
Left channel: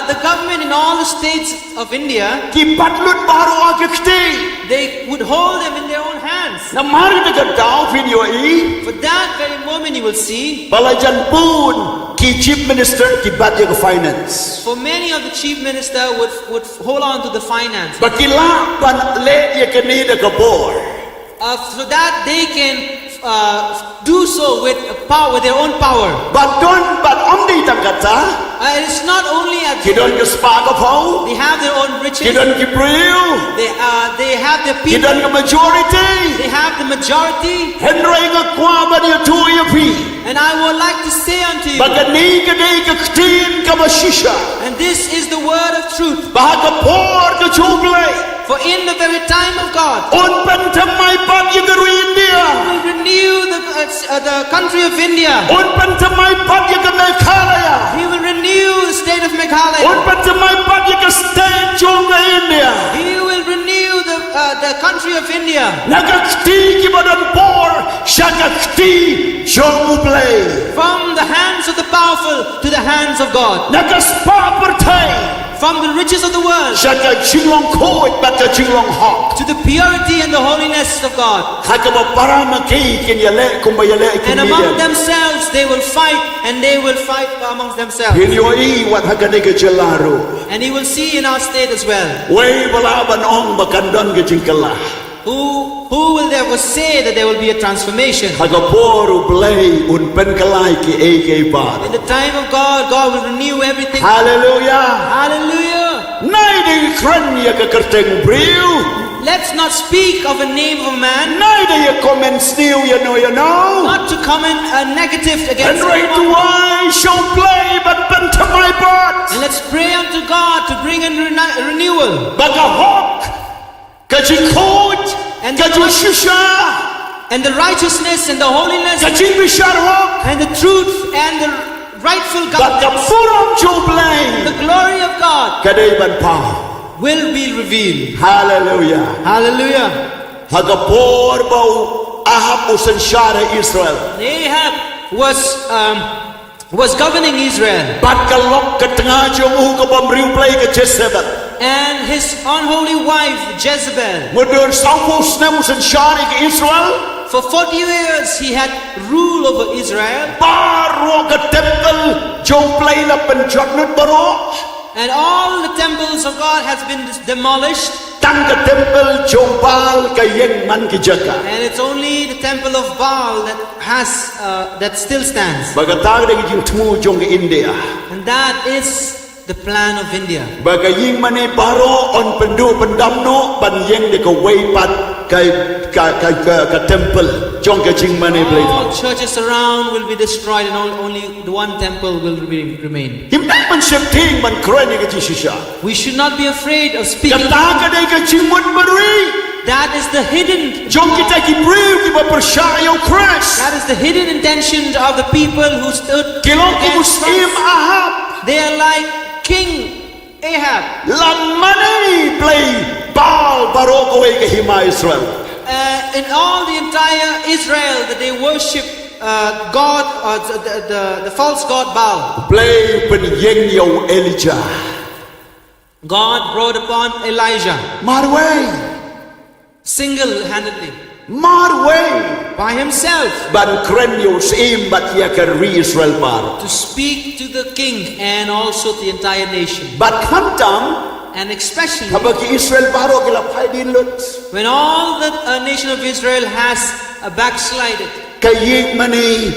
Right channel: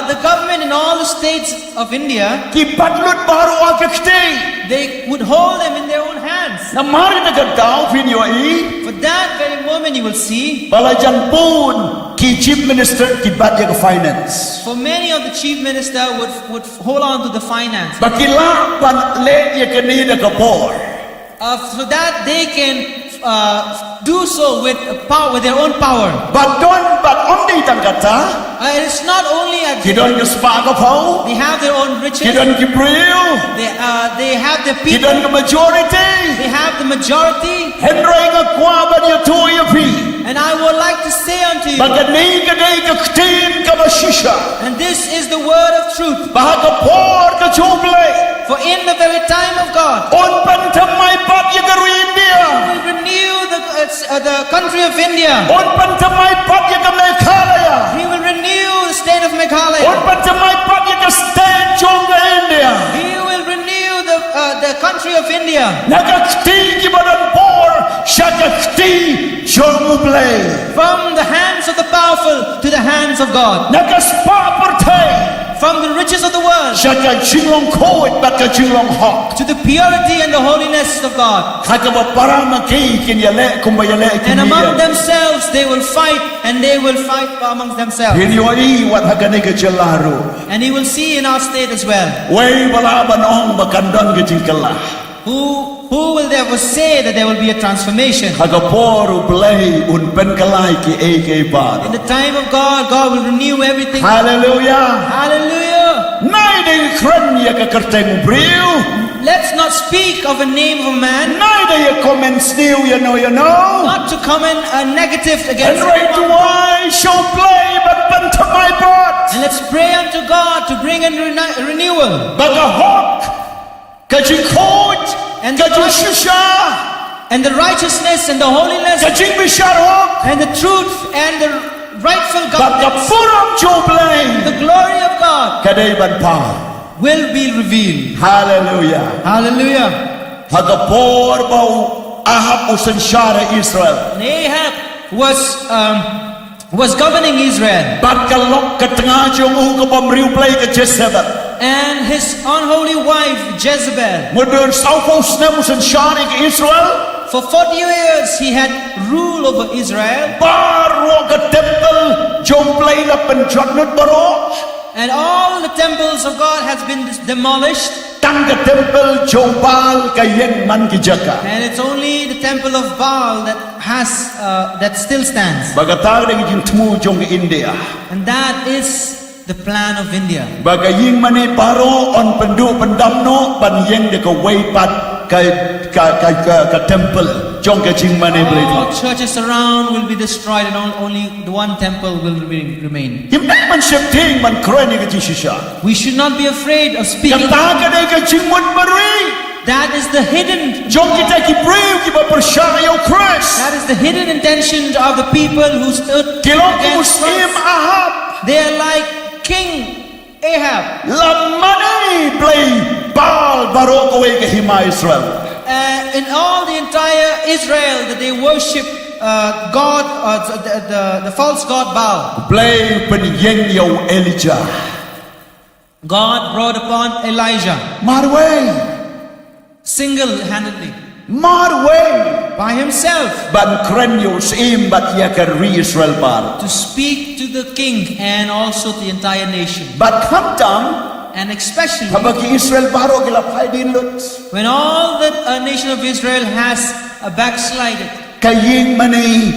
The government in all the states of India, Ki patlut baro hagakti. they would hold them in their own hands. Na mari na ka daw video i. For that very moment you will see, Balajan pun ki chief minister ki badya ka finance. for many of the chief minister would hold on to the finance. Bakila ban le ya kanida ka por. So that they can do so with power, with their own power. But om di tangkata. It's not only at Kidon ka spa ka po. they have their own riches. Kidon ki priu. They have their people. Kidon ka majority. They have the majority. Henry nga kwa ba niya tu ya pi. And I would like to say unto you, Bagani ka day ka ktin ka mashisha. and this is the word of truth. Baha ka por ka chublay. For in the very time of God, On pantamay pat ya garu India. will renew the country of India. On pantamay pat ya ka Meghalaya. He will renew the state of Meghalaya. On pantamay pat ya ka state jong ka India. He will renew the country of India. Nagakti ki badan por, siya kakti jong ublay. From the hands of the powerful to the hands of God. Nagaspa partay, From the riches of the world siya ka jinglong koit bat ka jinglong hok. to the purity and the holiness of God. Haka ba para maki kinyale kumbayale And among kinyan. themselves they will fight, and they will fight amongst themselves. Hinyoi wat hagani ka jalaru. And he will see in our state as well. Way balaban ong bakandon ka jingkala. Who will therefore say that there will be a transformation? Haga por ublay un penkalay ki AK bar. In the time of God, God will renew everything. Hallelujah. Hallelujah! Nay day kranya ka karteng briu. Let's not speak of a name of a man, Nay day comments new you know. not to comment negative And against right to anyone. why show play but banta my part. And let's pray unto God to bring a renewal. Baga hok. Kajing coat. And Kajing shusha. And the righteousness and the holiness Kajing bishar hok. and the truth and the rightful Baga governance, furam show play. the glory of God Kaday ban pa. will be revealed. Hallelujah. Hallelujah! Haga por bau ahab usan syara Israel. And Ahab was governing Israel, Bat kalok ka tengah jong ka pamriu play ka Jezebel. and his unholy wife Jezebel. Mudun Southpost na usan syara ka Israel. For 40 years he had rule over Israel, Baro ka temple jong play la penjadnut baro. and all the temples of God has been demolished, Tang ka temple jong bal ka yeng man ki jaka. and it's only the temple of Baal that still stands. Bagatag na gijing tmu jong ka India. And that is the plan of India. Baga ying mani baro on pendu pendamno ban yeng de ka weipat ka temple jong ka jing mani blade. All churches around will be destroyed, and only the one temple will remain. Himdak man septing man kroy ni ka jishisha. We should not be afraid of speaking. Kataga na ka jing mut bari. That is the hidden. Jom kita ki breu ki ba persyaya Christ. That is the hidden intention of the people who stood Kilong ki against Muslim Christ. Ahab. They are like King Ahab. Lamani play bal baro kowe ka hima Israel. In all the entire Israel, that they worship God, the false god Baal. Play pen yeng yo Elijah. God brought upon Elijah Marway. single-handedly Marway. by himself Ban kren yo sim bat ya ka ri Israel bar. to speak to the king and also to the entire nation. Bat khamtam And especially habaki Israel baro gila pai din lut. when all the nation of Israel has backslided. Kaying mani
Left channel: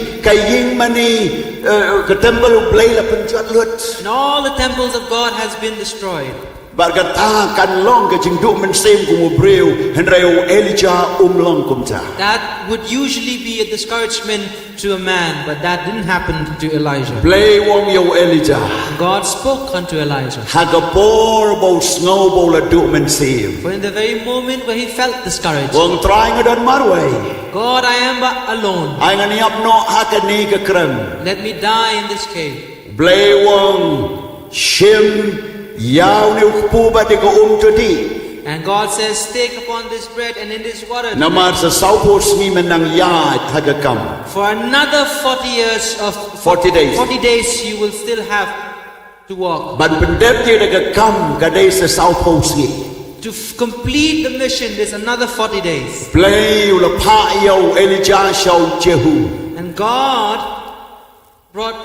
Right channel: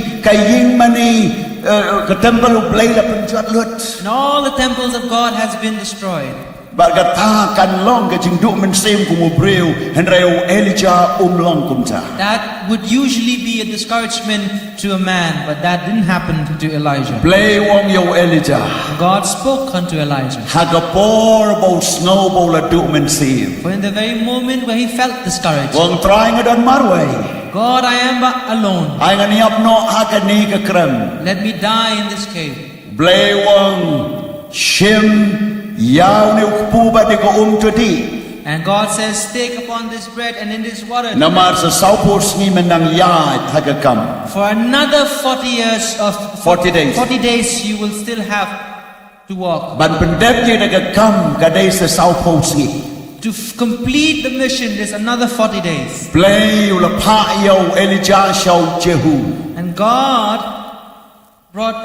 ka temple blay la penjat lut. And all the temples of God has been destroyed. Bat kata kan long ka jing du men sim kumu breu hen reu Elijah long kumta. That would usually be a discouragement to a man, but that didn't happen to Elijah. Blay wong yo Elijah. God spoke unto Elijah. Hagapor bo snow bo la du men sim. For in the very moment where he felt discouraged, Wong try ngadon marway. God, I am but alone. Ay nganiap no hakani ka krem. Let me die in this cave. Blay wong shim yaw ni ukpu ba di ko tudi. And God says, take upon this bread and in this water. Namar sa saupos ni menang ya hagakam. For another 40 years of 40 days. 40 days you will still have to walk. Ban pendep ni hagakam kadai sa saupos ni. To complete the mission, there's another 40 days. Blay ula pa yaw Elijah shaw Jehu. And God brought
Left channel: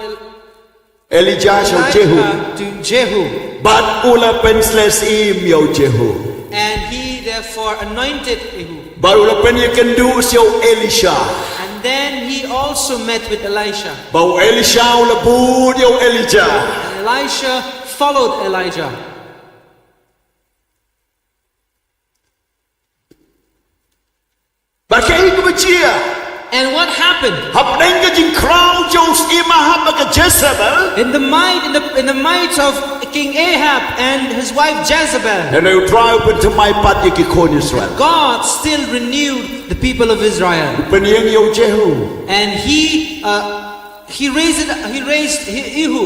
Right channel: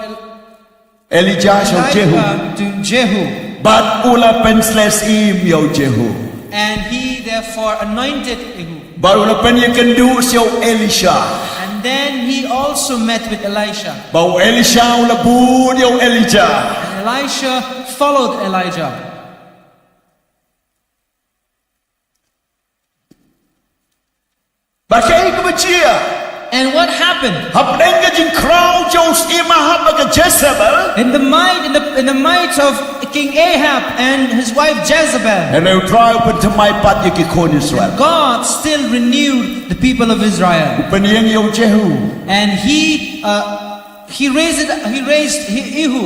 Elijah shaw Jehu. Elijah to Jehu. But ula pensles im yaw Jehu. And he therefore anointed Jehu. But ula pen you can do shaw Elisha. And then he also met with Elisha. Bau Elisha ula bud yaw Elijah. And Elisha followed Elijah. Bakai kebecia. And what happened? Hapdeng ka jing crowd Jos imahab ka Jezebel. In the might of King Ahab and his wife Jezebel, And you try open to my part yikikon Israel. God still renewed the people of Israel. Penyeng yo Jehu. And he raised Jehu.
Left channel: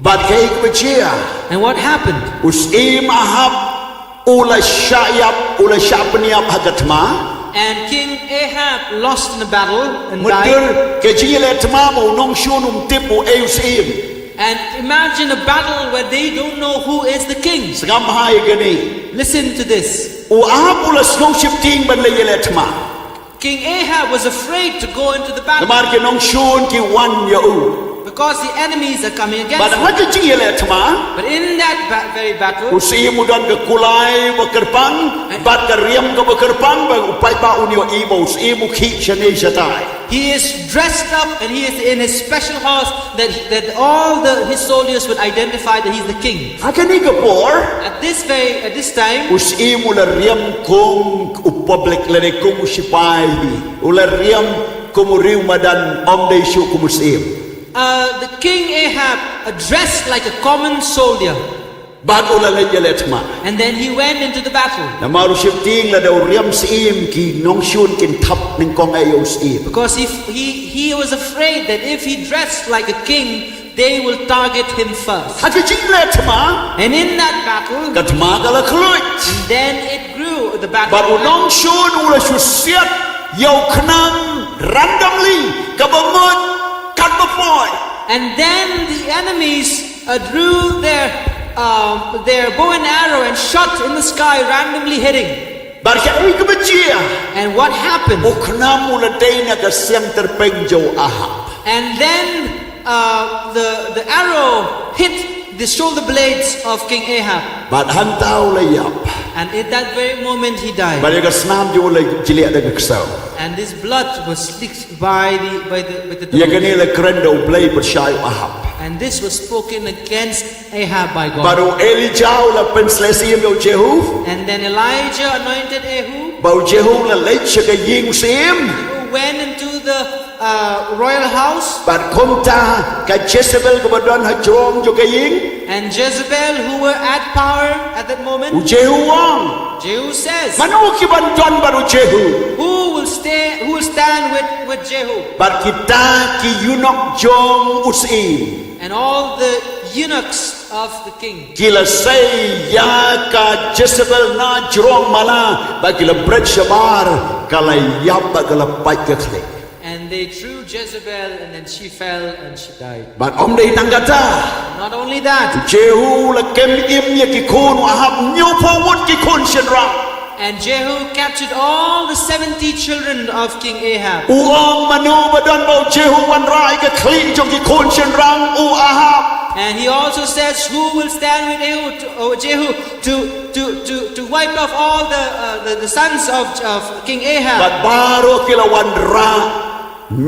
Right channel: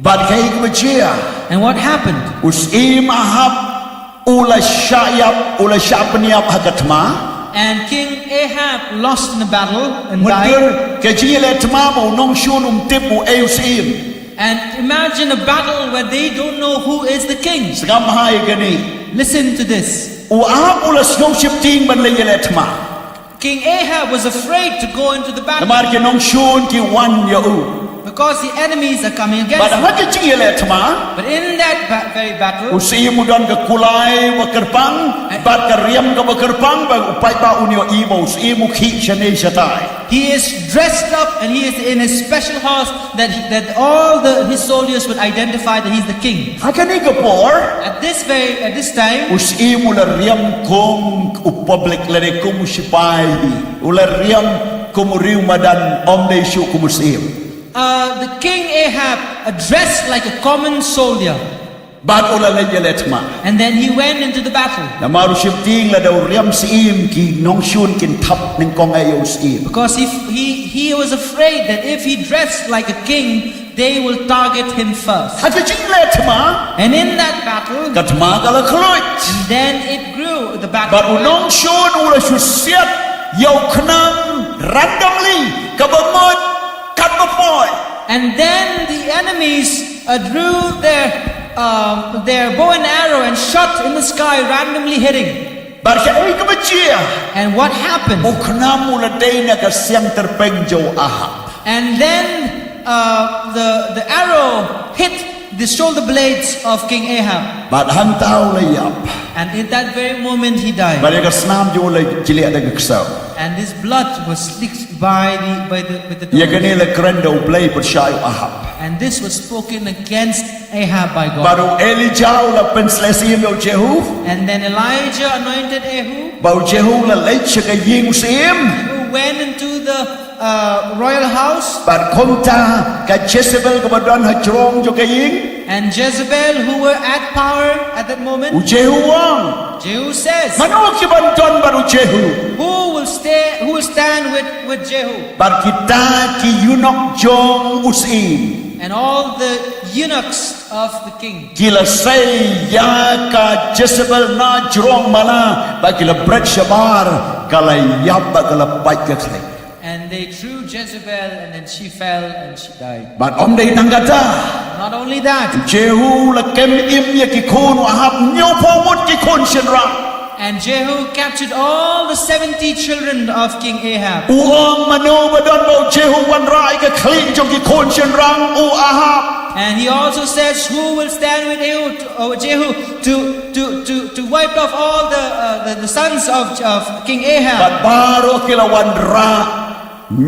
But kay kebecia. And what happened? Us imahab ula syapniap hagatma. And King Ahab lost in the battle and died. Mudur ke jile tma mo nong shunum tipu eusim. And imagine a battle where they don't know who is the king. Segam hai gani. Listen to this. Uahab ula snowship ting ban le yele tma. King Ahab was afraid to go into the battle Namar ke nong shun ki wan ya u. because the enemies are coming against But him. hake jile tma. But in that very battle, Usi mudan ke kulai bekerpang, bat ke riam ke bekerpang, ba upai ba unio ibo usi mukhi shane shatai. he is dressed up and he is in his special horse that all his soldiers would identify that he's the king. Hakani kapor, At this time, usi mula riam kum public lene kum usipai, ula riam kumuriu madan omde shu kumusim. the king Ahab dressed like a common soldier, Bat ula lejeletma. and then he went into the battle Namaru shifting la daw riam sim ki nong shun kin tap ning kong ayo sim. because he was afraid that if he dressed like a king, they will target him first. Hakajing letma, And in that battle, katma kala kluit. and then it grew, the battle. But unong shun ula shusiat yaw knang randomly kabamot katbapoy. And then the enemies drew their bow and arrow and shot in the sky, randomly hitting. Barka ay kabajia. And what happened? Ukna mula day na kasyang terpeng jaw Ahab. And then the arrow hit the shoulder blades of King Ahab. But hantaw layap. And in that very moment he died. Bali kasnam jaw lay jiliya na kaksaw. And his blood was licked by the Ya dogs. kanila krendo blay persyayo Ahab. And this was spoken against Ahab by God. Baru Elijah la penslesiyam yaw Jehu. And then Elijah anointed Jehu, Bau Jehu la late siya kaying usiyam. who went into the royal house. But kumta ka Jezebel kabadan hajrong jo kaying. And Jezebel, who were at power at that moment, U Jehu wang. Jehu says, Mano kibanton baru Jehu. who will stand with Jehu? Bar kita ki yunok jong usim. And all the eunuchs of the king. Kila say ya ka Jezebel na jrong mala ba kila bread shabar kala yab ba kala pai ka khay. And they threw Jezebel, and then she fell and she died. บัดอมได้ตั้งกะจ้า Not only that, เจฮูละเกมอิมยะกิโคนวะฮับโยพอวุดกิโคนเชนรัง and Jehu captured all the 70 children of King Ahab. อูองมโนบดอนเบาเจฮูวันรายกะคลีจงกิโคนเชนรังอูอาฮับ And he also says, who will stand with Jehu to wipe off all the sons of King บัด Ahab? บาโรกิละวันรา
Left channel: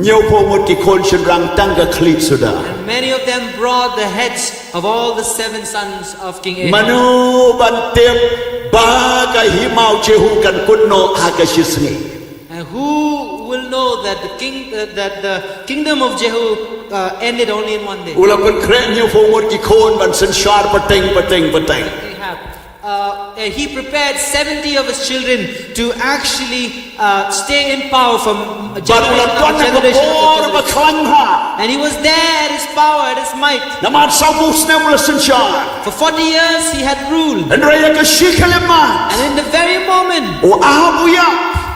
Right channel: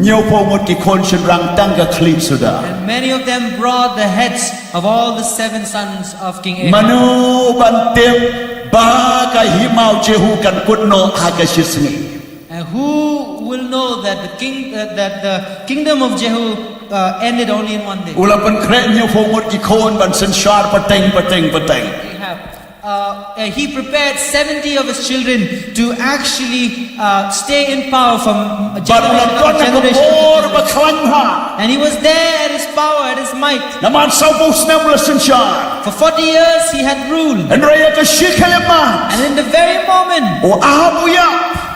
โยพอวุดกิโคนเชนรังตั้งกะคลีสุดา And many of them brought the heads of all the 7 sons of King ม Ahab. โนบันเต็มบากะฮิมาวเจฮูกันกุดโนอากะชิสนี And who will know that the kingdom of Jehu ended only in one day? อุลาเป็นเครโยพอวุดกิโคนบันสันชาร์ปะเต็ง Ahab. He prepared 70 of his children to actually stay in power from บัดอุลา generation ต้น after นักโบ generation. รบะคลังฮา And he was there at his power, at his might. นามาซาบูสเนมลสันชาร์ For 40 years he had ruled. อันเรียกชิคเลมา And in the very moment โออาฮับุยะ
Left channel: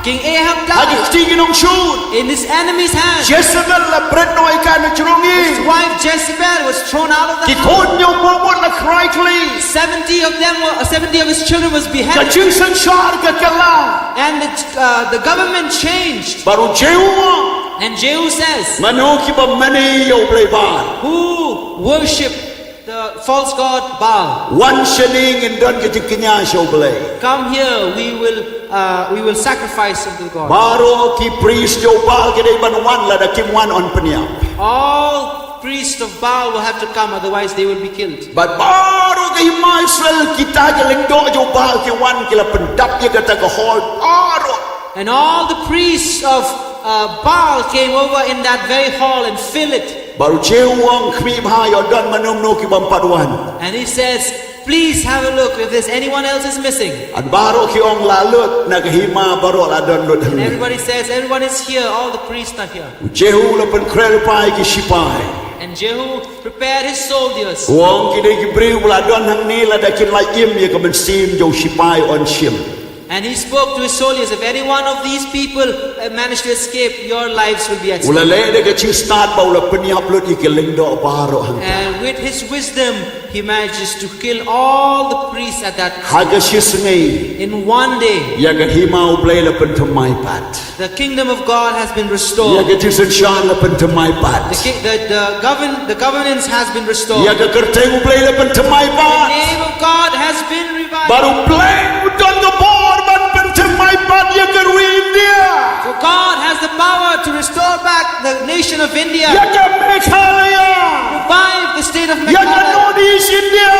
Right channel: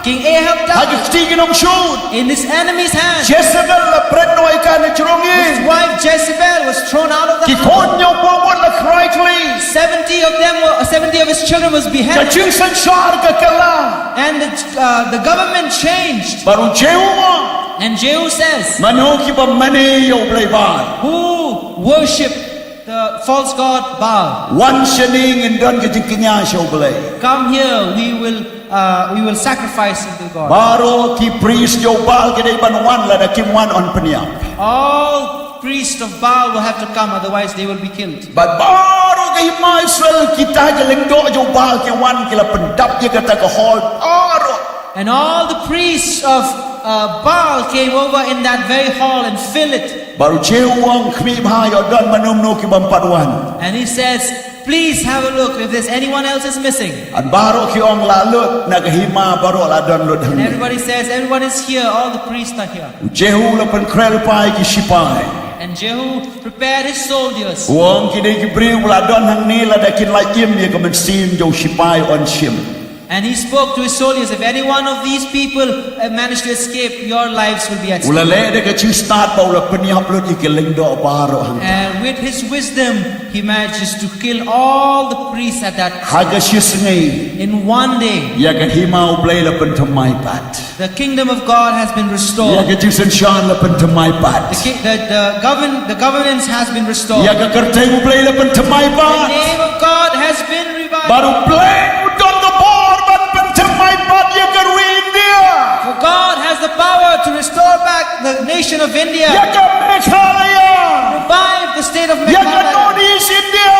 King Ahab ฮากิ died ตีกินองชูด in his enemy's hand. เจสเบลละเบรดโนอยการจรงยิง His wife Jezebel was thrown out of the กิโค house. นโยพอวุดละใครคลี 70 of his children was กะ beheaded. จึงสันชาร์กะกะลา And the government changed. บารุเจฮูวะ And Jehu says, มโนคิบะมะเนโยเบลบา who worship the false god Baal, วันชนิงอินดอนกะจึงกิญญาโชเบล come here, we will sacrifice unto God. บาโรกิปรีสโยบาลกะได้บันวันละดะกิมวันออนปะเนีย All priests of Baal will have to come, otherwise they will be killed. บัดบาโรกะฮิมาอิสราเอลกิตาจะเล็งโดโยบาลกิวันกิละเป็นดับยะกะตะกะฮอลบาโร And all the priests of Baal came over in that very hall and filled it. บารุเจวงขมีพายอดอนมนุมโนกิบัมปัดวัน And he says, please have a look if there's anyone else is missing. อันบาโรกิองลาลุดนักฮิมาบาโรลาดอนลุดหัง And everybody says, everyone is here, all the priests are here. เจฮูละเป็นเครลปายกิชิปาย And Jehu prepared his soldiers. วงกิได้กิบริวลาดอนหังนี้ละได้กินลายิมยะกะมันซีมโยชิปายออนชิม And he spoke to his soldiers, if any one of these people manage to escape, your lives will be at อุลา stake. เลได้กะชิงสตาร์ทบาละเป็นยับลุดอีกเล็งโดบาโรหัง And with his wisdom, he manages to kill all the priests at that ฮากะชิสนี in one day. ยะกะฮิมาอุเบลละเป็นทำไมปัด The kingdom of God has been ยะ restored. กะจิสันชาละเป็นทำไมปัด The governance has been restored. ยะกะกะเตอุเบลละเป็นทำไมปั The ด name of God has been revived. บารุเบลอุดอนกะบอร์มันเป็นทำไมปัดยะกะรีอินเดีย For God has the power to restore back the nation of ยะ India. กะเมฆาลายา Revive the state of ยะกะโน Meghalaya. ดีสอินเดีย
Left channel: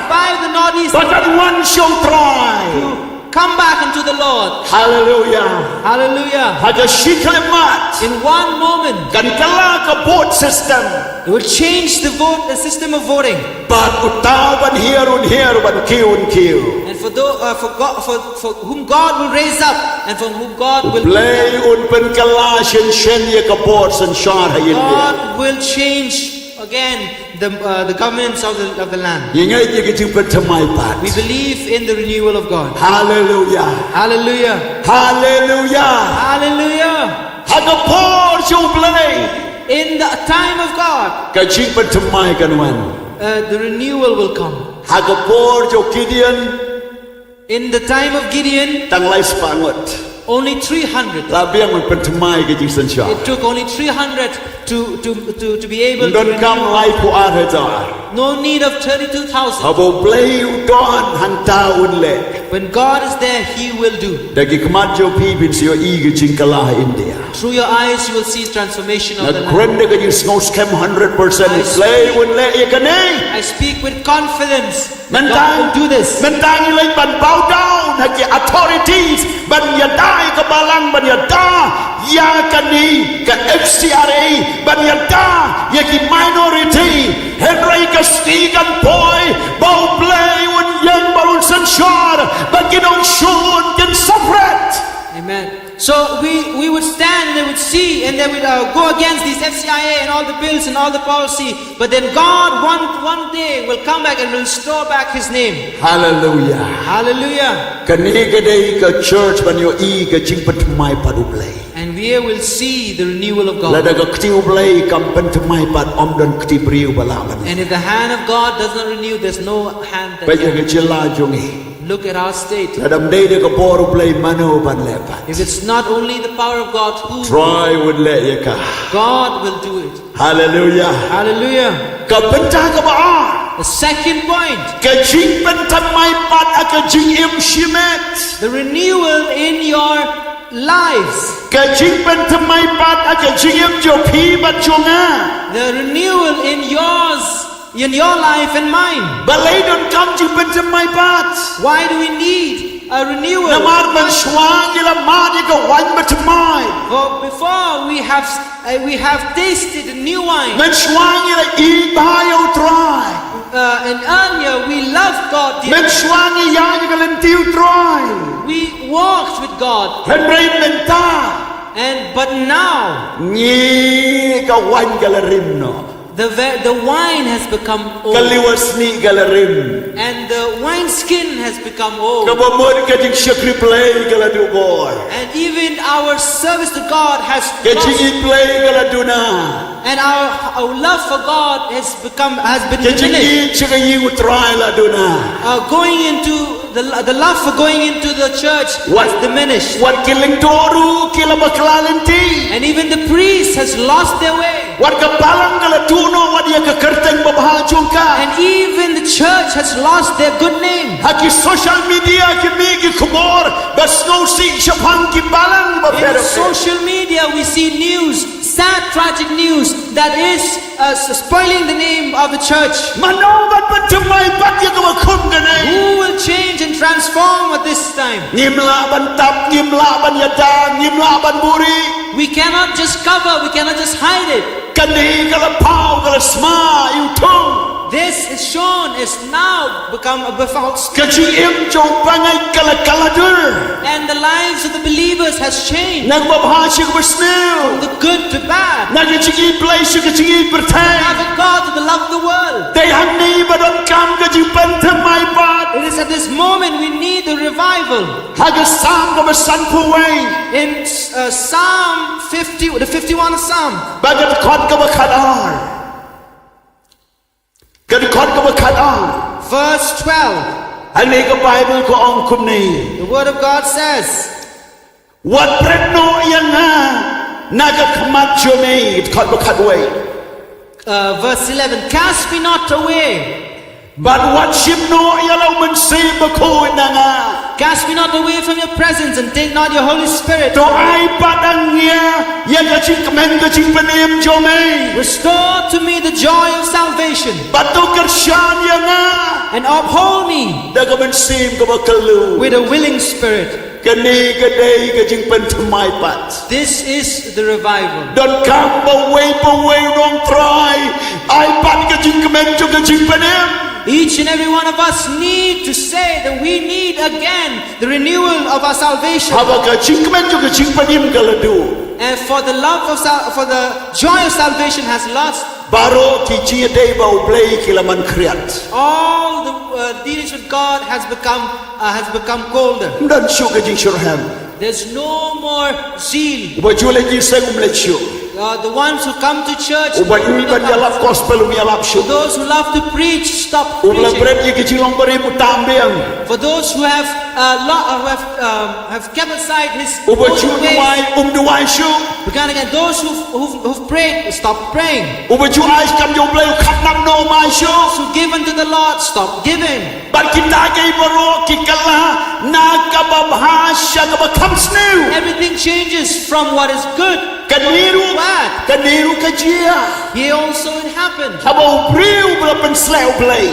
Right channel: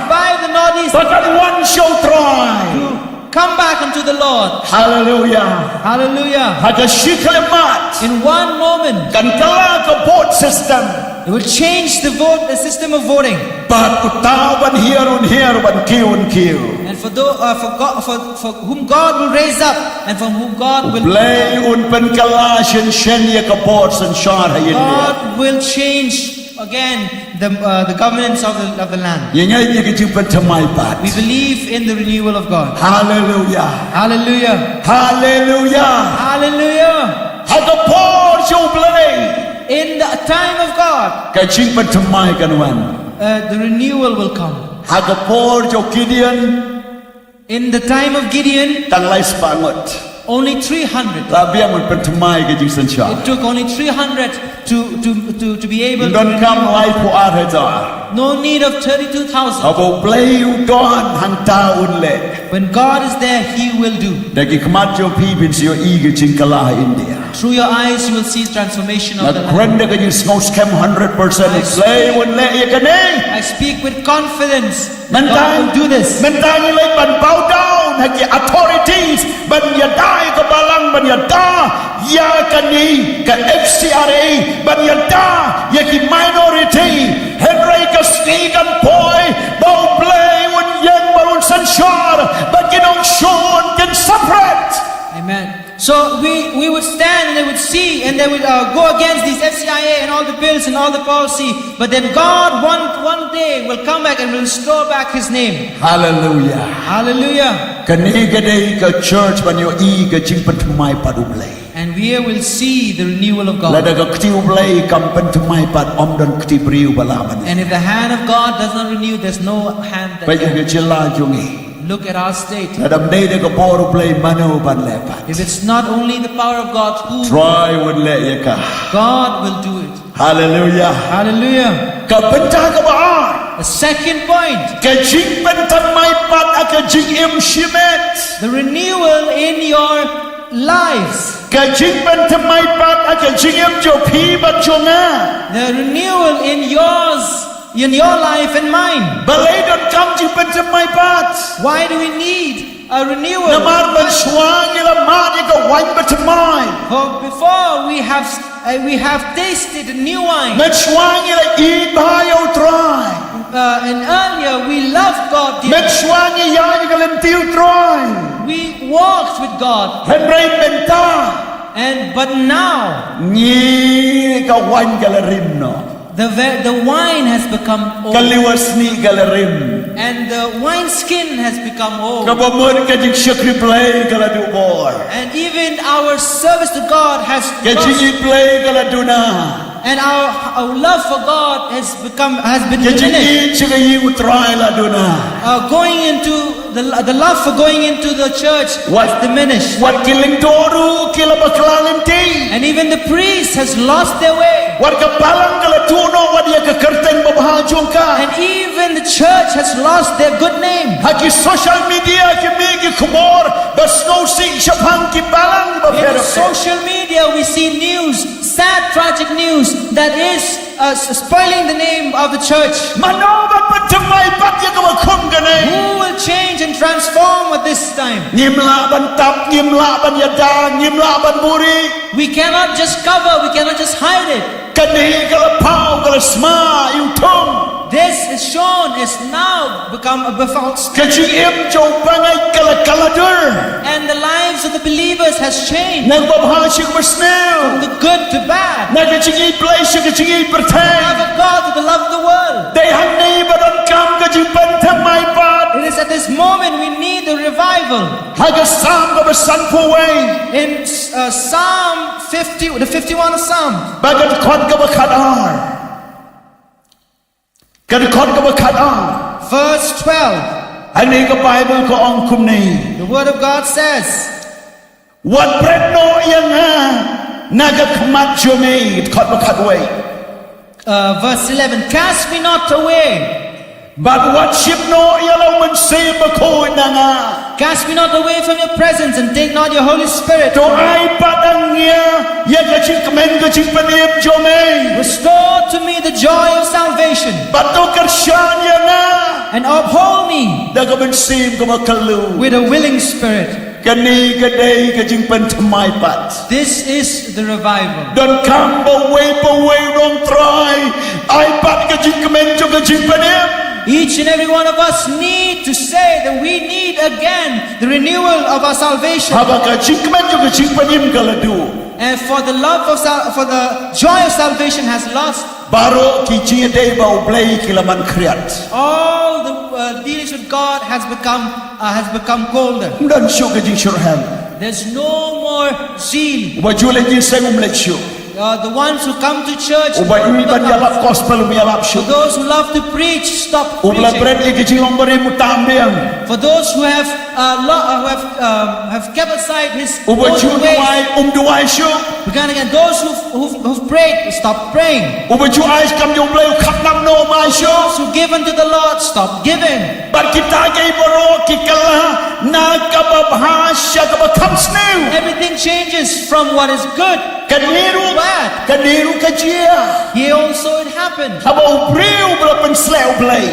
Revive the northeast. ประกันวันโชว์ทราย Come back unto the Lord. ฮาเลลูยา Hallelujah. ฮากะชิคเลมัด In one moment, กันกะลากะโบดซิสเต็ม it will change the system of voting. บาดอุตาวันเฮียรุนบันคิว And for whom God will raise up, and for whom God will เบลอุนเป็นกะลาเช่นยะกะโบดสัญชาติให้อินเดีย God will change again the governance of the land. ยังไงยะกะจึงเป็นทำไมปัด We believe in the renewal of God. ฮาเลลูยา Hallelujah. ฮาเลลูยา Hallelujah. ฮากะโบดโชว์เบล In the time of God, กะจึงเป็นทำไมกันวัน the renewal will come. ฮากะโบดโชว์กิเดียน In the time of Gideon, ตั้งไลสปางด only 300. ลาเบียงมันเป็นทำไมกะจึงสัญชาติ It took only 300 to be able ด to อนคำไล renew. ผู้อาเฮจา No need of 32,000. ฮาโบเบลอุดอนหังตาอุนเล่ When God is there, He will do. แต่กิขมัดโยพีเป็นเสียอีกจิงกะลาอินเดีย Through your eyes, you will see transformation นั of ก the เครน land. เด็กยิงสโนว์สแคม 100% เลยอุนเล่ยังกันเอง I speak with confidence มัน that ต่าง God will do this. มันต่างเลยบันเบาดาวนัก authorities บันยาได้กับบาลังบันยาดายากันนี้กับ FCRA บันยาดายากิ minority เห็นไรกับสตีกันปอยเบาเปลยอุนยังบาลุนสัญชาติบันกินองชูนกัน separate. Amen. So we would stand and they would see and they would go against these FCIA and all the bills and all the policy. But then God one day will come back and will restore back His name. Hallelujah. Hallelujah. กันนี้ก็ได้กับ church บันโยอีกับจิงปันทำไมปารุเบล And we will see the renewal of La God. daga ktiu blai kampen temai pat om don kti briu balaban. And if the hand of God does not renew, there's no hand that Baja can. ke cila jungi. Look at our state. La dam dei daga boru blai mano ban lepat. If it's not only the power of God, who? Try would let ya ka. God will do it. Hallelujah. Hallelujah. Ka pentah ka baar. The second point, Ka jingpynthymmai pat aka jingim shimet. the renewal in your lives. Ka jingpynthymmai pat aka jingim jo phi bat jonga. The renewal in yours, in your life and mine. Balai don kam jingpynthymmai pat. Why do we need a renewal? Namar ban swang ila mat ika wan batamai. For before we have tasted new wine. Man swang ila eat bahayo try. And earlier we loved God. Man swang ila ika lentiu try. We walked with God. Man brain menta. But now Ni ka wan galarim no. the wine has become old. Kaliwas ni galarim. And the wine skin has become old. Kabamod ka jing syakri play galadu bor. And even our service to God has Ka lost. jing play galaduna. And our love for God has been Ka jing diminished. eat syaka yin utray laduna. Going into the love for going into the church has diminished. Wat kiling toru kila baklalanti. And even the priest has lost their way. Wat ka palang galatuno wat ya ka kerteng babahajong ka. And even the church has lost their good name. Haki social media ki migi kumor bas no si syapang ki balang In bapera. social media we see news, sad tragic news that is spoiling the name of the church. Manobat pentemai pat ya ka bakum ganay. Who will change and transform at this time? Ngimla ban tap, ngimla ban yada, ngimla ban buri. We cannot just cover, we cannot just hide it. Kani kala pau kala sma yung tung. This is shown, is now become a false. Kajing im jong pangay kala kaladur. And the lives of the believers has changed Nagbabhasig from basnew. the good to bad. Nagajing i place, kajing i The love pertay. of God to the love of the world. Day hang ni badon kam kajing pentemai pat. It is at this moment we need the revival. Hagasam ka basan puway. In Psalm 50, the 51 of Psalm, Bagat kon ka bakadar. Kadikon ka bakadar. verse 12, Ang ni ka Bible ko ang kumni. the word of God says, What bread no yang ha. Nagakamat jumay. Kon bakadway. verse 11, cast me not away. But what ship no yalaw man say bako na nga. Cast me not away from your presence and take not your Holy Spirit. To ay patang niya. Ya gaching kamen gaching panim jomay. Restore to me the joy of salvation But to karsyan ya nga. and uphold me Dagaman sim kumakalu. with a willing spirit. Kani kaday gaching pentemay pat. This is the revival. Don't come away, don't try. Ay pat gaching kamen jo gaching panim. Each and every one of us need to say that we need again the renewal of our salvation. Haba gaching kamen jo gaching panim galadu. And for the joy of salvation has lost. Baro kichi day ba ublay kilaman kriyat. All the dealings with God has become colder. Dan syo gaching surham. There's no more zeal. Uba jule jiseng umletsyo. The ones who come to church, Uba iban yalap gospel yalap for syo. those who love to preach, stop Ubla preaching. bread gaching lombari mutambiang. For those who have kept aside his Uba own jule ways, duway syo. began again. Those who've prayed, stop praying. Uba ju ay kam jo blay katnam no mai syo. Those who give unto the Lord, stop giving. But kita kay baro kikala nakababhasya kabakam snew. Everything changes from what is good. Kaniru kajia. Here also it happened. Habaw briw balapan slew blay.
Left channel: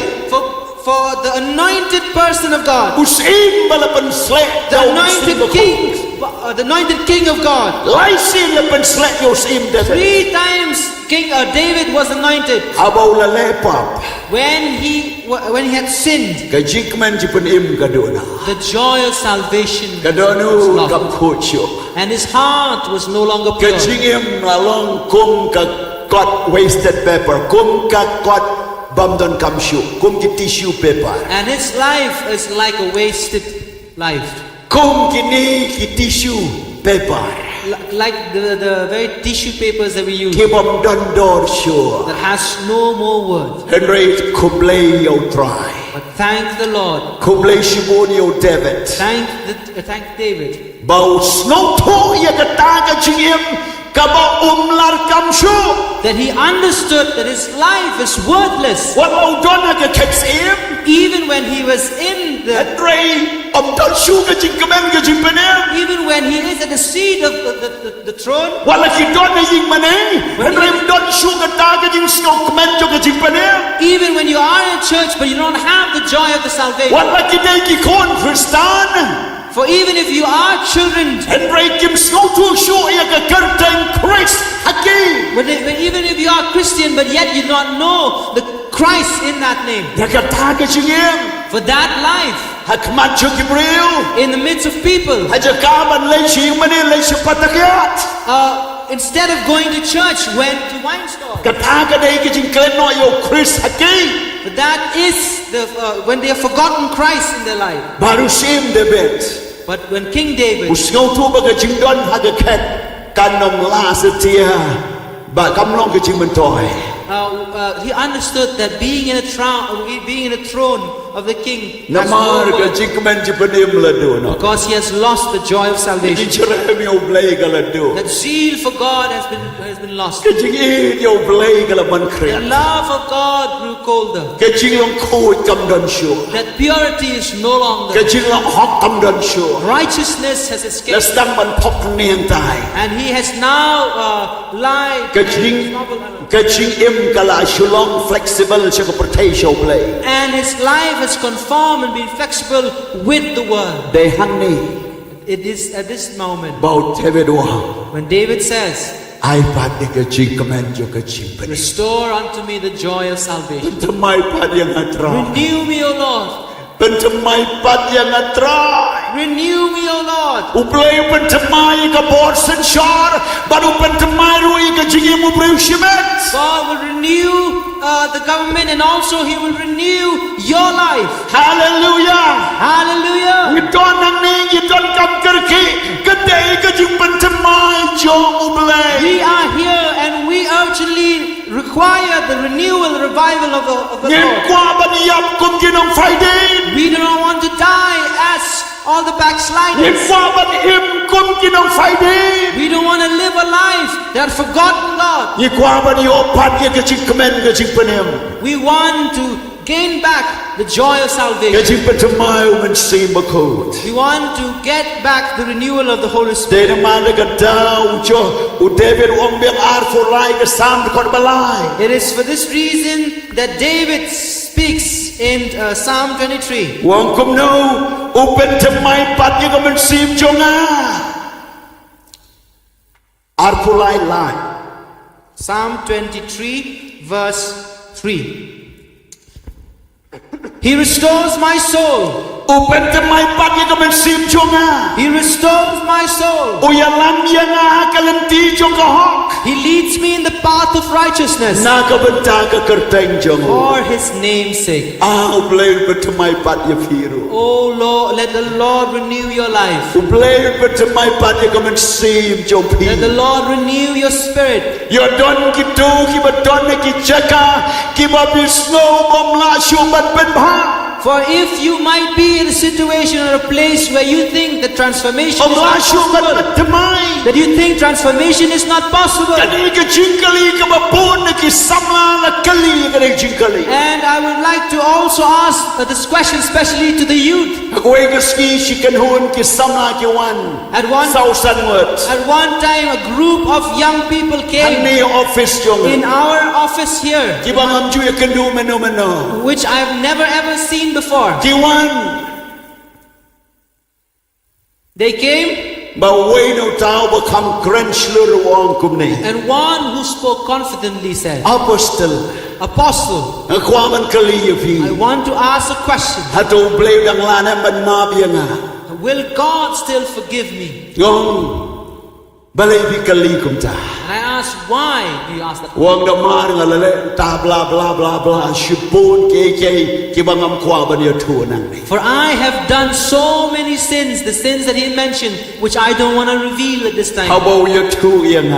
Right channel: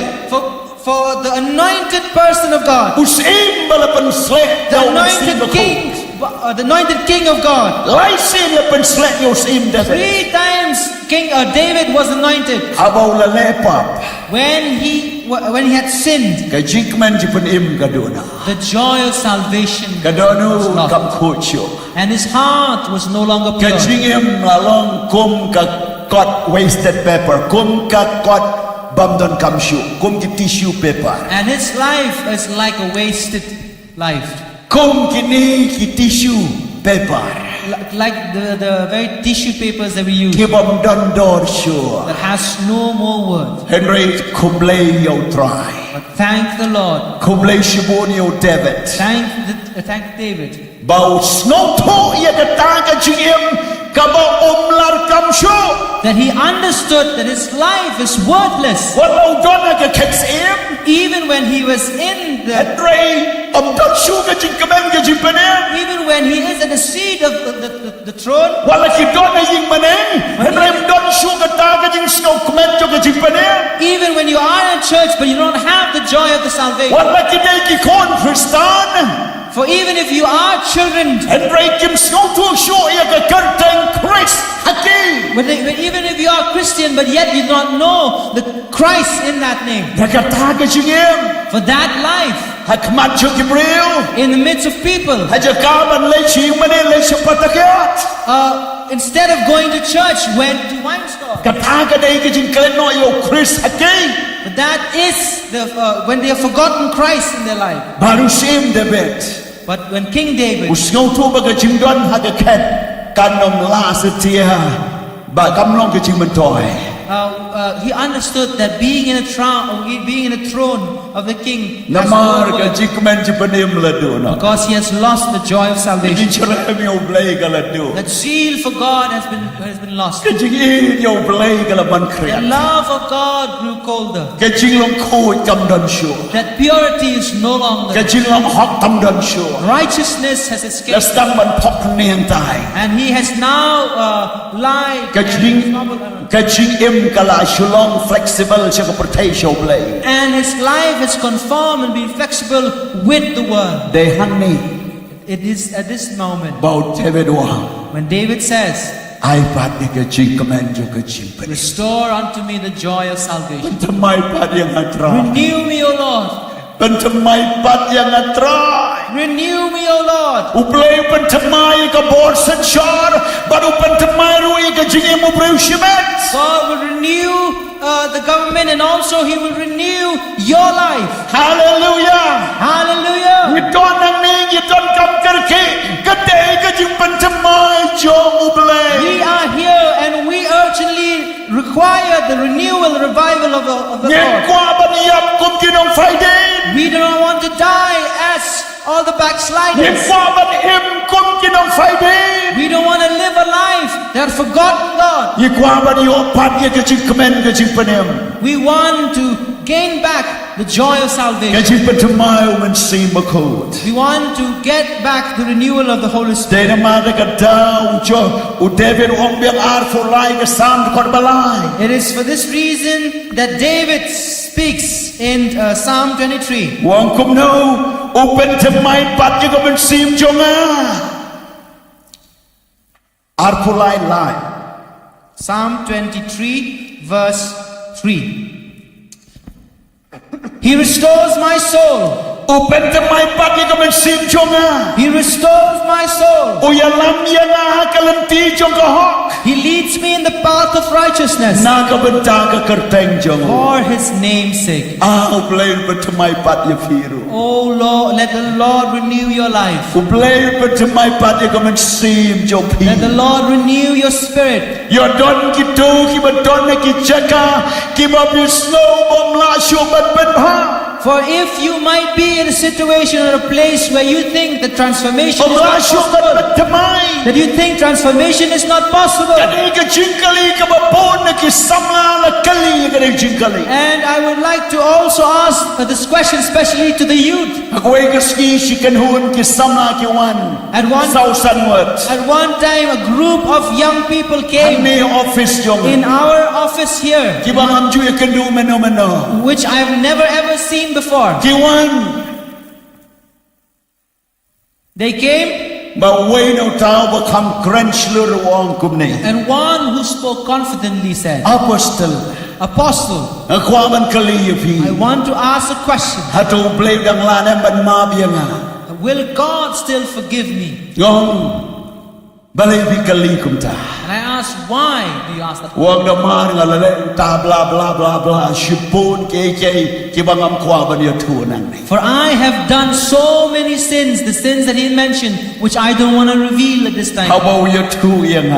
For the anointed person of God, Usim balapan slew. the anointed king of God. Laisin lapan slew usim dati. 3 times King David was anointed Habaw lalepap. when he had sinned. Kajikman jipan im kaduna. The joy of salvation was Kadonu lost, kam kucho. and his heart was no longer pure. Kajingim lalong kum ka got wasted paper. Kum ka got bamdon kamshu. Kum ki tissue paper. And his life is like a wasted life. Kum kini ki tissue paper. like the very tissue papers that we use, ที่บ่ดอนดอร์ชัว that has no more words. เฮนรี่คุมเลยเอาตราย But thank the Lord. คุมเลยชิบูนิเอาเดวิด Thank David. เบาสโนว์ทูยากตากะจิมกะบ่ลาร์กัมชู That he understood that his life is worthless. ว่าเราดอนกะเค็กซ์เอ็ม Even when he was in เฮน the, รี่ดอนชูกะจิงกะแมนกะจิปะเน even when he is at the seat of the throne, ว่าละคิดดอนยิงมาเนเฮนรี่ดอนชูกะตากะจิงสโนว์กะแมนจกะจิปะเน even when you are in church but you don't have the joy of the ว่า salvation. ละคิดได้กี่คนคริสเตียน For even if you are children, เฮนรี่กิมสโนว์ทูชูยากะกะเตงคริสฮักกี้ but even if you are Christian but yet you do not know the Christ in that name, ยากะตากะจิงเอ็ม for that life ฮักมัดชุกิบริล in the midst of people, ฮัจกาบันเลยชิงมาเนเลยชปัตตะเกียต instead of going to church, went to wine store. กะตากะได้กะจิงเกลนอยโยคริสฮักกี้ But that is when they have forgotten Christ in their life. บารุซิมเดวิด But when King David, อุสโนทูบะกะจิงดอนฮักะเค็ดกันนมลาสเตียบะกำลองกะจิงมันตอย he understood that being in a throne of the king นา has มาร no กะ worth, จิงมันจิปะเนมละดูเนาะ because he has lost the joy of จิ salvation. เชรมิโอเบลกะละดู That zeal for God has been lost. กะจิงอีโยเบลกะละมันเครีย The ด love of God grew colder. กะจิงลองคูดกำดอนชัว That purity is no กะ longer. จิงลองฮอกกำดอนชัว Righteousness has และ escaped, สตังมันพกเนียงตาย and he has now lied. กะจิงเอ็มกะลาชุลอง flexible ชะกะประเทศโชเบล And his life has conformed and been flexible with the world. เดฮังนี่ It is at this moment เบาเทเวดวา when David says, ไอปัดเดกะจิงกะแมนโยกะจิงเปน "Restore unto me the joy of salvation. ทำไมปัดยังอัตรา Renew me, O Lord. เป็นทำไมปัดยังอัตรา Renew me, O Lord." อุเบลเป็นทำไมกับบอดสัญชาร์บัดอุเป็นทำไมรู้อีกะจิงอุเบลชิเมต God will renew the government, and also He will renew your life. ฮาเลลูยา Hallelujah. ยิดอนนังนี้ยิดอนกำกระคีกะเดกะจิงเป็นทำไมจงอุเบล We are here, and we urgently require the renewal, the revival of the เงิน Lord. กว่าบันยับกุมกินองไฟเดน We do not want to die as all the เงิน backsliders. กว่าบันเอ็มกุมกินองไฟเดน We don't want to live a life that has forgotten God. ยิ่งกว่าบันโยปัดยิ่งกะจิงคเมนกะจิงปะเนม We want to gain back the joy of กะ salvation. จิงเป็นทำไมมันซีมะคูด We want to get back the renewal of the Holy เด Spirit. นมาเดกะดาวจออุเดวิดองเบียงอาร์ฟูไลกะซามคอดบาลาย It is for this reason that David speaks in Psalm 23. วงคุมโนอุเป็นทำไมปัดยิ่งกะมันซีมจงอาร์ฟูไลไล Psalm 23, verse 3. He restores my soul. อุเป็นทำไมปัดยิ่งกะมันซีมจง He restores my soul. อุยลัมยังกะลันตีจงกะฮอก He leads me in the path of righteousness นากะบันตากะกะเตงจง for His name's sake. อ้าวเปลยเป็นทำไมปัดยิ่งฟีรุ Oh Lord, let the Lord renew your life. อุเปลยเป็นทำไมปัดยิ่งกะมันซีมจงพี Let the Lord renew your spirit. ยอดอนกิตูกิบัดอนในกิจักากิบาบิสโนบอมลาชูบัดเป็นผ้า For if you might be in a situation or a place where you think that transformation บอม is ลา not ชูบัด possible, เป็นทำไม that you think transformation is not possible, กันนี้ก็จิงกะลีกับปูนในกิสัมลาละกะลีกันในจิงกะลี and I would like to also ask this question especially to the youth. หากเวกสกีชิกันฮุนกิสัมลากิวัน เศร้าสันเวิร์ด At one time, a group of young people ทัน came นี้ออฟฟิศจง in our office here, กิบังอัมจุยกันดูเมโน which I have never ever seen before. กิวัน They came, บ่เวโนตาวบ่คำเกรนชลรวองกุมนี้ and one who spoke confidently said, อพอสตล Apostle, ความมันกะลีอยู่พี่ I want to ask a question. ถ้าตูเปลวดังลานะมันมาเบียง Will God still forgive me? งง Will God still forgive me? งง And งง I balay bikali kumta And I asked, why do you ask that? wang da mar ngalale ta bla bla bla bla shipun ke kibangam kwa ban ya tu nang ni For I have done so many sins, the sins that he mentioned, which I don't want to reveal at this how time. about ya tu yang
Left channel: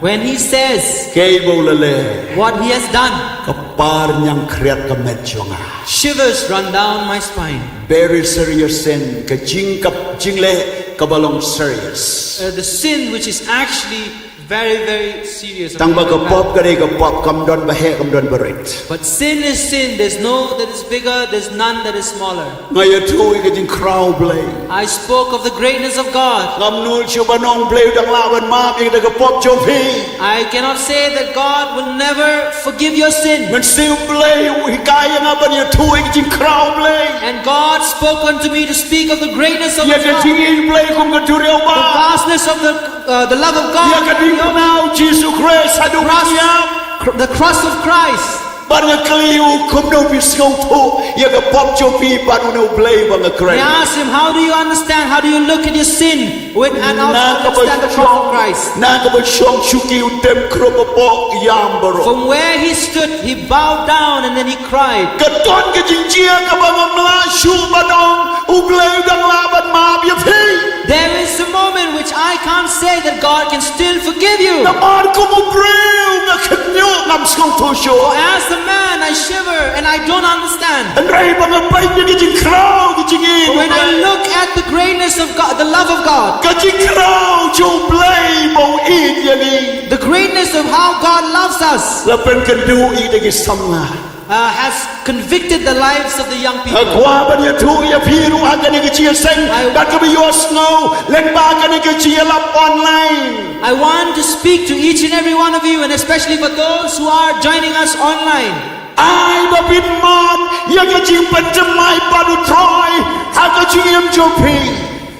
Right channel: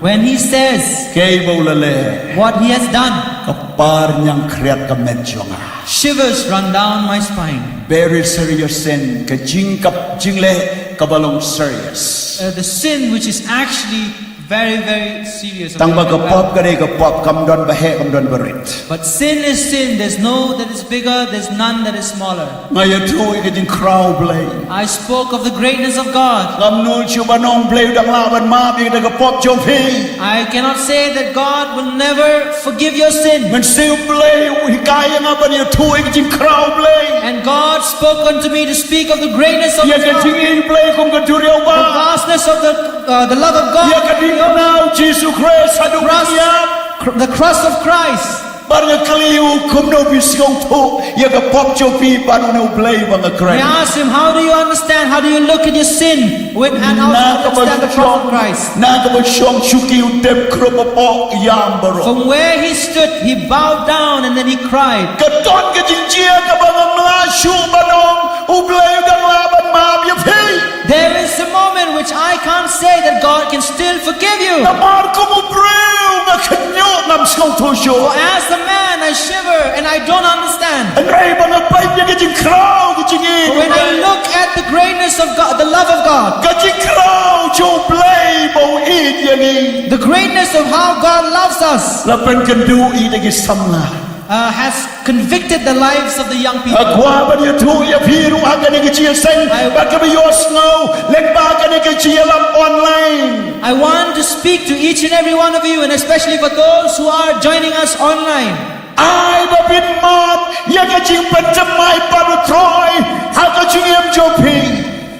When he says ke bolale what he has done, kapar nyang kriat ka medjonga shivers run down my spine. very serious sin ka jing le kabalong serious The sin which is actually very, very serious. tang ba ka pop ka dei ka pop kam don ba he kam don barit But sin is sin. There's no that is bigger, there's none that is smaller. ngaya tu ka jing crow blay I spoke of the greatness of God. ngam nul chu banong blay dang la ban ma bi ka pop chom phi I cannot say that God will never forgive your sin. man siu blay hi kai nga ban ya tu ka jing crow blay And God spoke unto me to speak of the greatness of ya ka God, jing in blay kum ka tu reu ba the vastness of the love of God, ya ka ding now Jesus Christ hadu yam the cross of Christ. ban nga kliu kum no bi skong tu ya ka pop chom phi ban no blay ba nga I krai asked him, how do you understand? How do you look at your sin and also understand the cross of Christ? na ka ba shong shuki u tem kro pa po yam baro From where he stood, he bowed down and then he cried. ka ton ka jing chia ka ba ngam la shu banong u blay dang la ban ma bi phi There is a moment which I can't say that God can still forgive you. na mar ko mo breu nga khnyo ngam skong tu shu For as a man, I shiver and I don't understand. an rai ba nga pai ka jing crow ka jing in But when I look at the greatness of God, the love of God, ka jing crow chu blay bo in ya ni the greatness of how God loves us, la pen kan du i de ki samla has convicted the lives of the young people. akwa ba ya tu ya phiru ha ka ni ki chia seng ba ka bi yo snow len ba ka ni ki chia lap online I want to speak to each and every one of you, and especially for those who are joining us online. ai ba bin man ya ka Jingpynthymmai pa du troi ha ka jing em jo phi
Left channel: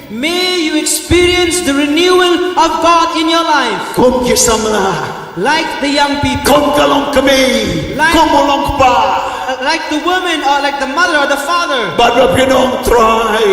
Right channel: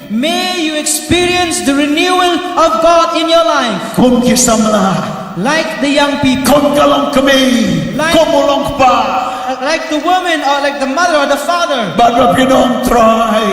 May you experience the renewal of God in your life, kum ki samla like the young people, kum ka long kami kum long pa like the woman or like the mother or the father. ba ra pinong troi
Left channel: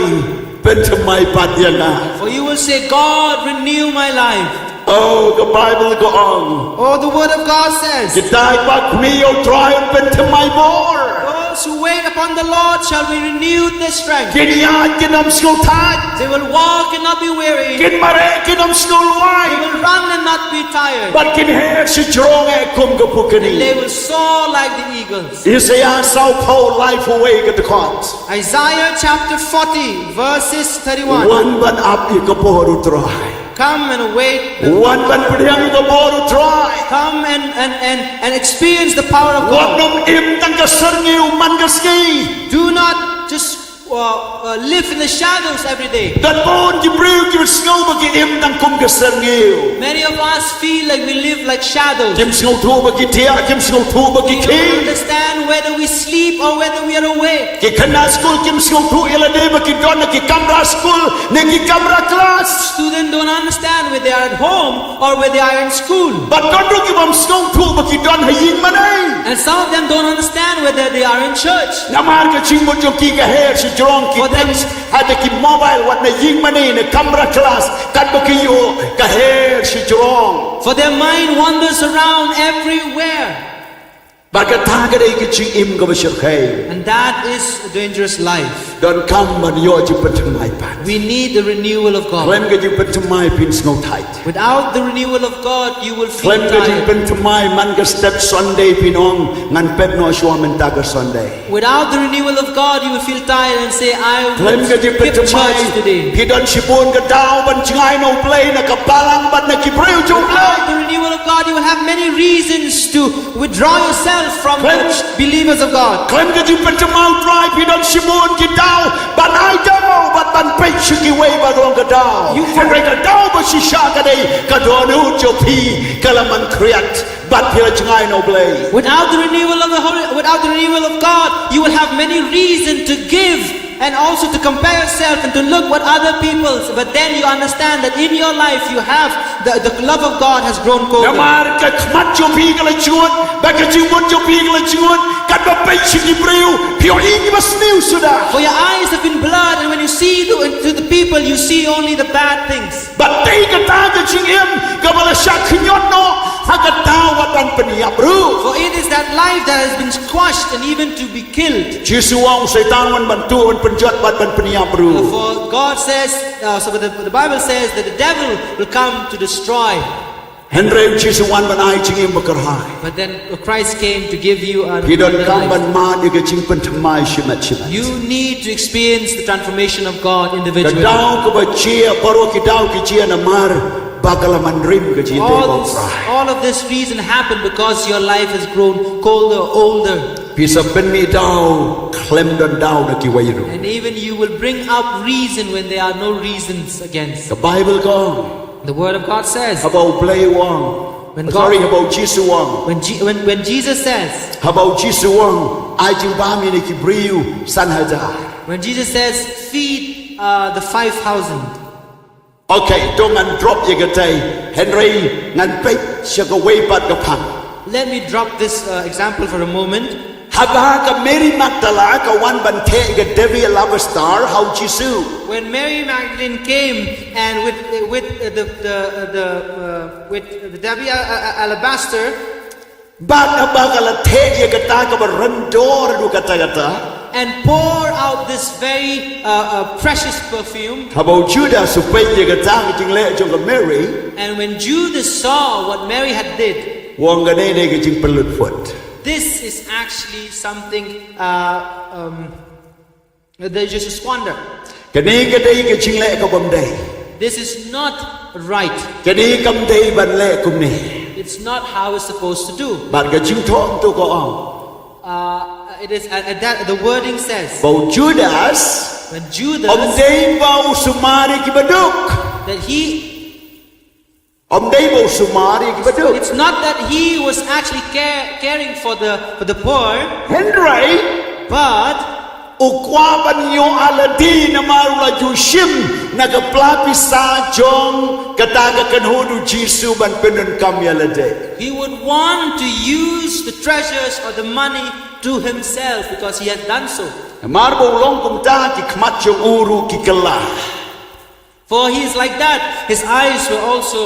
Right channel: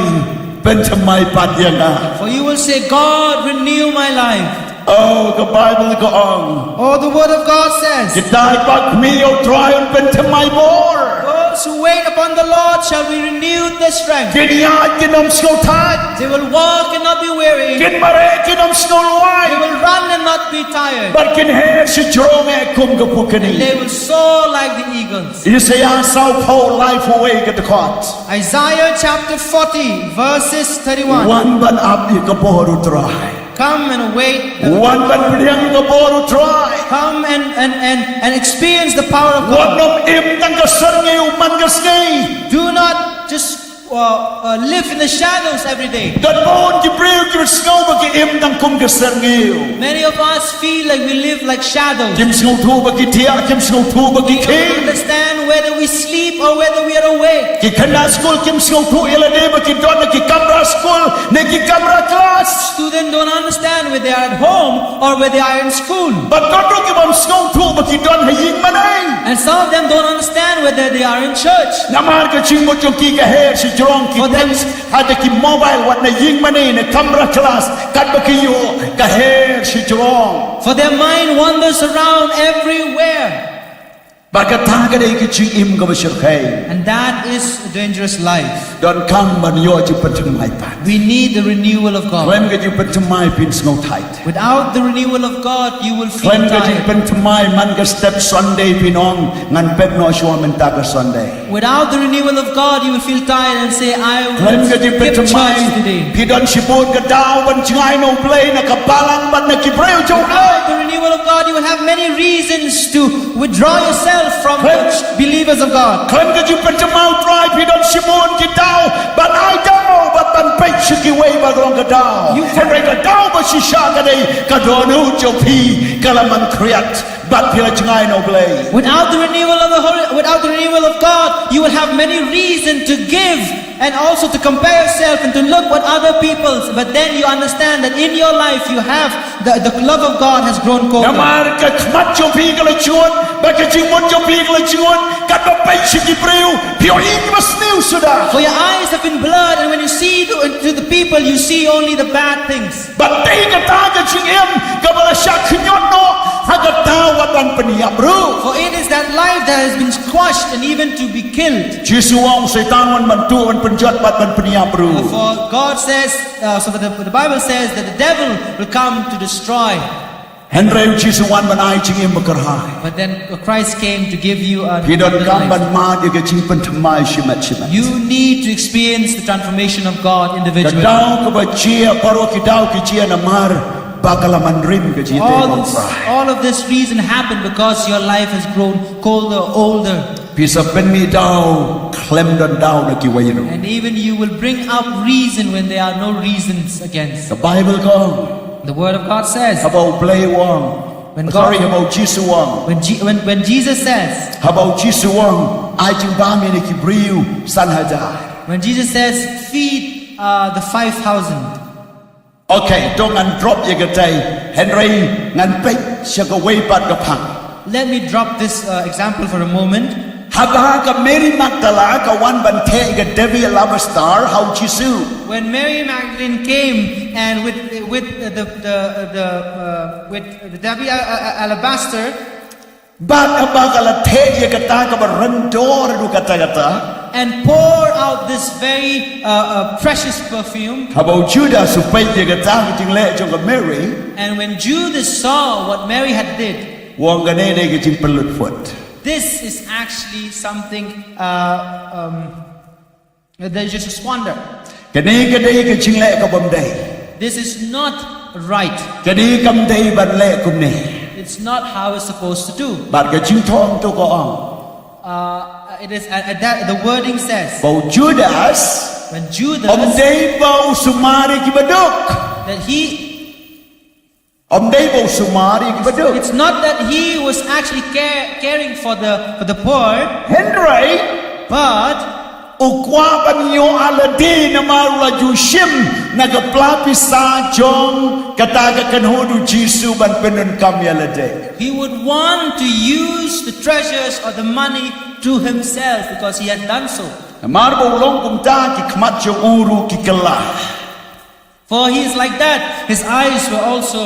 pen thamai pa dia nga For you will say, God, renew my life. oh the Bible go on Oh, the word of God says, Dai bak mi o troi un pen thamai bor those who wait upon the Lord shall be renewed their strength. kin ya kin am sko thai They will walk and not be weary. kin mare kin am sko They luai will run and not be tired. but kin hair si strong e kum ga pukani They will soar like the eagles. Isaiah sao po life away ga the court Isaiah chapter 40, verses 31. one ban up i ka poru try Come and await. one ban pidang i ka poru try Come and experience the power of one God. nom im tang ka sarngi man ka ski Do not just live in the shadows every day. dat bon ki breu ki snow ba ki im tang kum ka sarngi Many of us feel like we live like shadows. kim snow thu ba ki tia kim snow thu ba ki We ki don't understand whether we sleep or whether we are awake. ki khana school kim snow thu ila de ba ki don ki kamra school ne ki kamra class Students don't understand whether they are at home or whether they are in school. but don ru ki bam snow thu ba ki don haying manai And some of them don't understand whether they are in church. namar ka ching mo ki ka hair si strong ki For them- text ada ki mobile wat na ying manai ne kamra class kat ba ki yo ka hair si strong For their mind wanders around everywhere. ba ka ta ka de ki ching im ka ba shir khai And that is a dangerous life. don kam man yo Jingpynthymmai pan We need the renewal of God. klem ka Jingpynthymmai pin snow tight Without the renewal of God, you will feel klem ka tired. Jingpynthymmai man ka step Sunday pinong ngan pet no shwa men ta ka Sunday Without the renewal of God, you will feel tired and say, I klem will ka skip Jingpynthymmai church today. pidon shipun ka daw ban chingai no play na ka palang ban na ki breu jo play Without the renewal of God, you will have many reasons to withdraw yourself from the believers of God. klem ka Jingpynthymmai try pidon shipun ki daw ban ai daw ban ban pe shiki way ba dong ka daw You ka re ka daw ba shisha ka dei ka donu jo pi kalaman kriat bat pila chingai no play Without the renewal of God, you will have many reasons to give and also to compare yourself and to look what other people's, but then you understand that in your life you have the love of God has grown น colder. มาก็มัดจงพีก็เลยชวนบักจิงมดจงพีก็เลยชวนกัดมาไปชิกิบริวพี่อิงมาสนิวสุดา For your eyes have been blurred, and when you see to the people, you see only the bad things. บัดตีกตาก็ชิงเอ็มก็บลาชักขึ้นยอดโนฮักตาวัดบันปนิยบรู For it is that life that has been squashed and even to be killed. จิสุวงไซตานวันบันตุวันปัญจวัดบัดบันปนิยบรู For God says, the Bible says that the devil will come to destroy. เห็นเร็วจิสุวันบันไอจิงเอ็มบกระหาย But then Christ came to give you a พี่ดอน abundant กำบัน life. มาดีกับจิงเป็นธรรมายชิมัดชิมัด You need to experience the transformation of God กระ individually. ดาวก็บเชียปารกิดาวกิเชียนามาร์บากลมันริมกับจีเตบอลฟราย All of this reason happened because your life has grown colder, older. พี่สับเป็นมีดาวเคลมดอนดาวนักกิวัยรุ่น And even you will bring up reason when there are no reasons against. กับไบเบิลก็ The word of God says, ฮับเอาเปลย์วัง When sorry God- ฮับเอาจิสุวัง when Jesus says, ฮับเอาจิสุวังไอจิงบ้ามีในกิบริวสันฮะจา when Jesus says, feed the 5,000. โอเคตรงนั้นดรอปยังกระใจเห็นไรงั้นไปเชกเวปัดกับพัง Let me drop this example for a moment. ฮับฮากับเมรี่มักตลากับวันบันเทกับเดวิดลาบสตาร์เฮาจิสุ When Mary Magdalene came and with the Debbie alabaster, บาดบากละเทยกตากับรันโดรดูกตากตา and pour out this very precious perfume. ฮับเอาจูดาสุไปยกตาจึงเละจงกับเมรี่ And when Judas saw what Mary had did, วงกันเองจึงปลุดฝด this is actually something that is just a squander. กันนี้ก็ได้ก็จึงเละกับบมได้ This is not right. กันนี้กำได้บันเละกุมเน่ It's not how it's supposed to do. บาดก็จึงท้องตัวก็อ่อง It is that the wording says บ่จูดาส when อม Judas ได้บ่สุมาริกิบดุก that he อมได้บ่สุมาริกิบดุก it's not that he was actually caring for the poor, เห็นไร but อุกวาบันโยอาลดีนมารุลาจูชิมนักปลาพิซาจงกตากกันโฮดูจีสุบันเป็นนกำยาลเด he would want to use the treasures or the money to himself because he had done so. มาร์บลงกุมตากิขมัดจงอูรุกิกลา For he is like that. His eyes were also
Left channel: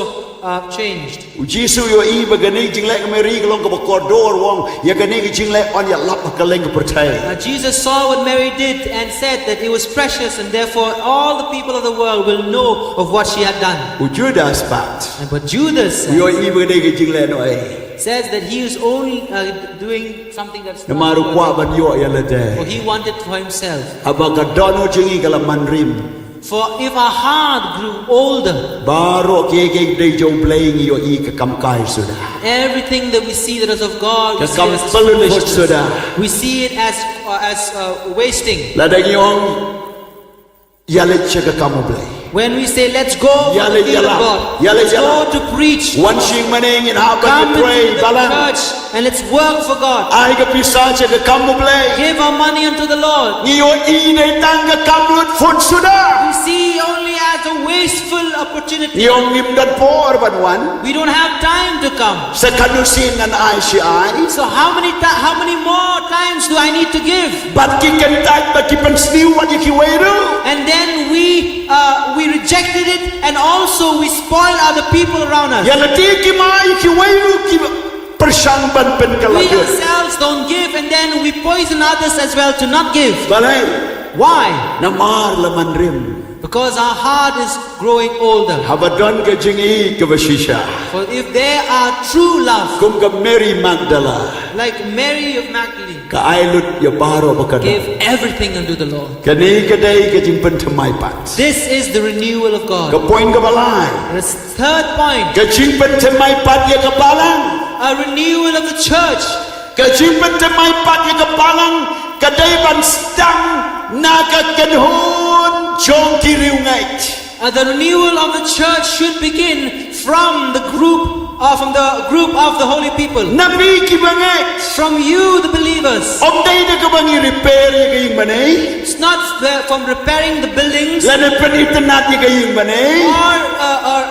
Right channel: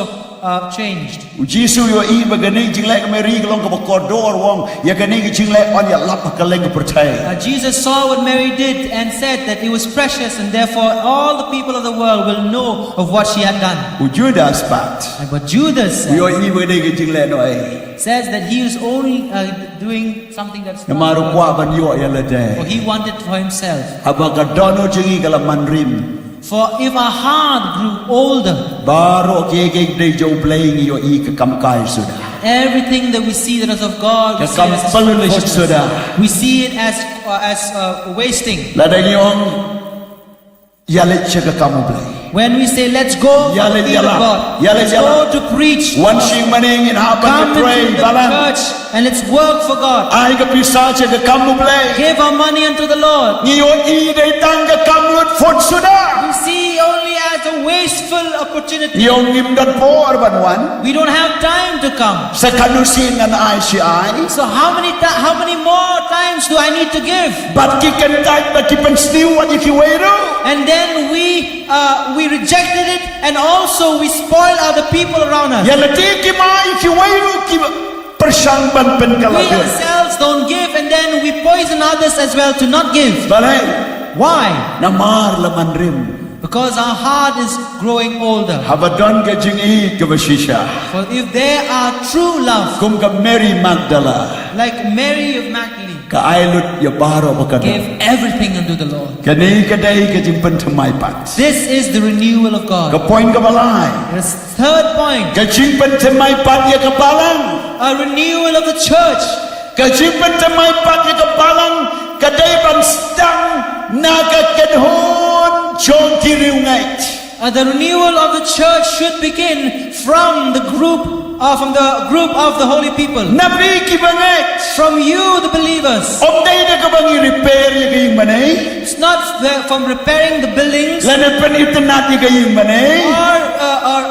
changed. อุจีสุโยอีบกันนี้จิงเล็กเมรีกลงกับกอดอร์วงยากันนี้จิงเล็กอันยาลับกันเล่นกับประเทศ Jesus saw what Mary did and said that it was precious, and therefore all the people of the world will know of what she had done. อุจูดาสปัต And but Judas โยอีบกันนี้จิงเล็กหน่อย says that he was only doing something that's นมารุกว่าบันโยยาลเด for he wanted for himself. ฮับกดอนโนจิงกลมันริม For if our heart grew older, บารโอเกเกได้จงเพลงโยอีกกำกายสุดา everything that we see that is of God, we see it as Kampal foolishness. sudah. We see it as wasting. และได้ยองยาเล็กเชกกัมเบล When we say, let's go for the Yale, field of yala. God, Yale, let's yala. go to preach, วันชิงมันเองอินฮาบัน come เทร into บาลั the ง church and let's work for God. ไอ้กับพิซาเชกกัมเบล Give our money unto the Lord. นี่โยอีในตังกับกัมลุดฟุตสุดา We see only as a wasteful opportunity. ยองยิมดันโพอร์บันวัน We don't have time to come. สกันุสินนันไอชีไอ So how many more times do I need to give? บัดกิกันได้บัดกิเป็นสนิววันยิคิเวรู And then we rejected it, and also we spoil other people around us. ยาละตีกิมายิคิเวรูกิประชังบันเป็นกะละ We เดือน ourselves don't give, and then we poison others as well to not give. บาเลย Why? นามาร์ละมันริม Because our heart is growing older. ฮับดอนกับจิงอีกับชิชา For if there are true love, กุมกับเมรี่มักดาลา like Mary of Magdalene, กับไอลุดยาบารอบกัน gave everything unto the Lord. กันนี้ก็ได้ก็จิงเป็นทำไมปัด This is the renewal of กับ God. พอยน์กับอะไร The third point, ก็จิงเป็นทำไมปัดยากับบาลัง a renewal of the church. ก็จิงเป็นทำไมปัดยากับบาลังก็ได้บันสตังนากันโฮนชงกิริวไง The renewal of the church should begin from the group from the group of the holy people, Nabi ki bangai. from you the believers. Om dai da ka bangi repair ya ka ying manai. It's not from repairing the buildings La ne pen itnat ya ka ying manai.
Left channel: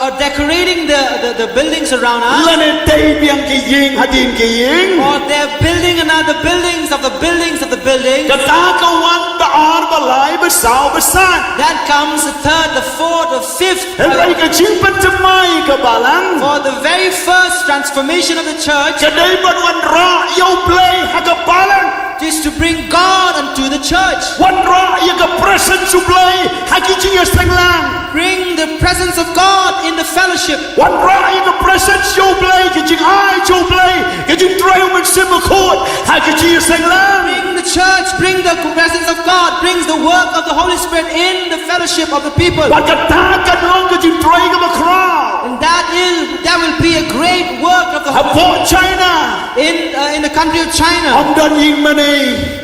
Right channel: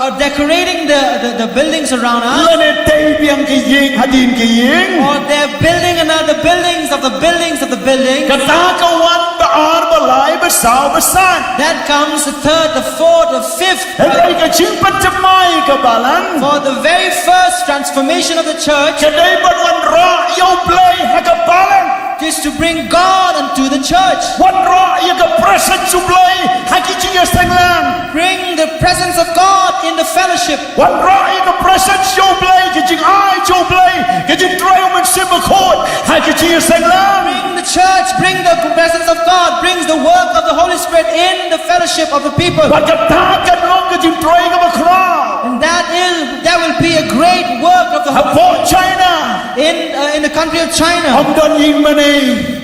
or decorating the buildings around us, La ne tai biang ka ying hadin ka ying. or they're building another buildings of the buildings of the buildings. Kata ka wan ba ar ba lai ba sao ba san. That comes the third, the fourth, the fifth. Rai ka Jingpynthymmai ka balang. For the very first transformation of the church Kadai ban wan ra yo play ha ka balang. is to bring God unto the church. Wan ra ya ka presence su play ha ki chi sang lang. Bring the presence of God in the fellowship. Wan ra ya ka presence yo play ki jing ai yo play ki jing try man sim khot ha ki chi sang lang. Bring the church, bring the presence of God, brings the work of the Holy Spirit in the fellowship of the people. Wan ka ta kan long ki jing try ka ba kra. And that will be a great work of the Ha po China. in the country of China. Om don ying manai.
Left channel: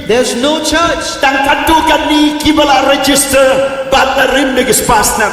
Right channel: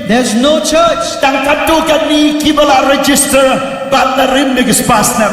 There's no church. Tang tatu kan ni ki bala register bat na rim ni pasna.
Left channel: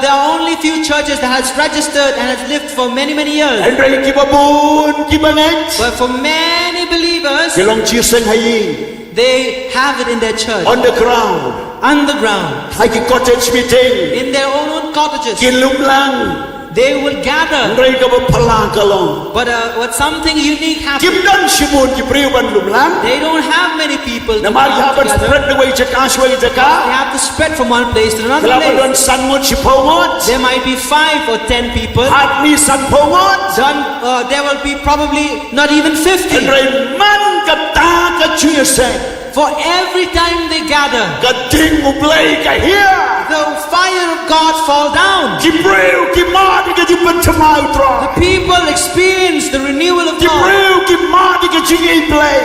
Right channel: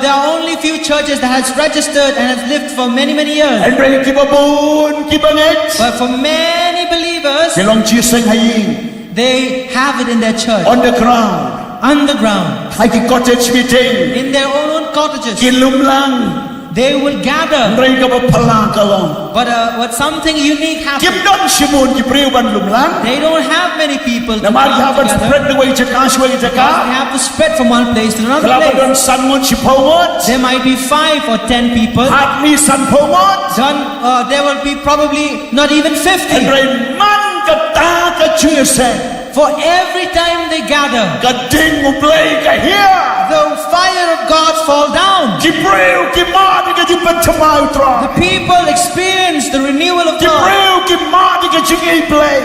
There are only few churches that has registered and has lived for many years. And rai ki babun ki banget. But for many believers, Ki long chi sang haying they have it in their church, on the ground. underground, Hai ki cottage meeting. in their own cottages. Ki lum lang. They will gather. Rai ka ba pala ka long. But something unique Kim happens. don shibun ki priu ban lum lang. They don't have many people to Na mar ya come ban together. spread the way jaka shwai They jaka. have to spread from one place to another Kelapa don place. san ngot shipongot. There might be 5 or 10 people. Hat ni san pongot. There will be probably not even And 50. rai man ka ta ka chuya sang. For every time they gather, Ka ding ublay ka here. the fire of God fall down. Ki priu ki ma di ka Jingpynthymmai utra. The people experience the renewal of Ki God. priu ki ma di ka jingai play.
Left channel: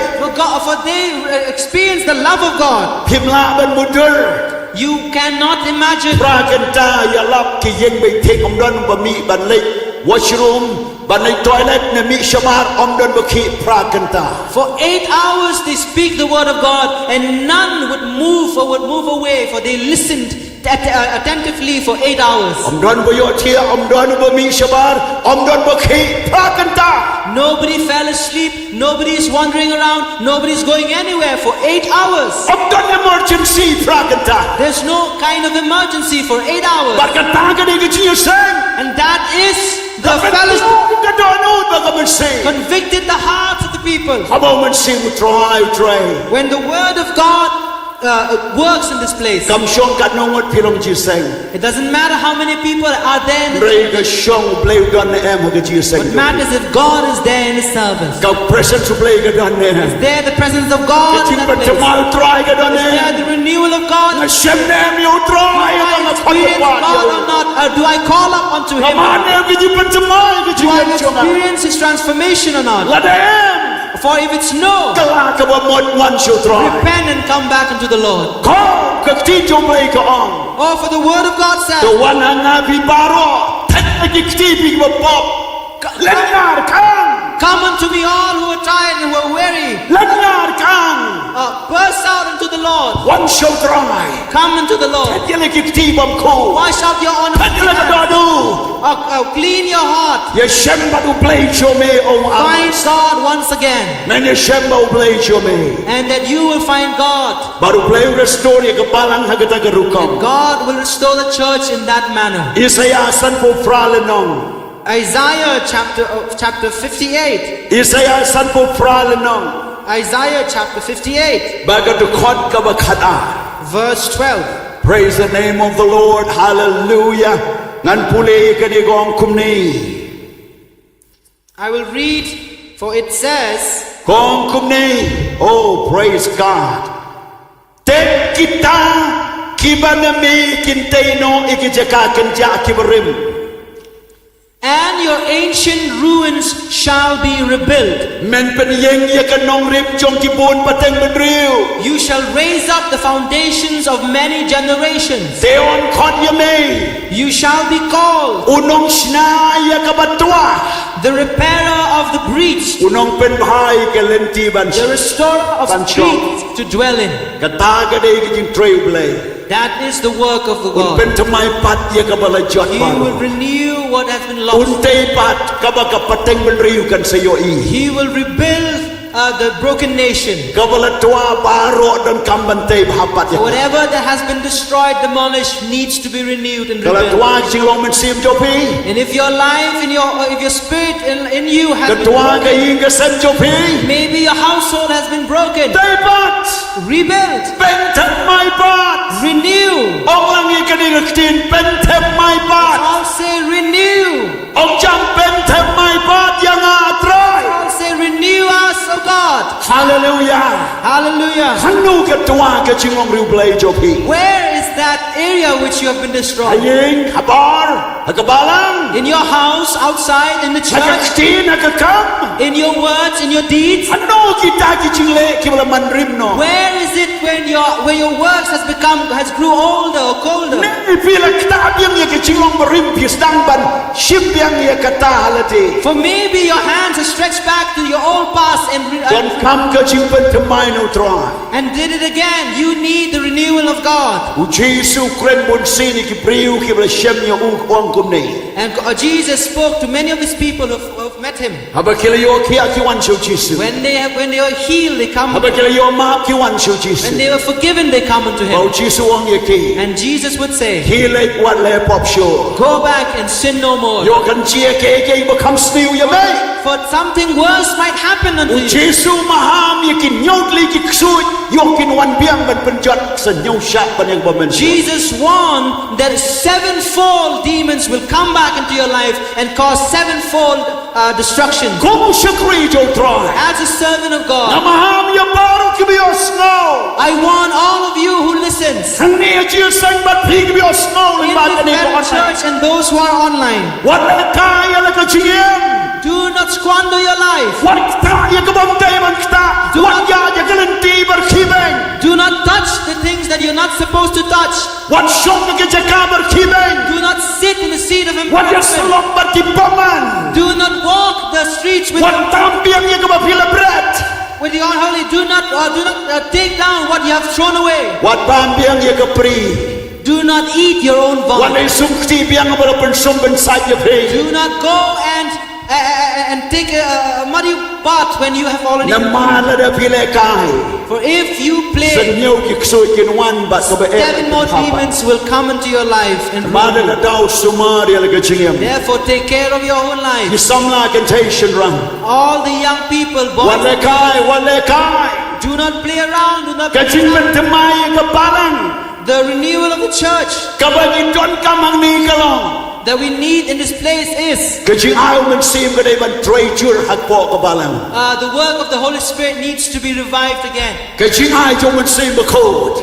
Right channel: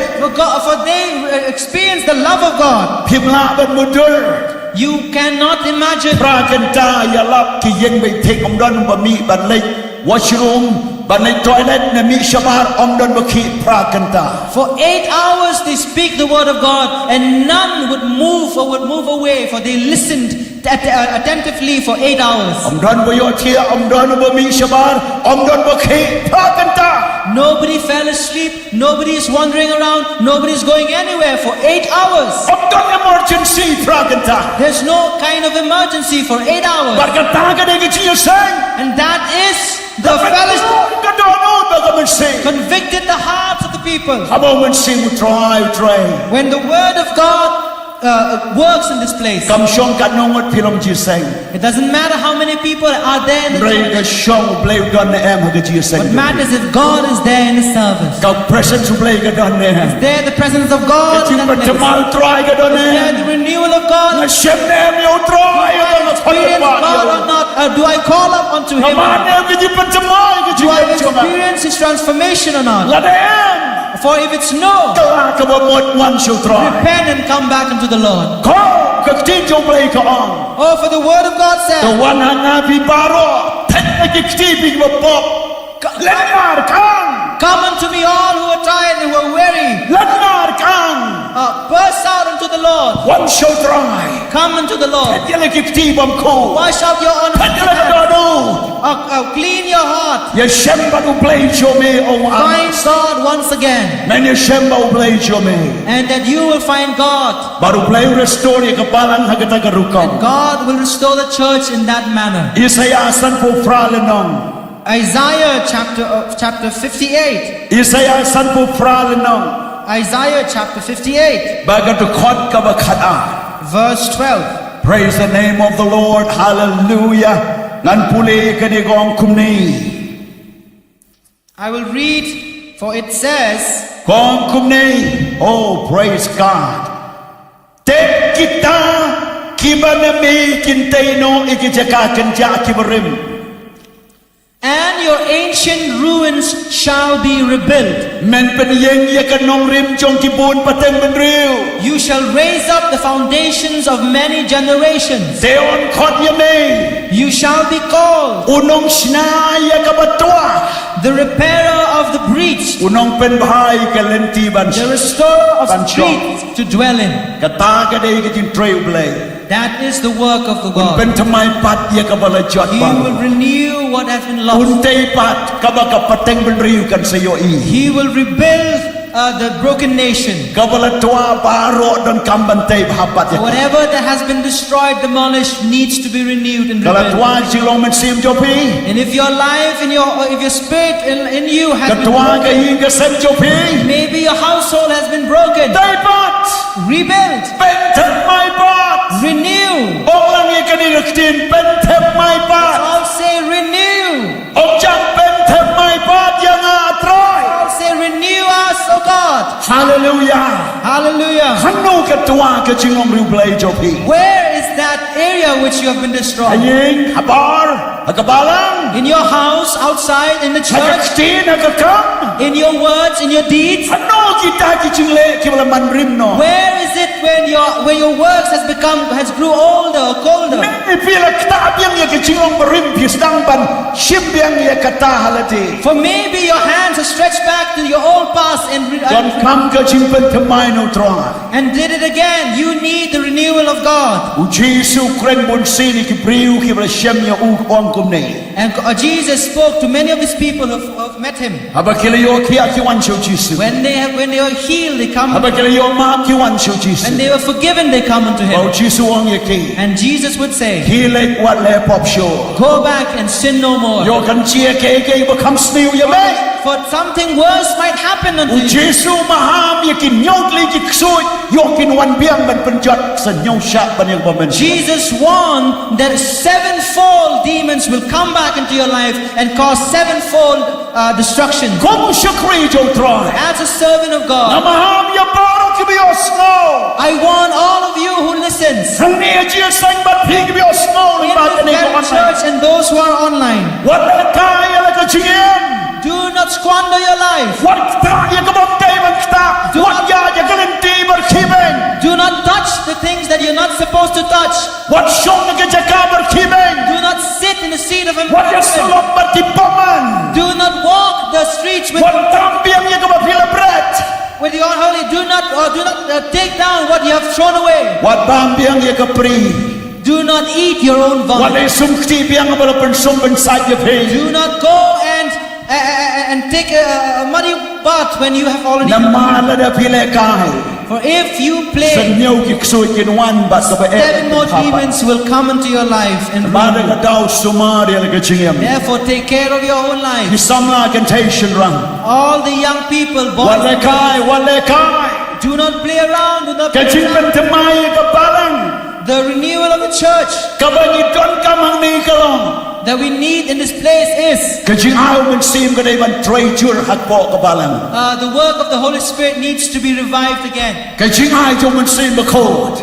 For they experience the love of God. Pimla ban mudur. You cannot imagine. Prakanta ya lap ki yeng bai thek om don ba mi ban lek washroom ban lek toilet na mi shamar om don ba ki prakanta. For 8 hours they speak the word of God, and none would move or would move away, for they listened attentively for 8 hours. Om don ba yo thia om don ba mi shamar om don ba ki prakanta. Nobody fell asleep, nobody is wandering around, nobody is going anywhere for 8 hours. Om don emergency prakanta. There's no kind of emergency for 8 hours. Barkata ka de ki chi sang. And that is the fellowship Ka don ba ka man say. convicted the hearts of the people. Habo man sing utrai. When the word of God works in this place, Kam shong ka nongot pilom chi sang. it doesn't matter how many people are there in the Rai ka church. shong play don na em ha ka chi sang. What matters if God is there in His service. Ka presence play ka don na em. Is there the presence of God in that place? Jingpynthymmai utrai ka don Is na there em. the renewal of God? Na shem na em yo utrai Do ka I na experience God or not? Or do I call up unto Him? or Kaman not? em ki Jingpynthymmai ka chi Do I em chonga. experience His transformation or not? La na em. For if it's no, Kala ka ba mod wan show utrai. repent and come back unto the Lord. Ko ka ti jo play ka on. Oh, for the word of God The says, one hanga pi baro. Tek na ki ti pi ba pop. Lenar kang. come unto me all who are tired and who are weary. Lenar kang. Burst out unto the Lord. One show utrai. Come unto the Lord. Yele ki ti bam ko. Wash out your Yele ka unholy do. hands. Clean your heart. Ye shemba du play show me o Find amas. God once again. Men ye shemba u play show me. And that you will find God. Baru play restore ye kapalang hagata garukam. God will restore the church in that manner. Isaiah san po fralenong. Isaiah chapter 58. Isaiah san po fralenong. Isaiah chapter 58, Bagatu khot ka bakata. verse 12. Praise the name of the Lord. Hallelujah. Ngan puli kanigong kumni. I will read, for it says, Kong kumni. Oh, praise God. Tek kita kibanami kintaino ikijaka kanja kibarim. and your ancient ruins shall be rebuilt. Men penyeng ya kanong rim chong kibun pateng benriu. You shall raise up the foundations of many generations. Teon khot yame. You shall be called Unong shna ya kabatwa. the repairer of the breach, Unong penbhai kalenti ban. the restorer of Bancho. streets to dwell in. Kataga de kijin trail blay. That is the work of the อุน God. เป็นทำไมปัดเยกบลจอด He บา will renew what has been อุน lost. เตยปัดกบกับปะเต็งเป็นริวกันสยอี He will rebuild the broken nation. กบลตัวบาโรดนกำบันเตยบาปัดเยก Whatever that has been destroyed, demolished, needs to be renewed and กบลตัว rebuilt. จิงลงมันซีมโจพี And if your life, if your spirit in you has ก been ตัวก็ broken, ยิงกเซมโจพี maybe your household has been broken. เตยปัด Rebuild, เป็นทำไมปัด renew. องค์ลังยีกันอีกทีเป็นทำไมปัด All say renew. องค์จังเป็นทำไมปัดยังอาตราย All say renew us, O God. ฮาเลลูยา Hallelujah. ขันนูกับตัวก็จิงลงริวเปลยโจพี Where is that area which you have been อา destroyed? ยิงฮับบาร์ฮักบาลัง In your house, outside, in the ฮัก church, ตีนฮักค in your words, in your deeds. ำขันนูกิตากิจิงเละกิบละมันริมโน Where is it when your works has grew older or colder? นี่พี่ละตาเบียงยกจิงลงบริมพิสดังบันชิมเบียงยกตาฮัลตี For maybe your hands have stretched back to your old past จนคำก็จิงเป็นทำไมโนตราย and did it again. You need the renewal of God. อุจิสุเครนบุญซีนี่กิบริวกิบละเชมยาอูกองกุมนี่ And Jesus spoke to many of his people who've met him. ฮับกิลโยคีอาคิวันชิวจิสุ When they were healed, they come. ฮับกิลโยมาคิวันชิวจิสุ When they were forgiven, they come unto เอา him. จิสุวังยกี And Jesus would say, ฮีเล็กวัดเล่ปอบโช go back and sin no โย more. กันเจียเกเกบคำสนิวยาไหม For something worse might happen unto อุจิ you. สุมาหามยกินโยกลีกิกซุยโยกินวันเบียงบันเป็นจัดสัญญาชะบันยังบ่แม่น Jesus warned that sevenfold demons will come back into your life and cause sevenfold destruction. คงชักรีโจตราย As a servant of นา God, มาหามยาบารุกิบิอสโน I warn all of you who listens ทั้งนี้เจียสังบัดพีกิบิอสโนใน in บ้าน the นี้ก็ออน very ไล church น์ and those who are online. วันละกายอะไรก็เจียม Do not squander your life. วันตาอย่ากระบอกใจมันตาวันยาอย่ากระเล่นตีบัดขีเบง Do not touch the things that you're not supposed to touch. วันชงอย่ากจะกาบัดขีเบง Do not sit in the seat of วันจะสล embarrassment. บบัดกิปมัน Do not walk the streets วันตามเบียงอย่ากระบอกพิลเบรด with the unholy. Do not take down what you have thrown away. วันตามเบียงอย่ากระปรี Do not eat your own วัน vomit. ไอ้สุ่มตีเบียงบัดเป็นสุ่มเป็นสายอย่าเพง Do not go and take a muddy bath when you have already น้ำมาละเดพิเลกาย For if you สัญ play, ญากิกซุยกินวันบัดก็ไปเอ seven more demons will come into your life and มา ruin เดก you. ดาวสุมาเรียลกจิงยม Therefore, take care of your own ที่ life. ซ้ำลากันเทชันรัง All the young people, วัน boys เล and กาย girls, วันเลกาย do not play around. Do not ก play จิงเป็น around. ทำไมกับบาลัง The renewal of the church กับบันจนกำหังนี้ก็ลอง that we need in this place is กจิงอายมันซีมก็ได้บันเทรจูร์หักปอกับบาลัง the work of the Holy Spirit needs to be revived again. กจิงอายจงมันซีมบะโคด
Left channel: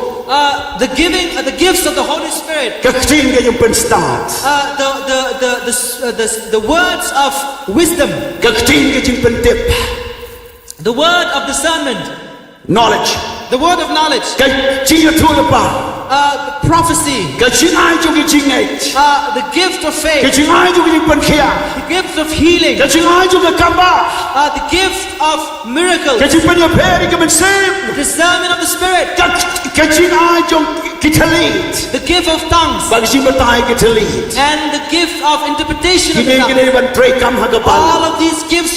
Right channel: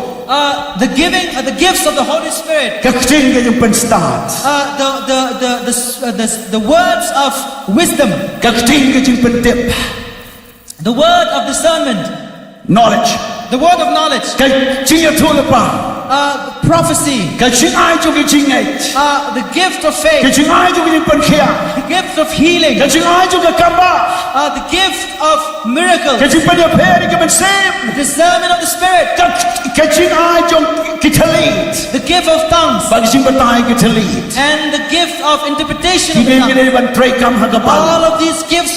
The gifts of the Holy Spirit, กจิงก็ยังเป็นสตาร์ท the words of wisdom, กจิงก็จึงเป็นเด็บ the word of discernment, knowledge the word of knowledge, กจิงจะทั่วละป่า the prophecy, กจิงอายจงจริงไง the gift of ก faith, จิงอายจงยังเป็นเขีย the gift of healing, กจิงอายจงกำบ้า the gift of miracles, กจิงเป็นยาเพริก็เป็นซีม discernment of the Spirit, กจิงอายจงกิทลีด the gift of tongues, บางจิงเป็นตายกิทลีด and the gift of interpretation ที่ of นี่ the ก็ tongues. ได้บันเทรกำหักบาลัง All of these gifts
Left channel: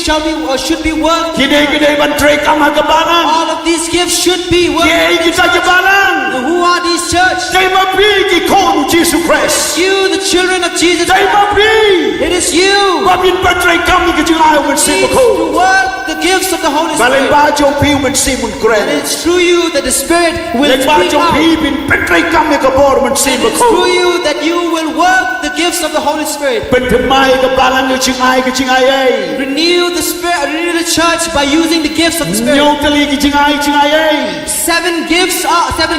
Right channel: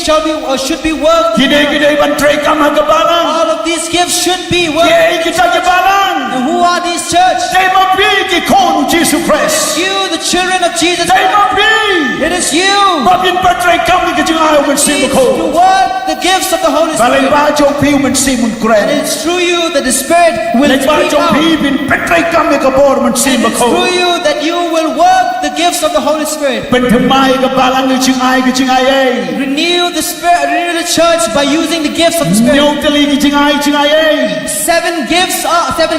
should be worked. ที่นี่ก็ได้บันเทรกำหักบาลัง All of these gifts should be เย้ worked. กิจจะบาลัง And who are these church? ใจมาพี่กี่คนจีสุคริสต์ You, the children of Jesus ใจ Christ. มาพี่ It is you มาบินบันเทรกำนี่ก็จึงอายมันซี needs มโค to work the gifts of the Holy บาเลน Spirit. บาจงพี่มันซีมุนเกรน And it's through you that the Spirit เล will นบา speak จง out. พี่บินเป็นเทรกำนี่ก็บอร์มันซี And ม it's โค through you that you will work the gifts of the Holy Spirit. เป็นทำไมกับบาลังนี่จึงอายก็จึงอายเอ้ Renew the Spirit, renew the church by using the gifts of the โย Spirit. ตลีก็จึงอายเอ้ Seven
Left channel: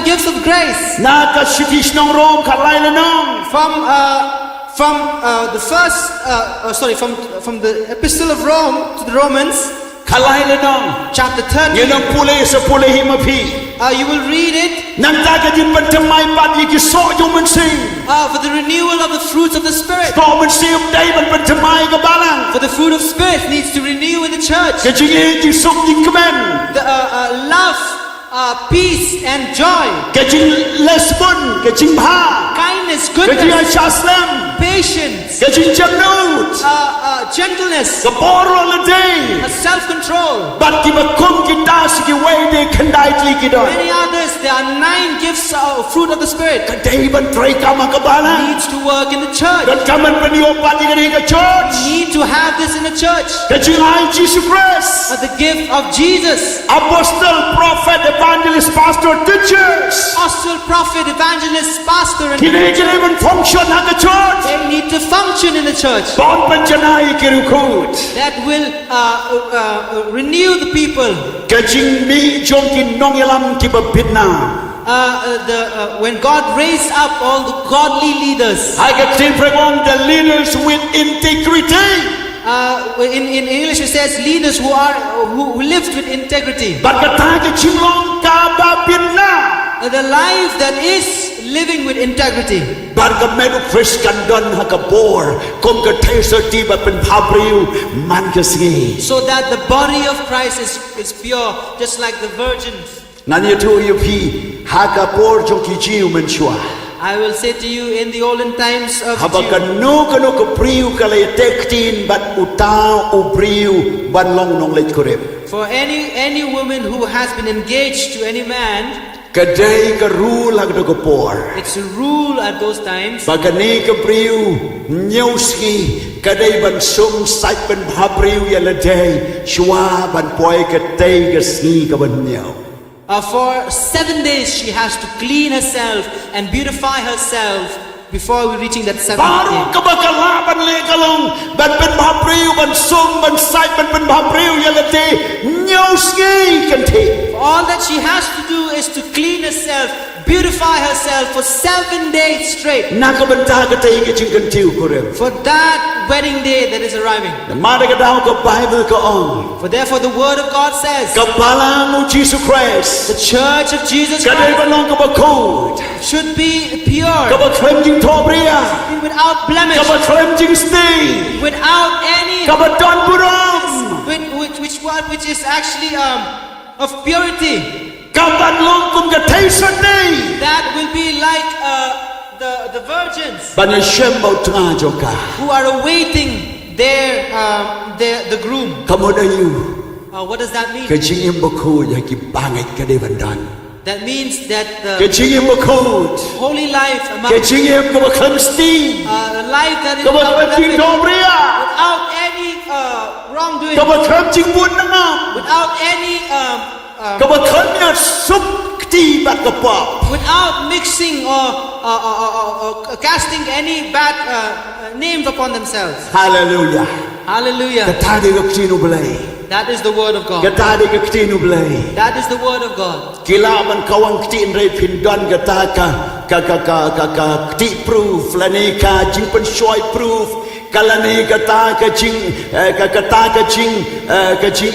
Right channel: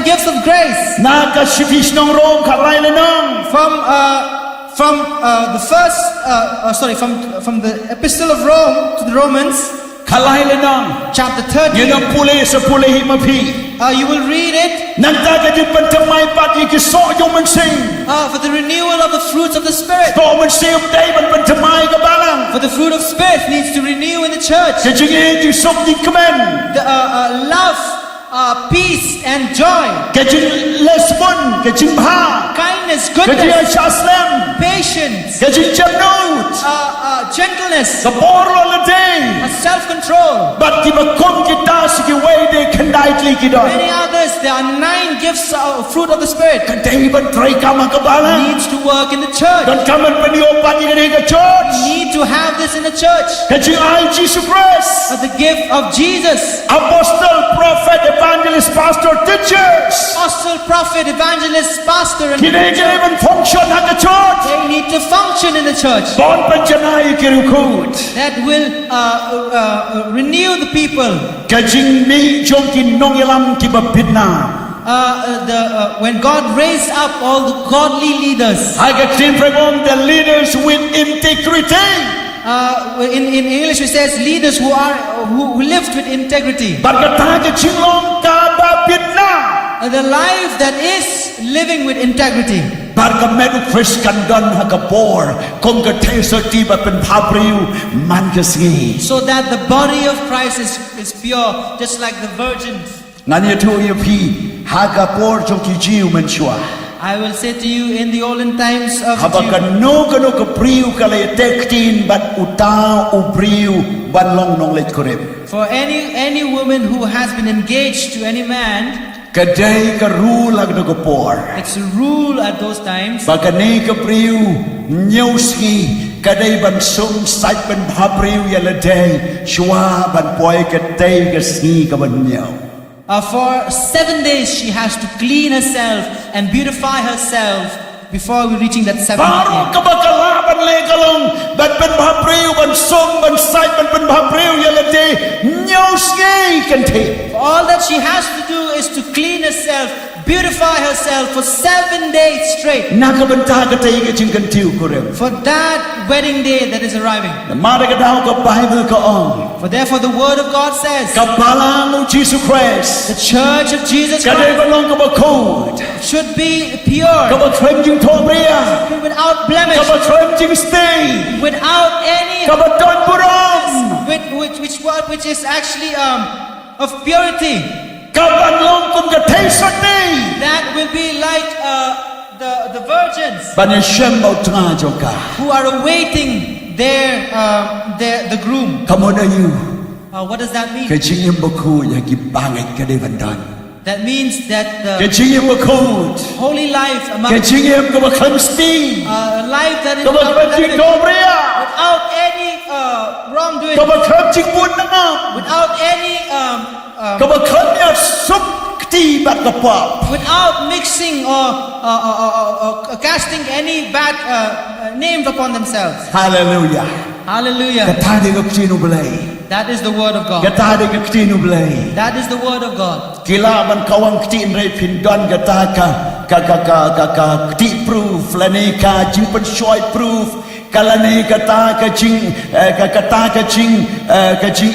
gifts of grace. นาคชิติชนองโรมขัดไล่เลยน้อง From the epistle of Rome to the Romans, ขัดไล่เลยน้อง chapter ยืนน้อง 13. พูเลสพูเลหิมาพี่ You will read it นั่นตาก็จึงเป็นทำไมปัดยี่กิโซยงมันซิง for the renewal of the fruits of the Spirit. โตมันซิมได้มันเป็นทำไมกับบาลัง For the fruit of Spirit needs to renew in the church. ก็จึงเองจึงสุกยิ่งกระเบน The love, peace and joy, cái chính lesbon, cái chính ba, kindness, cái chính goodness, chaslem, patience, cái chính chăm nút, gentleness, cái boro là đây. self-control. But khi mà không cái ta sẽ cái way để khăn đại lý cái đó. Many others, there are 9 gifts of fruit of the Spirit Cái đây bên trai kama cái bala. needs to work in the church. Dan kami peniobat ini ke church. Need to have this in the church. Kecing ai Jesus Christ. The gift of Jesus. Apostle, prophet, evangelist, pastor, teachers. Apostle, prophet, evangelist, pastor, and Kini kini men function ha ke church. they need to function in the church. Bon penjanai kirukut. That will renew the people. Kecing mi jong kin nong yalam ki babitna. When God raised up all the godly leaders. Hai ke tin pregom the leaders with integrity. In English it says leaders who lived with integrity. But kata kecing long ka babitna. The life that is living with integrity. Bar ka medu Christian don ha ka bor kong ka teser ti ba pen pabriu man ka singi. So that the body of Christ is pure, just like the virgins. Ngani tu yu pi ha ka bor jong ki jiu men shua. I will say to you, in the olden times of Haba ka Jew, no ka priu ka le tektin bat utau ubriu ban long nong le korep. for any woman who has been engaged to any man, Kadai ka rule ag ka por. it's a rule at those times. Ba ka ni ka priu nyau ski kadai ban sum sai ban bhabriu ya le dai shua ban poi ka tai ka ski ka ban nyau. For 7 days she has to clean herself and beautify herself before we reaching that 7th Baru day. ka bakala ban le kalong ban ben bhabriu ban sum ban sai ban ben bhabriu ya le dai nyau ski kan te. All that she has to do is to clean herself, beautify herself for 7 days straight. Nakabanta ka tai ka jing kan tiu korem. For that wedding day that is arriving. Mada ka daw ka Bible ka on. For therefore the word of God says, Kapalang mo Jesus Christ. the church of Jesus Kaday Christ balong ka ba code. should be pure, Ka ba claim jing tobria. be without blemish, Ka ba claim jing stay. without any Ka ba don buram. which is actually of purity. Ka ba long kum ka taste day. That will be like the virgins Ban shem ba tra joka. who are awaiting the groom. Kamu da you. What does that mean? Ka jing im ba ku ya ki bangai ka de bandan. That means that Ka the jing im ba ku. holy life among Ka jing im ka ba claim stay. a life that is Ka ba without claim jing blemish, tobria. without any wrongdoing, Ka ba claim jing bun na. without any Ka ba claim ya sup ti bat ka pa. without mixing or casting any bad names upon themselves. Hallelujah. Hallelujah. Katade ka ktinu belai. That is the word of God. Katade ka ktinu belai. That is the word of God. Kila man kawang ktin rei pindon kata ka kti proof lani ka Jingpynthymmai proof kalani kata ka jing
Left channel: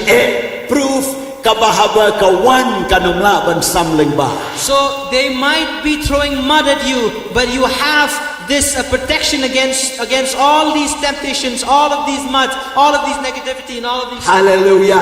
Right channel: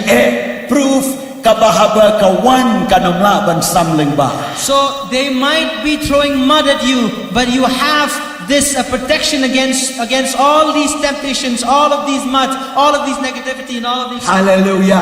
proof kabahaba kawan kanamla ban samling ba. So they might be throwing mud at you, but you have this protection against all these temptations, all of these mud, all of these negativity, and all of these. Hallelujah.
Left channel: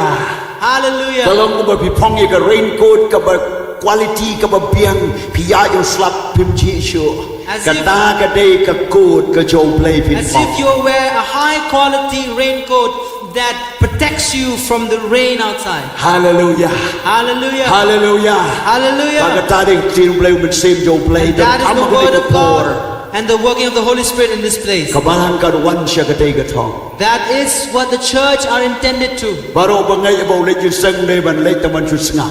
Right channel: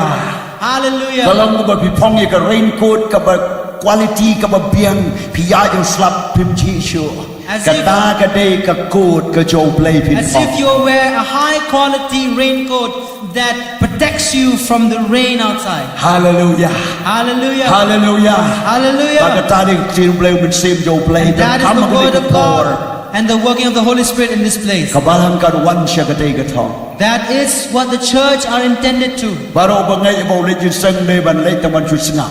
Hallelujah. Kalau mo ba pipong ka raincoat ka ba quality ka ba biang piya yung slap pim chisyo. As if- Kata ka day ka coat ka jow play pin As if you wear a high quality raincoat that protects you from the rain outside. Hallelujah. Hallelujah. Hallelujah. Hallelujah. Pagkatari ka play man same jow play. And that is the word of God and the working of the Holy Spirit in this place. Kabalang ka wan siya ka day ka tong. That is what the church are intended to. Baro ba ngay ibaw le jin sang le ban le taman susngap.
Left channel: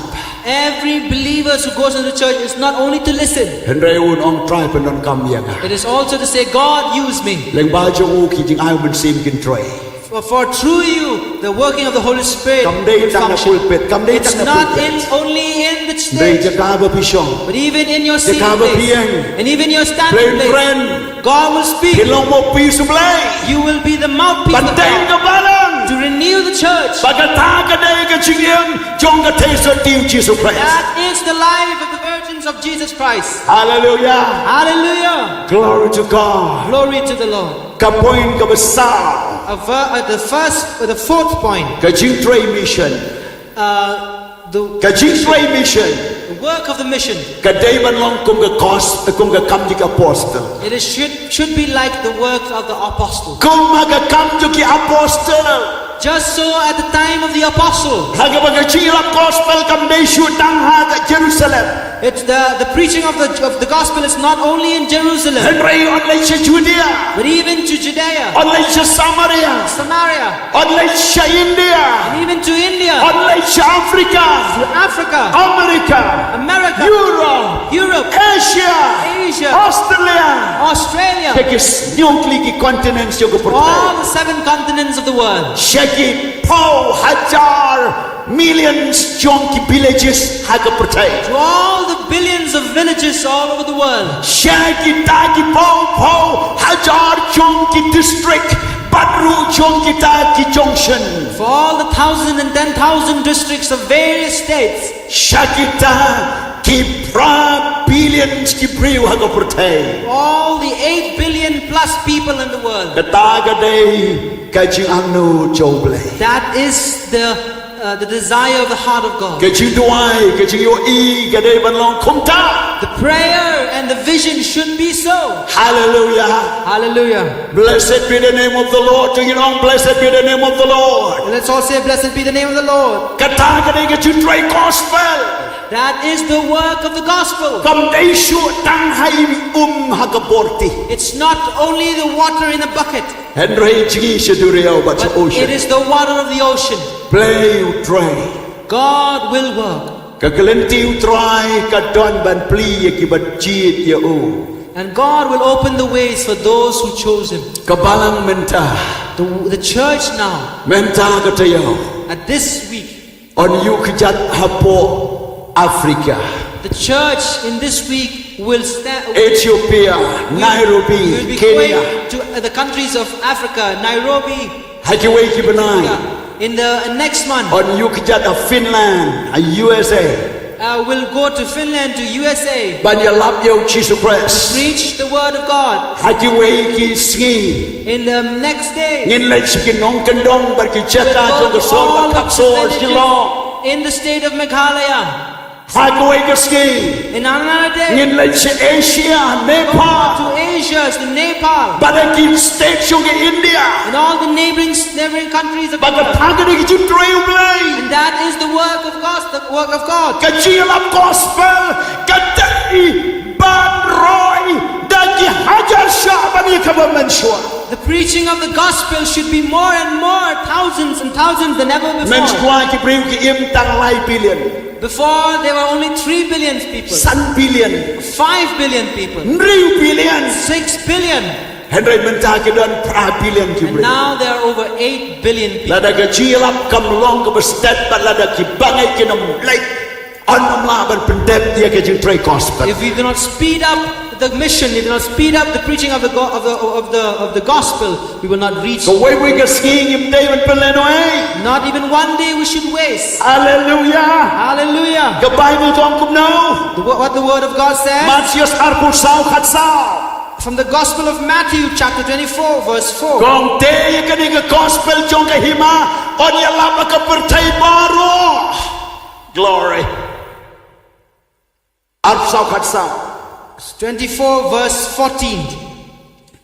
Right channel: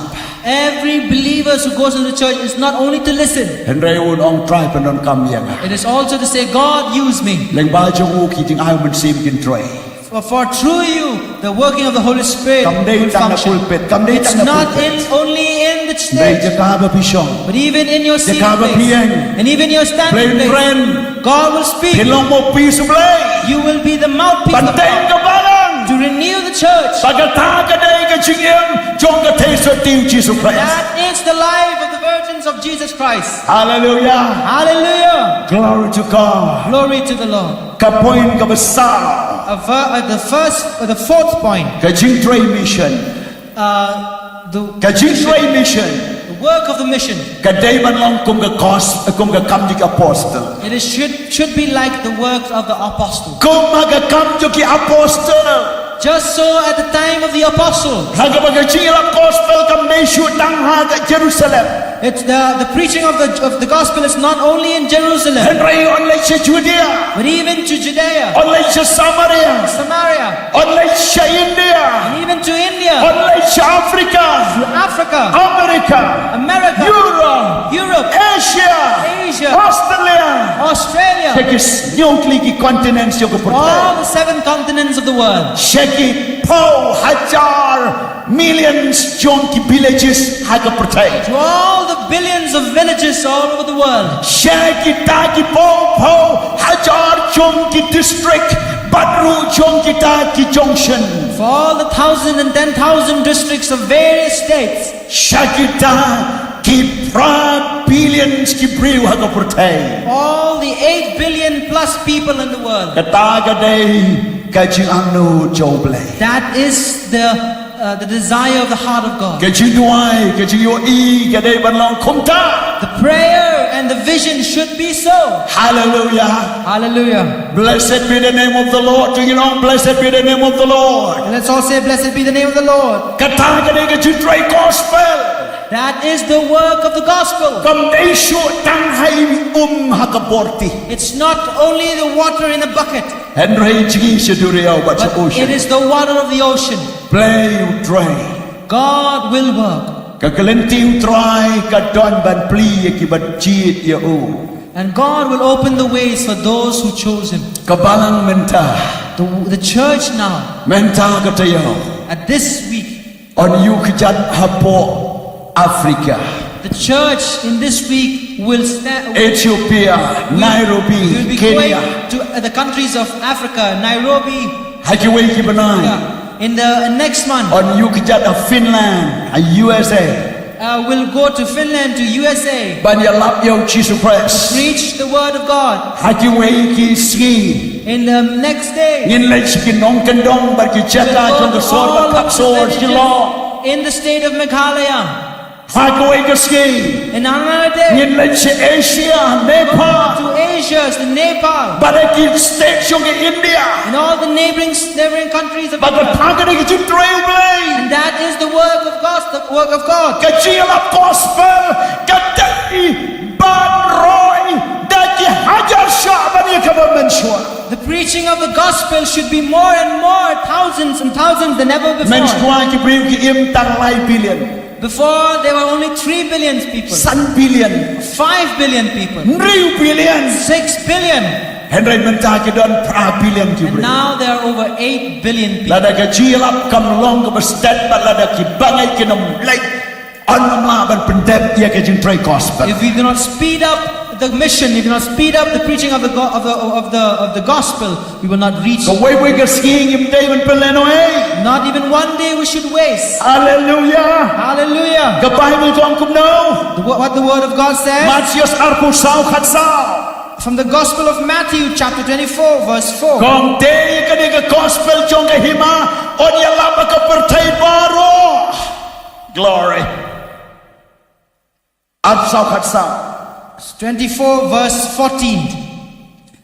Every believer who goes into the church is not only to listen, Henry un ong try pan on kam yang. it is also to say, God, use me. Leng ba jong u ki jing ay man sim kin try. For through you, the working of the Holy Spirit Kam day will tang na function. pulpit. Kam day It's tang na not pulpit. only in the Day stage, jaka ba pisong. but even in your seated Jakaba place piang. and even your standing Plain place. friend. God will speak. Pilong mo piso blay. You will be the mouthpiece of Bantay God ka balang. to renew the church. Pagkata ka day ka jingim. Jong ka taste of Jesus Christ. That is the life of the virgins of Jesus Christ. Hallelujah. Hallelujah. Glory to God. Glory to the Lord. Kapoin ka besar. The fourth point. Ka jing tray mission. Ka Jingpynthymmai mission. the work of the mission. Ka day ban long kung ka kam jik apostle. It is, should be like the works of the apostle. Kung magakam jik apostle. Just so at the time of the apostle, Haga magachirap gospel kam day shoot tang ha Jerusalem. it's the preaching of the gospel is not only in Jerusalem, Henry online sa Judea. but even to Judea, Online sa Samaria. Samaria, Online sa India. and even to India, Online sa Africa. to Africa, America. America, Europe. Europe, Asia. Asia, Australia. Australia, Shekis nyongli continents yung all kaportay. the 7 continents of the world. Sheki po hajar millions yung villages hagaportay. To all the billions of villages all over the world. Sheki taki po hajar yung district badru yung taki junction. For all the 1,000 and 10,000 districts of various states. Shakita ki pra billions ki briw hagaportay. All the 8 billion plus people in the world. Katagaday kajing angno joble. That is the desire of the heart of God. Kajing duai kajing yo I kaday banlong kumta. The prayer and the vision should be so. Hallelujah. Hallelujah. Blessed be the name of the Lord. To you know, blessed be the name of the Lord. And let's all say, blessed be the name of the Lord. Katagaday kajing try gospel. That is the work of the gospel. Kamday shoot tanghai hagaporti. It's not only the water in a bucket, Henry jigi seduriau bat sa but ocean. it is the water of the ocean. Play try. God will work. Kakalenti try kadon ban pli akibat cheat ya o. And God will open the ways for those who chose Him. Kabalang menta. The church now, Menta katayo. at this week, On you kijat hapo Africa. the church in this week will stand. Ethiopia, We will Nairobi, be Kenya. going to the countries of Africa, Nairobi, Hakiway kibanay. in the next month. On you kijat Finland, USA. We'll go to Finland, to USA, Banyalap yo Jesus Christ. preach the word of God. Hakiway ki ski. In the next day, Ngin lay sikinong kandong barkichata we'll jong go to kasor all of kapsor the silo. villages in the state of Meghalaya. Hakiway ka ski. In another day, Ngin lay si Asia, go Nepal. to Asia, to Nepal, Badaki states yung India. and all the neighboring countries of Bagat India. hagad yung trail blade. And that is the work of God, the work of God. Kajilap gospel, kadai ban roy, daki hajar syaban yung kabamenswa. The preaching of the gospel should be more and more, thousands and thousands than ever before. Menskwa ki priw ki imtang lai billion. Before there were only 3 billion people, San billion. 5 billion people, Nriw billion. 6 billion, Henry menta ki don pra billion ki and priw. now there are over 8 billion people. Lada kajilap kam long ka bestet bat lada ki bangay ki nam lay. Anam laban pendep ia ka jing tray gospel. If we do not speed up the mission, if we do not speed up the preaching of the gospel, we will not reach. Kaway boy ka skiing im day man peleno eh. Not even one day we should waste. Hallelujah. Hallelujah. The Bible ko ang kumno. What the word of God says Matius arpo sao khatsao. from the Gospel of Matthew, chapter 24, verse 4. Kung te ka ni ka gospel chong ka hima on ya lama ka pertay baro. Glory. Arpo sao khatsao. 24 verse 14.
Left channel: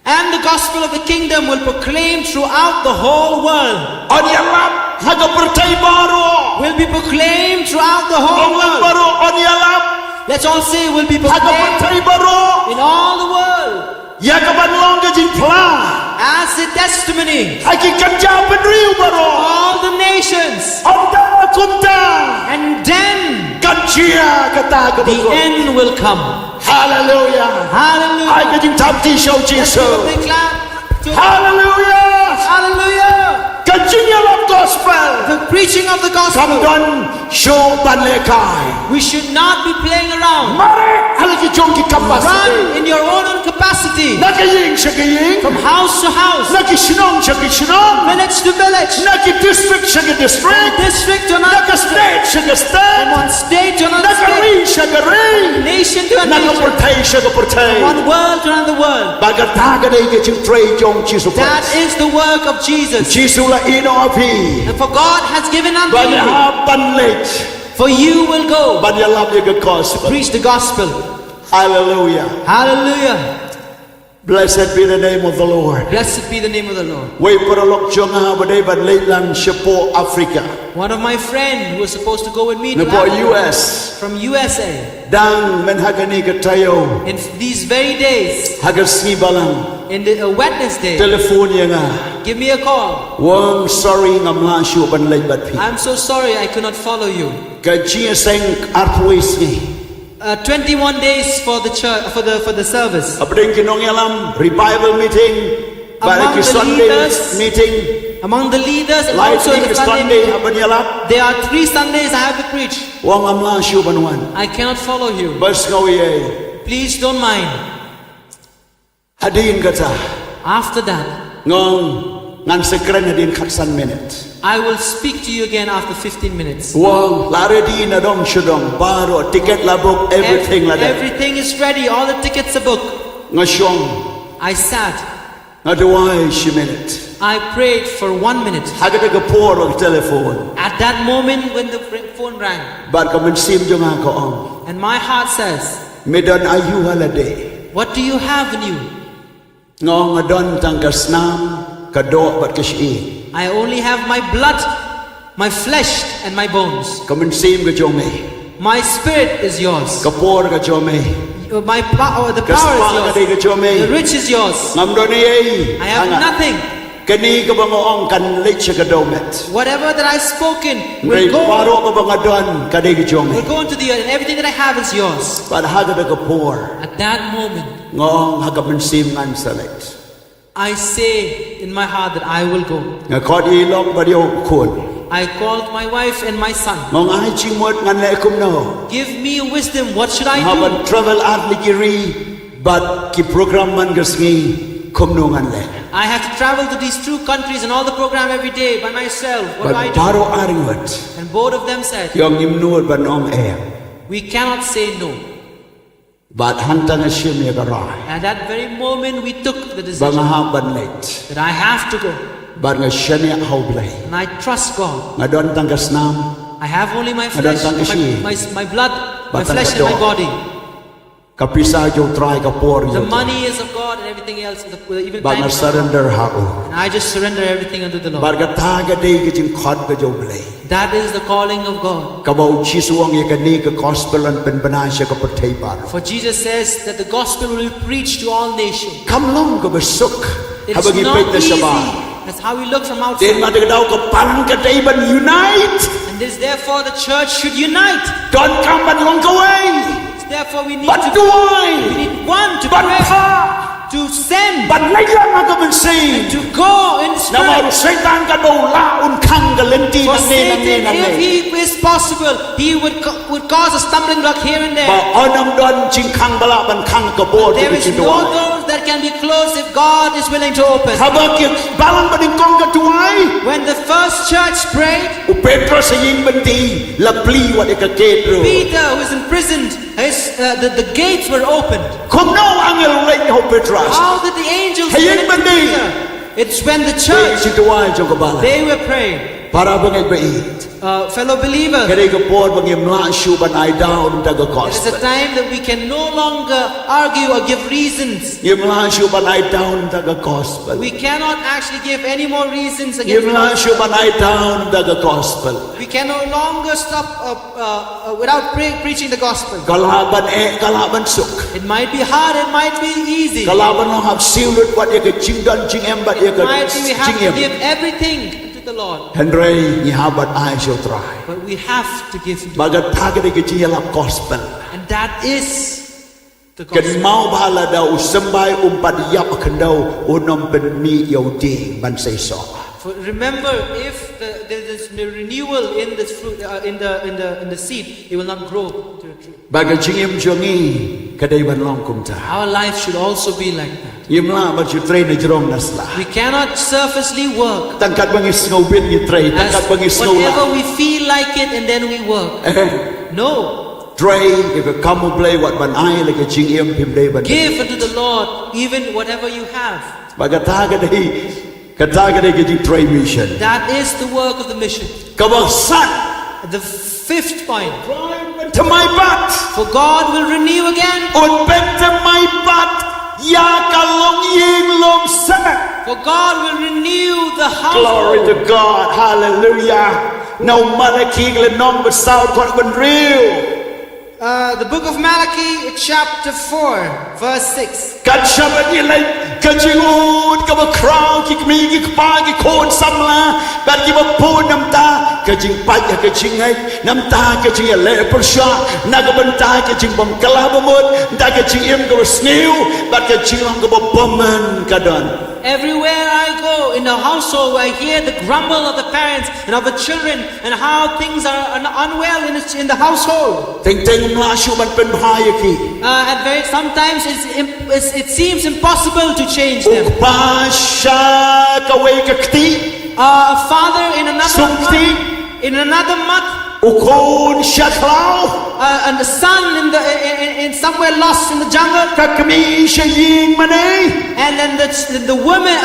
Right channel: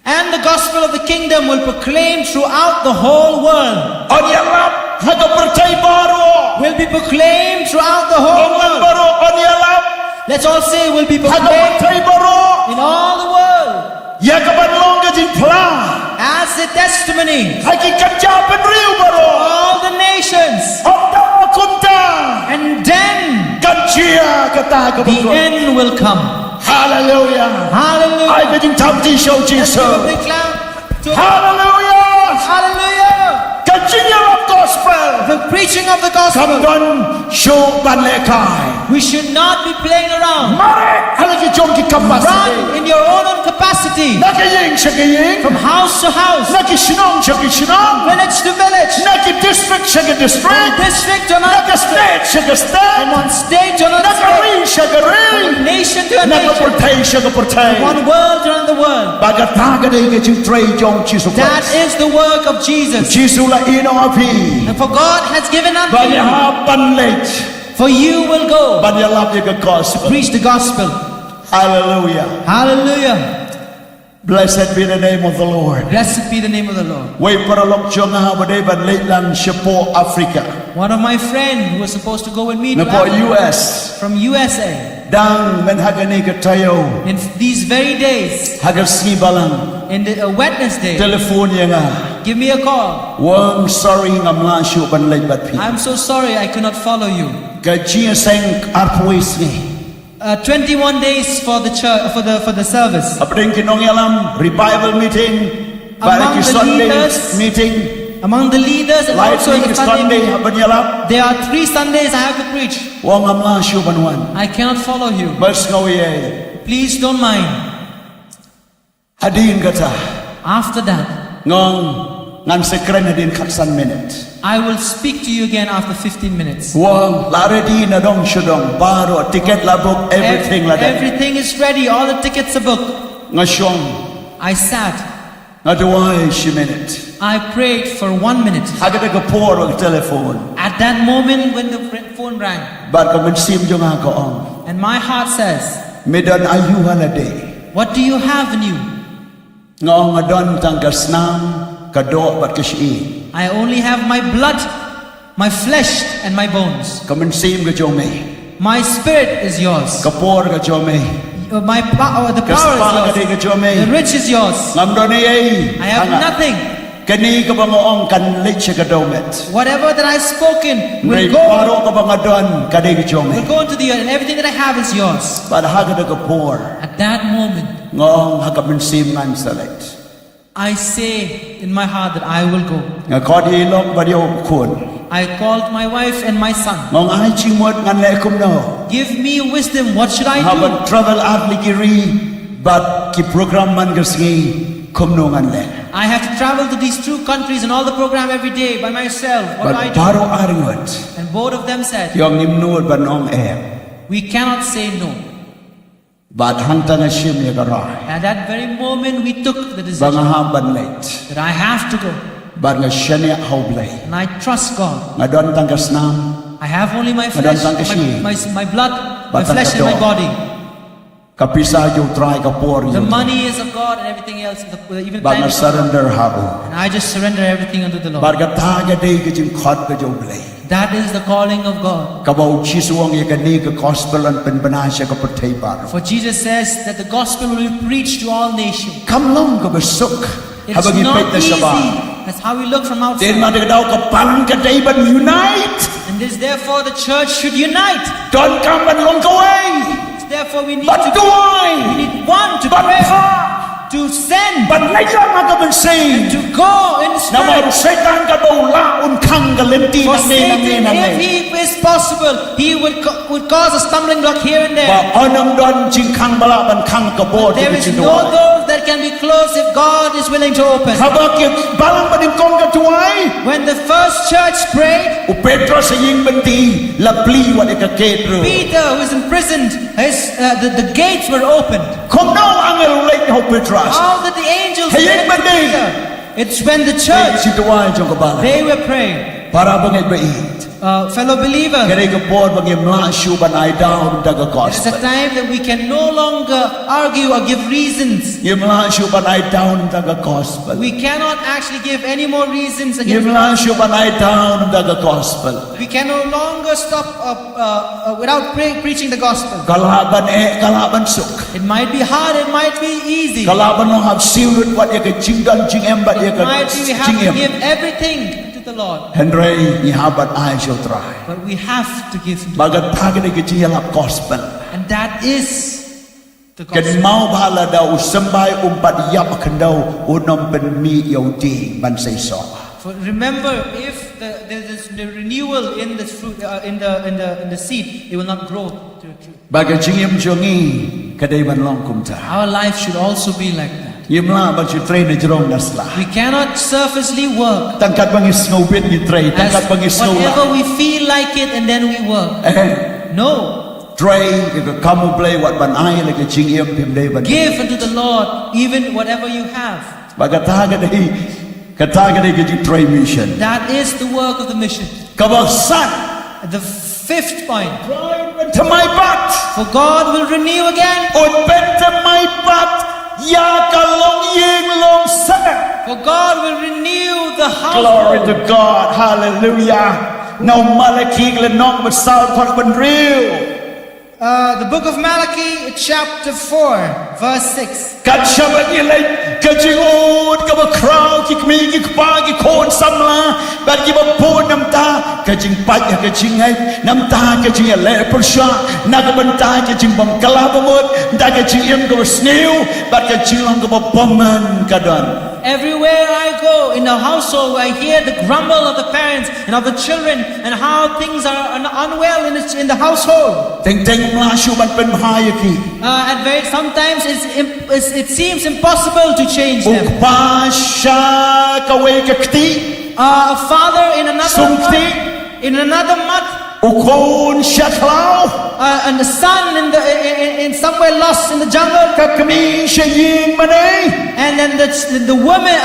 And the gospel of the kingdom will proclaim throughout the whole world. On ya lam haga pertay baro. Will be proclaimed throughout the whole On world. baro on ya lam Let's all say will be haga proclaimed pertay baro. in all the world Ya ka ban long ka jing pla. as a testimony. Haki kanja penriu baro. All the nations. Onda kunta. And then Kanjia kata ka the bako. end will come. Hallelujah. Hallelujah. I ka jing tamti show Let's give a Jesus. big clap to Hallelujah. Hallelujah. Kanjinya lam gospel. The preaching of the gospel. Kamdon show banlekai. We should not be playing around. Mare halaki jong ki kapasite. Run in your own capacity. Nakaying siya kaying. From house to house. Naki sinong siya ki sinong. Village to village. Naki district siya ki From district. district to another Naka state siya ka From state. one state to another Naka state. ring siya ka ring. From nation to a Naka nation. portay siya ka portay. One world to another world. Bagataga day ka jing tray jong Jesus That Christ. is the work of Jesus. Jesus la ino api. And for God has given unto you Banyahapan late. For you will go บัญญัติยังก็ to gospel preach the gospel. hallelujah Hallelujah. blessed be the name of the Lord Blessed be the name of the Lord. ไว้ประลกจงหาบันไดบันเลลังเฉพาะแอฟริกา One of my friends who was supposed to go with me น to พอ Africa, US from USA, ดังมันฮักนี่ก็ทายโอ in these very days, ฮักสีบาลัง in the Wednesday, เทเลโฟนยังอ่ะ give me a call. วัง sorry งำลาชูบันเลบัดพี่ I'm so sorry I could not follow you. ก็จีเซงอาร์พวิสนี่ 21 days for the church, for the service. อัปเดงกินองยาลัม revival meeting บาริกิ Among the Sunday leaders, meeting Among the leaders and also in lightning the Sunday Sunday meeting, บันยาลับ there are 3 Sundays I have to preach. วังงำลาชูบันวัน I cannot follow you. บัสงวย Please don't mind. ฮัดีนก็จะ After that, งงงานสกรีนฮัดีนคัดสัน minute I will speak to you again after 15 minutes. วังลาเรดีนดองชุดองบาร์ติเกตลาบุก everything ละเด็ Everything is ready. All the tickets are booked. งาชง I sat. งาดูไว้ชิ minute I prayed for 1 minute. ฮักเด็กพอร์กเทเลโฟน At that moment when the phone rang, บาร์ก็มันซิมจงหาก็อง and my heart says, ไม่ดันอายุฮาลาเดย์ what do you have in you? งองอดอนตังกัสนามกระโดดบัดกชี I only have my blood, my flesh, and my bones. ก็มันซิมก็โจม My spirit is yours. กระปอร์ก็โจม My the กระส power ปาก็ is ได้ก็ yours. โจม The rich is yours. งำโดนเอ้ I have nothing. กันนี้ก็บังอ้องกันเล็กกระโดด Whatever that I've spoken ใน will ปาโร go, ก็บังอดอนก็ได้ก็โจม will go into the earth, and everything that I have is yours. บัดฮักเด็กพอร์ At that moment, งองฮักมันซิมงานสลัด I say in my heart that I will go. งาขอดีลอกบัดเดียวคุณ I called my wife and my son. งองไอจิงหมดงานเล็กคุมโน Give me wisdom. What should I ฮาบัน do? ทราเวลอาร์ลิกิรีบัดกีโปรแกรมมันก็สิ่งคุมโนงานเล็ก I have to travel to these 2 countries and all the program every day by myself. What บัด do I ปา do? โรอาริงวัด And both of them said, ยองนิมนูดบันองแอ we cannot say no. บัดหันตังชิมยกราย At that very moment, we took the บัง decision ฮาบันเลต that I have to go. บัดงชเนียเฮาเบล And I trust God. งดอนตังกสนาม I have only my Madam flesh, Tangkashi. my blood, my Batang flesh and my Kadok. body. กับพิซาโยตรายกับปอร์ The money is of God and everything else, even บัด time ง is of God. surrender ฮาอู And I just surrender everything unto the บัด Lord. กตากดีก็จึงขอดก็โยเบล That is the calling of God. กับเอาชีสวงยกันนี้ก็กอสเปลอันเป็นปัญหาเชกับประเทศบาร์ For Jesus says that the gospel will be preached to all nations. คำลงก็เป็นสุข It's ฮาบกิไป not แต่สบาย easy. That's how we look from เดินมา outside. เด็กดาวกับปังกันได้บันยูไนต์ And this, therefore, the church should unite. ตอนกำบันลงก็เว้ย Therefore, we need บัน to ด้วย we need one to บัน pray, พา to send, บันไล่ล่ามาก็เป็นสิ่ง to go in นำมา spirit. ไซตานกันดูละอุ่นคังกันเล่นตี For นั่นเองนั่นเอง Satan, นั่นเอ if ง he is possible, he would cause a stumbling block here and บ่ there. เอานำดอนจิงคังบลาบันคังกระโบดที่ There เป็น is จิงตัว no doors that can be closed if God is willing to open. ฮาบกิบาลังบันกองกันตัวไอ้ When the first church prayed, อุเปโตรสยิงบันตีละปลีวัดเอกเกตรู Peter, who is imprisoned, the gates were opened. คงน้องอังเอลเล็กเฮาเปโตรัส How did the angels Hey, get to Bandi. Peter? It's when the เด็ก church, จิตวายจงกบาล they were praying. ปาราบังเอกไปอีก Fellow believer, กระเดกบอดบังเอกมลาชูบันไอดาวน์ดักกอ it ส is a time that we can no longer argue or give reasons. ยิมลาชูบันไอดาวน์ดักกอสเปล We cannot actually give any more reasons ยิ against ม the ลา gospel. ชูบันไอดาวน์ดักกอสเปล We can no longer stop without preaching the gospel. กลาบันเอกลาบันสุก It might be hard, it might be easy. กลาบันลองหับซิลลุดวัดเอกจิงกันจิงเอ็มบัดเอก It might be we จิง have เอ็ to ม give everything to the Lord. เฮนรียี่ฮาบัดไอเชียวตราย But we have to give to บักตากระเดกจิยาลับกอสเปล And that is the กัน gospel. เมาบาลาดาวสบายปัดยับขันดาวอุนอมเป็นมีเยาวดีบันไซซอ For remember, if there is the renewal in the fruit, in the seed, it will not grow to a tree. บากจิงเอ็มจงงี้กระเดบันลองคุมตา Our life should also be like that. ยิมลาบันจุเทรนในจรงนัสลา We cannot surfacely work ตั้งกัดบังอิสโนเบียนยิเทรตั้งกัด as บังอิสโนลา whatever we feel like it and then we work. No. เทรย์ก็คำมุเบลวัดบันไอเลยก็จิงเอ็มพิมเดบัน Give unto the Lord even whatever you have. บากตากระเดกระตากระเดก็จิงเทรมิชชั่น That is the work of the mission. ก็บอกสั้น The fifth point. เป็นทำไมบัด For God will renew again. อุดเป็นทำไมบัดยากะลงยิงลงแสก For God will renew the Glory household. to God Hallelujah នៅម៉ាឡាគីក្លនងបសោតគាត់បានរៀវ The book of Malachi, chapter 4, verse 6. កាត់ចាប់អីលេកាជីអូតក៏បក្រៅគីក្មីគីក្បាគីខូនសំឡាបាត់គីបពូនน้ำตาកាជីងបាច់កាជីងហៃน้ำตาកាជីងលេប្រសាណាកបន្តាកាជីងបំក្លាបមុតតាកាជីងអ៊ឹមក៏ស្នីវបាត់កាជីងឡងក៏បបំមិនកាដន Everywhere I go in the household, I hear the grumble of the parents and of the children and how things are unwell in the household. តែងតែងមឡាឈូបានเป็นพายគី And sometimes it seems impossible to change ឧ them. បបាសាកវេកខ្ទី A father in another Sumti. mud, in another mud, ឧខូនសាក្លោ and the son in somewhere lost in the jungle, កក្មីជាយីងម៉ណេ and then the woman,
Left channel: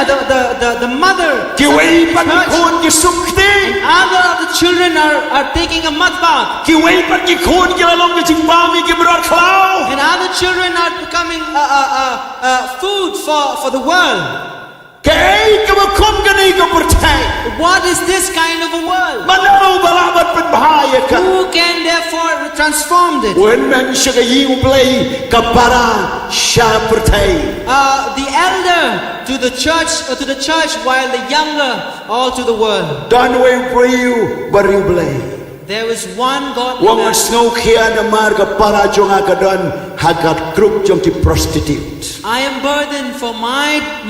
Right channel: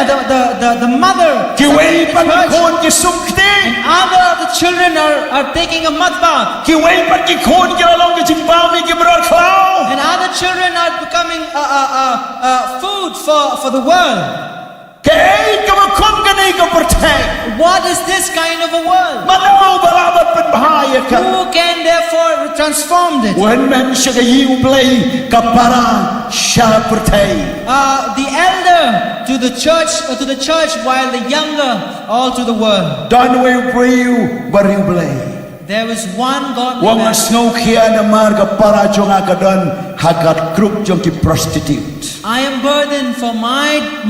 the mother, គីវេ somewhere in បាត់ the church, ខូនគីសុំខ្ទី and other of the children are taking a mud bath, គីវេបាត់គីខូនគីឡងគីជីងបាមីគីមរត់ខ្លោ and other children are becoming food for the world. កែកបខំកនេះក៏ប្រថែ What is this kind of a world? មិនអូបឡាបាត់เป็นพายក Who can therefore transform it? when men សកយីឧប្លេកបារាសាប្រថែ The elder to the church, while the younger all to the world. don't wait for you but you play There is one godly វង man. ស្ងោខៀនមារកបារាចងកដនហាកាត់គ្រប់ជងគី prostitute I am burdened for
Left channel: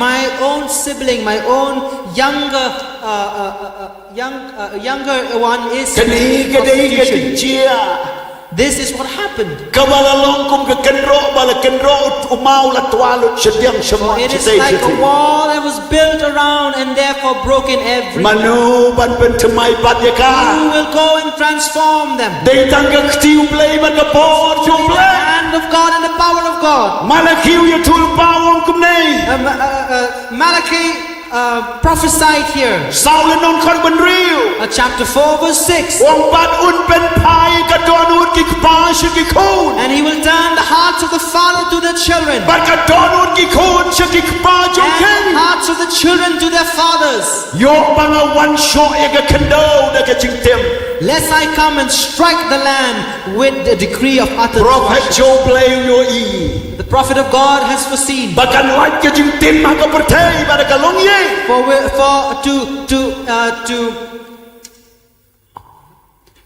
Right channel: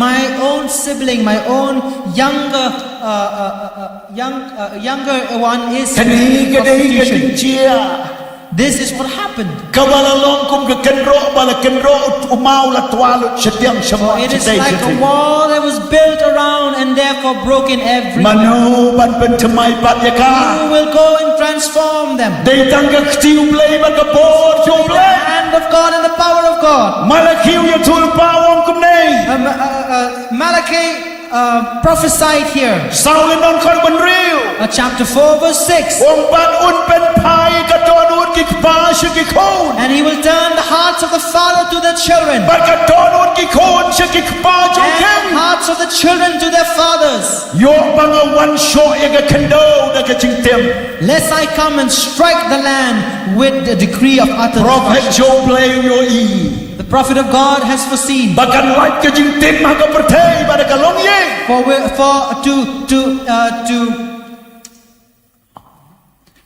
my own sibling, my own younger one is កនេះកដេក prostitution. ជា This is what happened. កបលឡងគុំកកិនរោបលកិនរោឧម៉ៅលត្វាលជទៀងឈម It is like a wall that was built around and therefore broken every. មនោបានเป็นថ្មីបាត់យកា Who will go and transform them? ដេតាំងកខ្ទីវប្លេបានកបោជុំប្លេ The hand of God and the power of God. ម៉ាឡាគីវយទូលបាវងគុំណេ Malachi prophesied here. សោលននខនបានរៀវ Chapter 4 verse 6. វងបាត់អ៊ុនเป็นផាយកដនអ៊ុនគីក្បាឈគីខូន And he will turn the hearts of the father to their children, បាត់កដនអ៊ុនគីខូនឈគីក្បាជុំ and ខេ the hearts of the children to their fathers. យកបងវ៉ាន់ឈោយកខណ្ដោដកជីងទៀម Lest I come and strike the land with the decree of utter ប្រូផេត destruction. ជូប្លេយោអ៊ី The prophet of God has foreseen. បាកាន់ឡាច់កជីងទៀមមកប្រទេបាត់កឡងយេ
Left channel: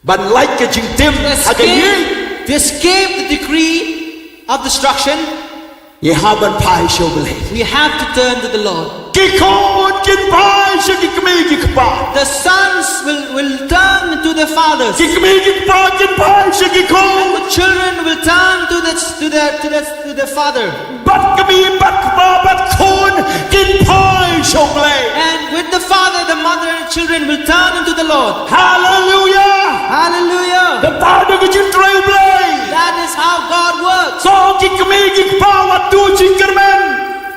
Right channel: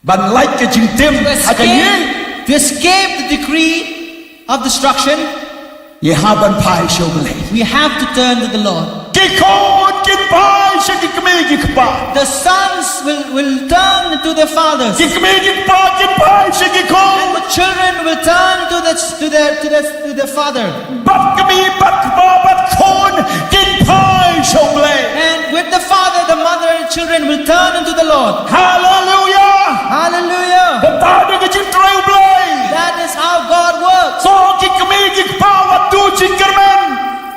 បានឡាច់កជីងទៀមហកយេ To escape the decree of destruction, យេហាបានផាយជូប្លេ we have to turn to the Lord. គីខូនគិនផាយឈគីក្មីគីក្បា The sons will turn to their fathers, គីក្មីគីក្បាគិនផាយឈគីខូន and the children will turn to their father. បាត់ក្មីបាត់ក្បាបាត់ខូនគិនផាយជូប្លេ And with the father, the mother, and the children will turn into the Lord. Hallelujah ក Hallelujah! តាដកជីងត្រូវប្លេ That is how God works. សងគីក្មីគីក្បាវ៉ាទូជីងក្រមែន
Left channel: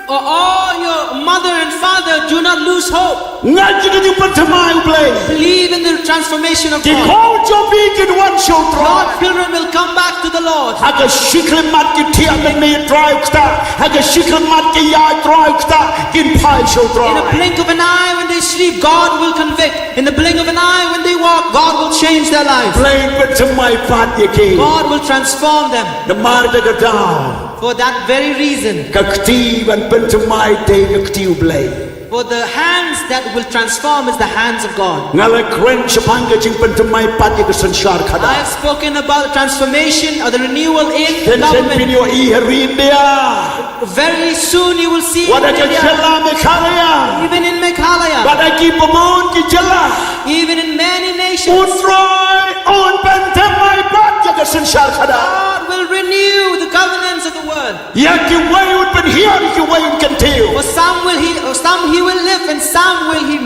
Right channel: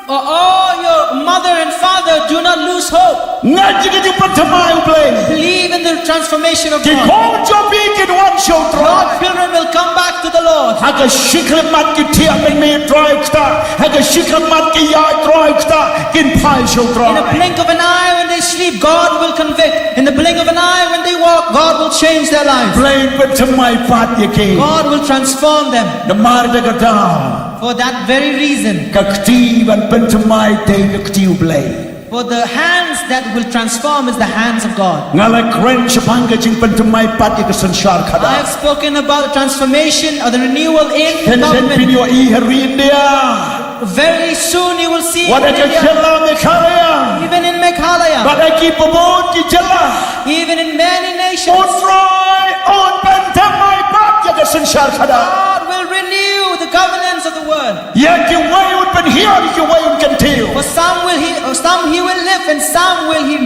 All your mother and father, do not lose hope. ងាច់ជីងប្រថ្មៃប្លេ Believe in the transformation of គី God. ខូនជូពីគិនវ៉ាន់ជូត្រ Your children will come back to the Lord. ហកಶಿក្លម៉ាត់គីធៀមិនមេត្រៃខ្តាហកಶಿក្លម៉ាត់គីយ៉ាយត្រៃខ្តាគិនផាយជូត្រ In a blink of an eye, when they sleep, God will convict. In the blink of an eye, when they walk, God will change their lives. ប្លេប្រថ្មៃបាត់យេគី God will transform them. នមារដកតា For that very reason, កខ្ទីបានเป็นថ្មៃទេកខ្ទីប្លេ for the hands that will transform is the hands of God. ងាលក្រែនឆផាំងកជីងเป็นថ្មៃបាត់យកសន្សារខដា I have spoken about the transformation or the renewal in ហេ the នសេនពី government. ញូអ៊ីហរីនឌីយ៉ា Very soon you will see វ៉ា in ដក India, ចឡាមេខាលយ៉ា even in Meghalaya, បាត់គីបបូនគីចឡា even in many អូន nations. ស្រយអូនเป็นថ្មៃបាត់យកសន្សារខដា God will renew the governance of the world. យ៉ាគីវ៉ៃអូនเป็นเฮียគីវ៉ៃអូនกันទីវ For some he will live, and some will he.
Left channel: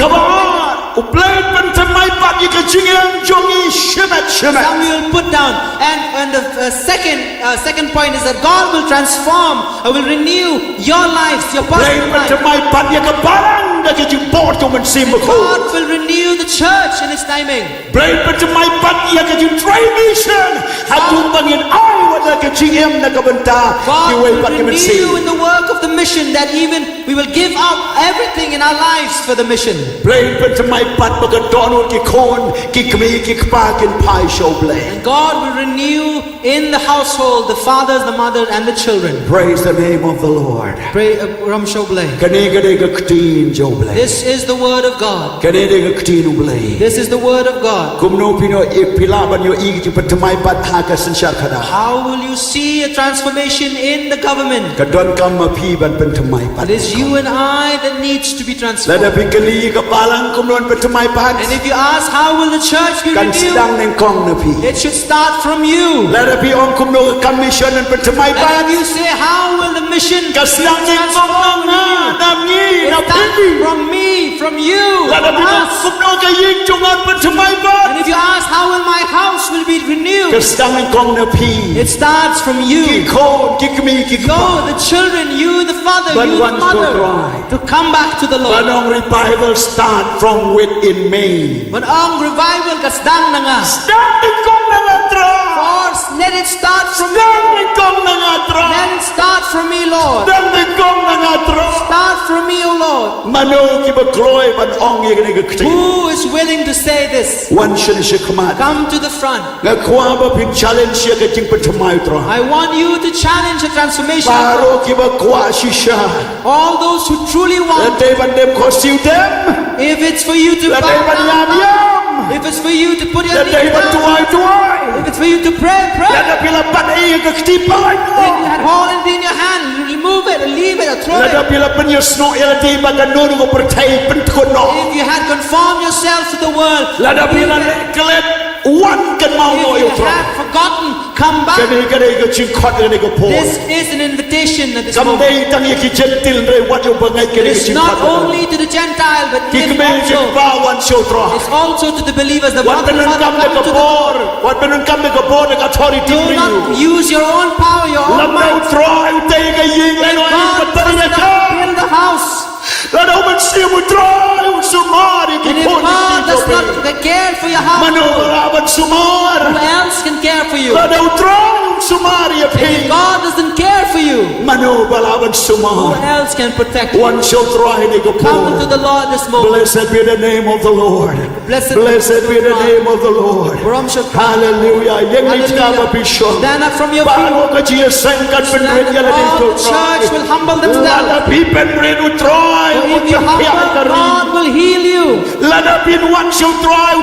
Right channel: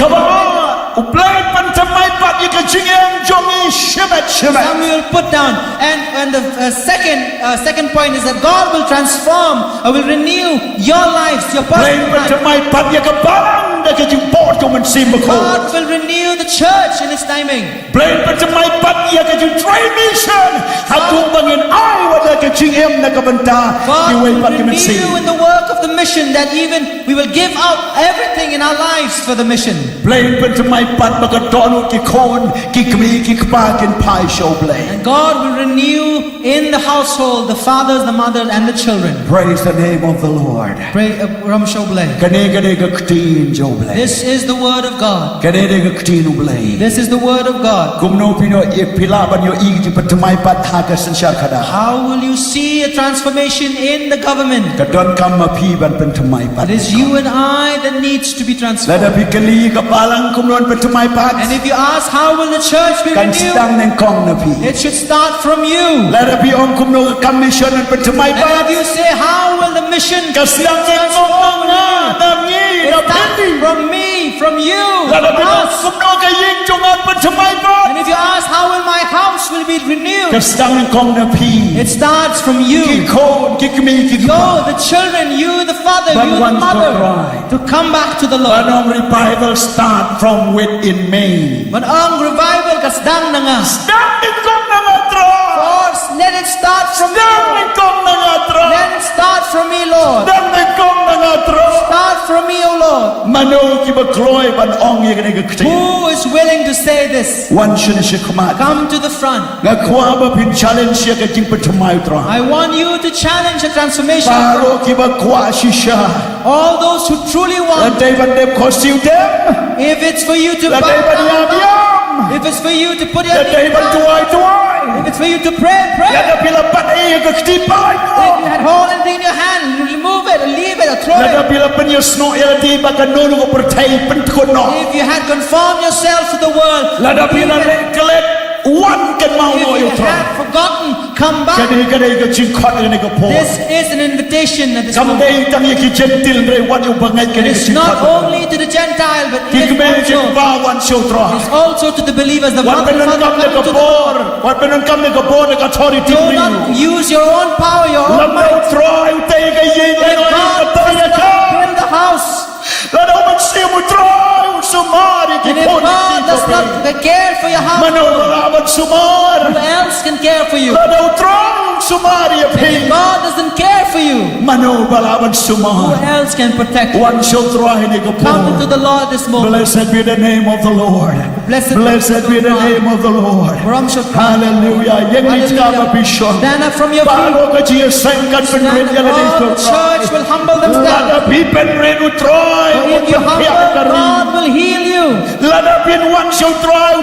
Come on, uplain pantamay pat yikachingem jongi shimet shimet. Some he will put down. And the second point is that God will transform, will renew your lives, your Uplain personal life. pantamay pat yikabarang da ke jing port jong men sim ko God will renew the church in its timing. brain pentemai pat ia ke jing try mission hatung bangin ai wada ke jing em na ka benta God ki wei will pat ke men sim renew in the work of the mission, that even we will give out everything in our lives for the mission. brain pentemai pat ba ka donu ki kon ki kmi ki pa kin pai show blame. And God will renew in the household the fathers, the mothers, and the children. Praise the name of the Lord. Pray, Ram Shoble. Kane kade ka ktin jo blame. This is the word of God. Kane de ka ktin blame. This is the word of God. Kumno pino ipila ban yo igi pentemai pat ha ka sanshar khada. How will you see a transformation in the government? Ka don kam ma phi ban pentemai pat. It is you and I that needs to be transformed. Lada pikali ka palang kumnon pentemai pat. And if you ask how will the church be Kan renewed, sedang neng kong na pi. it should start from you. Lada pi ong kumno ka commission and pentemai And pat. if you say how will the mission be Ka sedang neng kong transformed, na nam ngi it na starts pindi. from me, from you, Lada from pi ong us. kumno ka ying jongan pentemai pat. And if you ask how will my house will be Ka renewed, sedang neng kong na pi. it starts from Ki you. kon ki kmi ki Go, pa. the children, you, the father, But you, the one mother, should try. to come back to the Lord. Panong revival start from within me. But ang revival kasdang na nga. Sedang neng kong na nga tra. First, let it start from Sedang you. neng kong na nga tra. Let it start from me, Lord. Sedang neng kong na nga tra. Start from me, O Lord. Mano ki ba kloy ban ong ye kani ka kti. Who is willing to say this? One shun shi khamat. Come to the front. Nga kwa ba pin challenge ye ka jing pentemai tra. I want you to challenge the transformation. Paro ki ba kwa shisha. All those who truly La want, day ban dem ko siu dem. if it's for you to La bow day ban yam down, yam. if it's for you to put your La day knees ban down, tuai tuai. if it's for you to pray, La pray. da pila pan ye ka kti pai If ko. you had hold anything in your hand, you remove it or leave it or throw La da it. pila pan yo sno ye la di ba ka nonu ko pertai pen ko no. If you had conformed yourself to the world, La da leave pila it. le kelet one kan mau no If yo you tra. had forgotten, come back. Kani kani ka jing khot kani ka po. This is an invitation at this Kam moment. dei tang ye ki gentil re wat yo bangai kani ka It's jing not khot. only to the Gentile, but Ki it's kme je also, ba wan show tra. it's also to the believers. The Wat mother and penun father kam de come ka to the bor. Wat penun kam de ka bor de ka authority Do for not you. use your own power, your own Lam might. dau try utai ka ying If eno ai God ka tai does ka. not build the house, La dau man si mu try u sumari ki and if kon God ki does to not care for your house, Mano raban sumar. who else can care for you? La dau try u sumari ya And if phi. God doesn't care for you, Mano balaban who sumar. else can protect you? One shall try ni ka Come into por. the Lord this moment. Blessed be the name of the Lord. Blessed be the name of the Lord. Ram Shot. Hallelujah. Yang ni ka ba bisho. Stand up from your feet. Paro ka ji sang kan pen red ya le All to the church will humble themselves. Lada pi pen red u try. For if you humble, God will heal you. Lada pin one shall try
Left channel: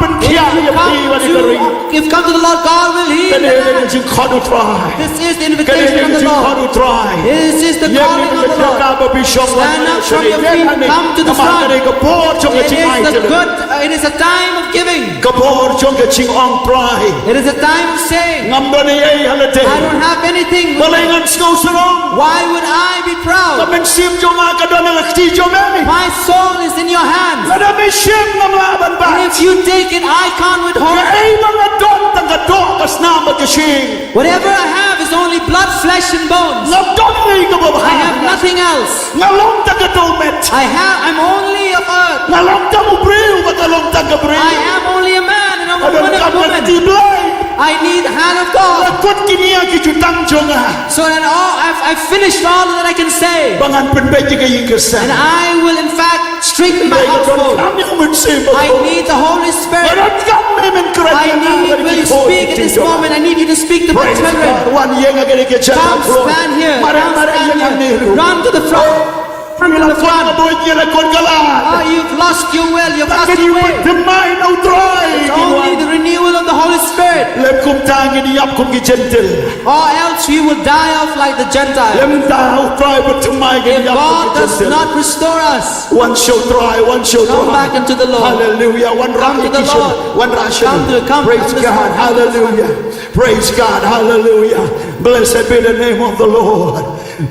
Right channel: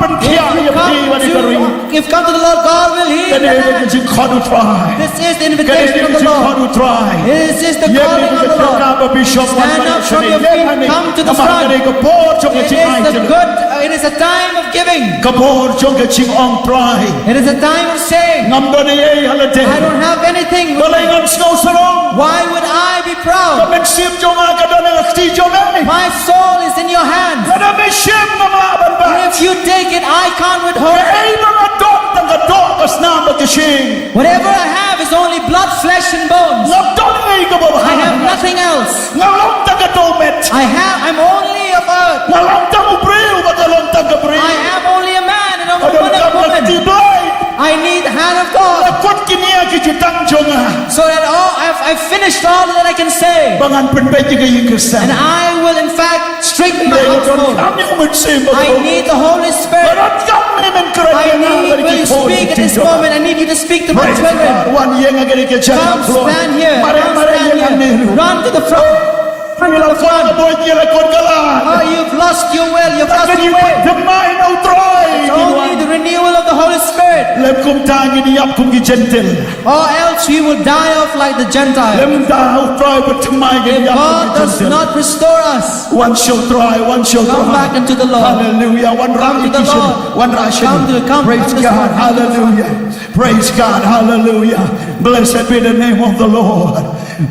pen If kia you ya pi wa ni ka ring. come to the Lord, God will heal Kani you. ni ka ji khod u try. This is the Kani invitation ni of ka the ji khod Lord. u try. This is the Yang ni calling of ka the ka Lord. ba bisho Stand up from your feet, come to the front. Ni ka por chong ka It ji ai is te. the good. It is a time of giving. Ka por chong ka ching ong try. It is a time of saying, Ngam do ni ai halate. I don't have anything. Balai ngan snow sarong. Why would I be proud? Kamen sim jong ka do na kti jong ai. My soul is in your hands. Lada me shim ngam laban ba. If you take it, I can't withhold it. Ay mga don tang ka do kas na magkashing. Whatever I have is only blood, flesh, and bones. Ngam don ay ka ba. I have nothing else. Ngalong tang ka do met. I'm only of earth. Ngalong tang ubreu ba kalong tang ka breu. I am only a man and a Adon woman. ka Woman. ti blay. I need the hand of God. Lakot kiniya ki jutang jong ah. So that I've finished all that I can say. Bangan penbeji ka yung kersa. And I will in fact straighten my household. Kami umensim ba I ko. need the Holy Spirit. Barat kami men kerana I need, will you speak at this moment? I need you to speak to my Praise God. children. Wan yang agak ke Come stand here. Mare Come mare stand yang here. niru. Run to the front. Run to the front. Boy kira kon kalah. Oh, you've lost your will. You've lost Can your you way. put the mind out try? It's only the renewal of the Holy Spirit. Lem kum tangi di ap kum ki gentle. Or else we will die off like the Gentiles. Lem tahu try but to my If di ap kum God ki does gentle. not restore us, One show try, one show come try. back into the Lord. Hallelujah. One Come to the repetition, Lord. one ration. Come Praise this God. morning. Come to the Hallelujah. Praise God. Hallelujah. Blessed be the name of the Lord.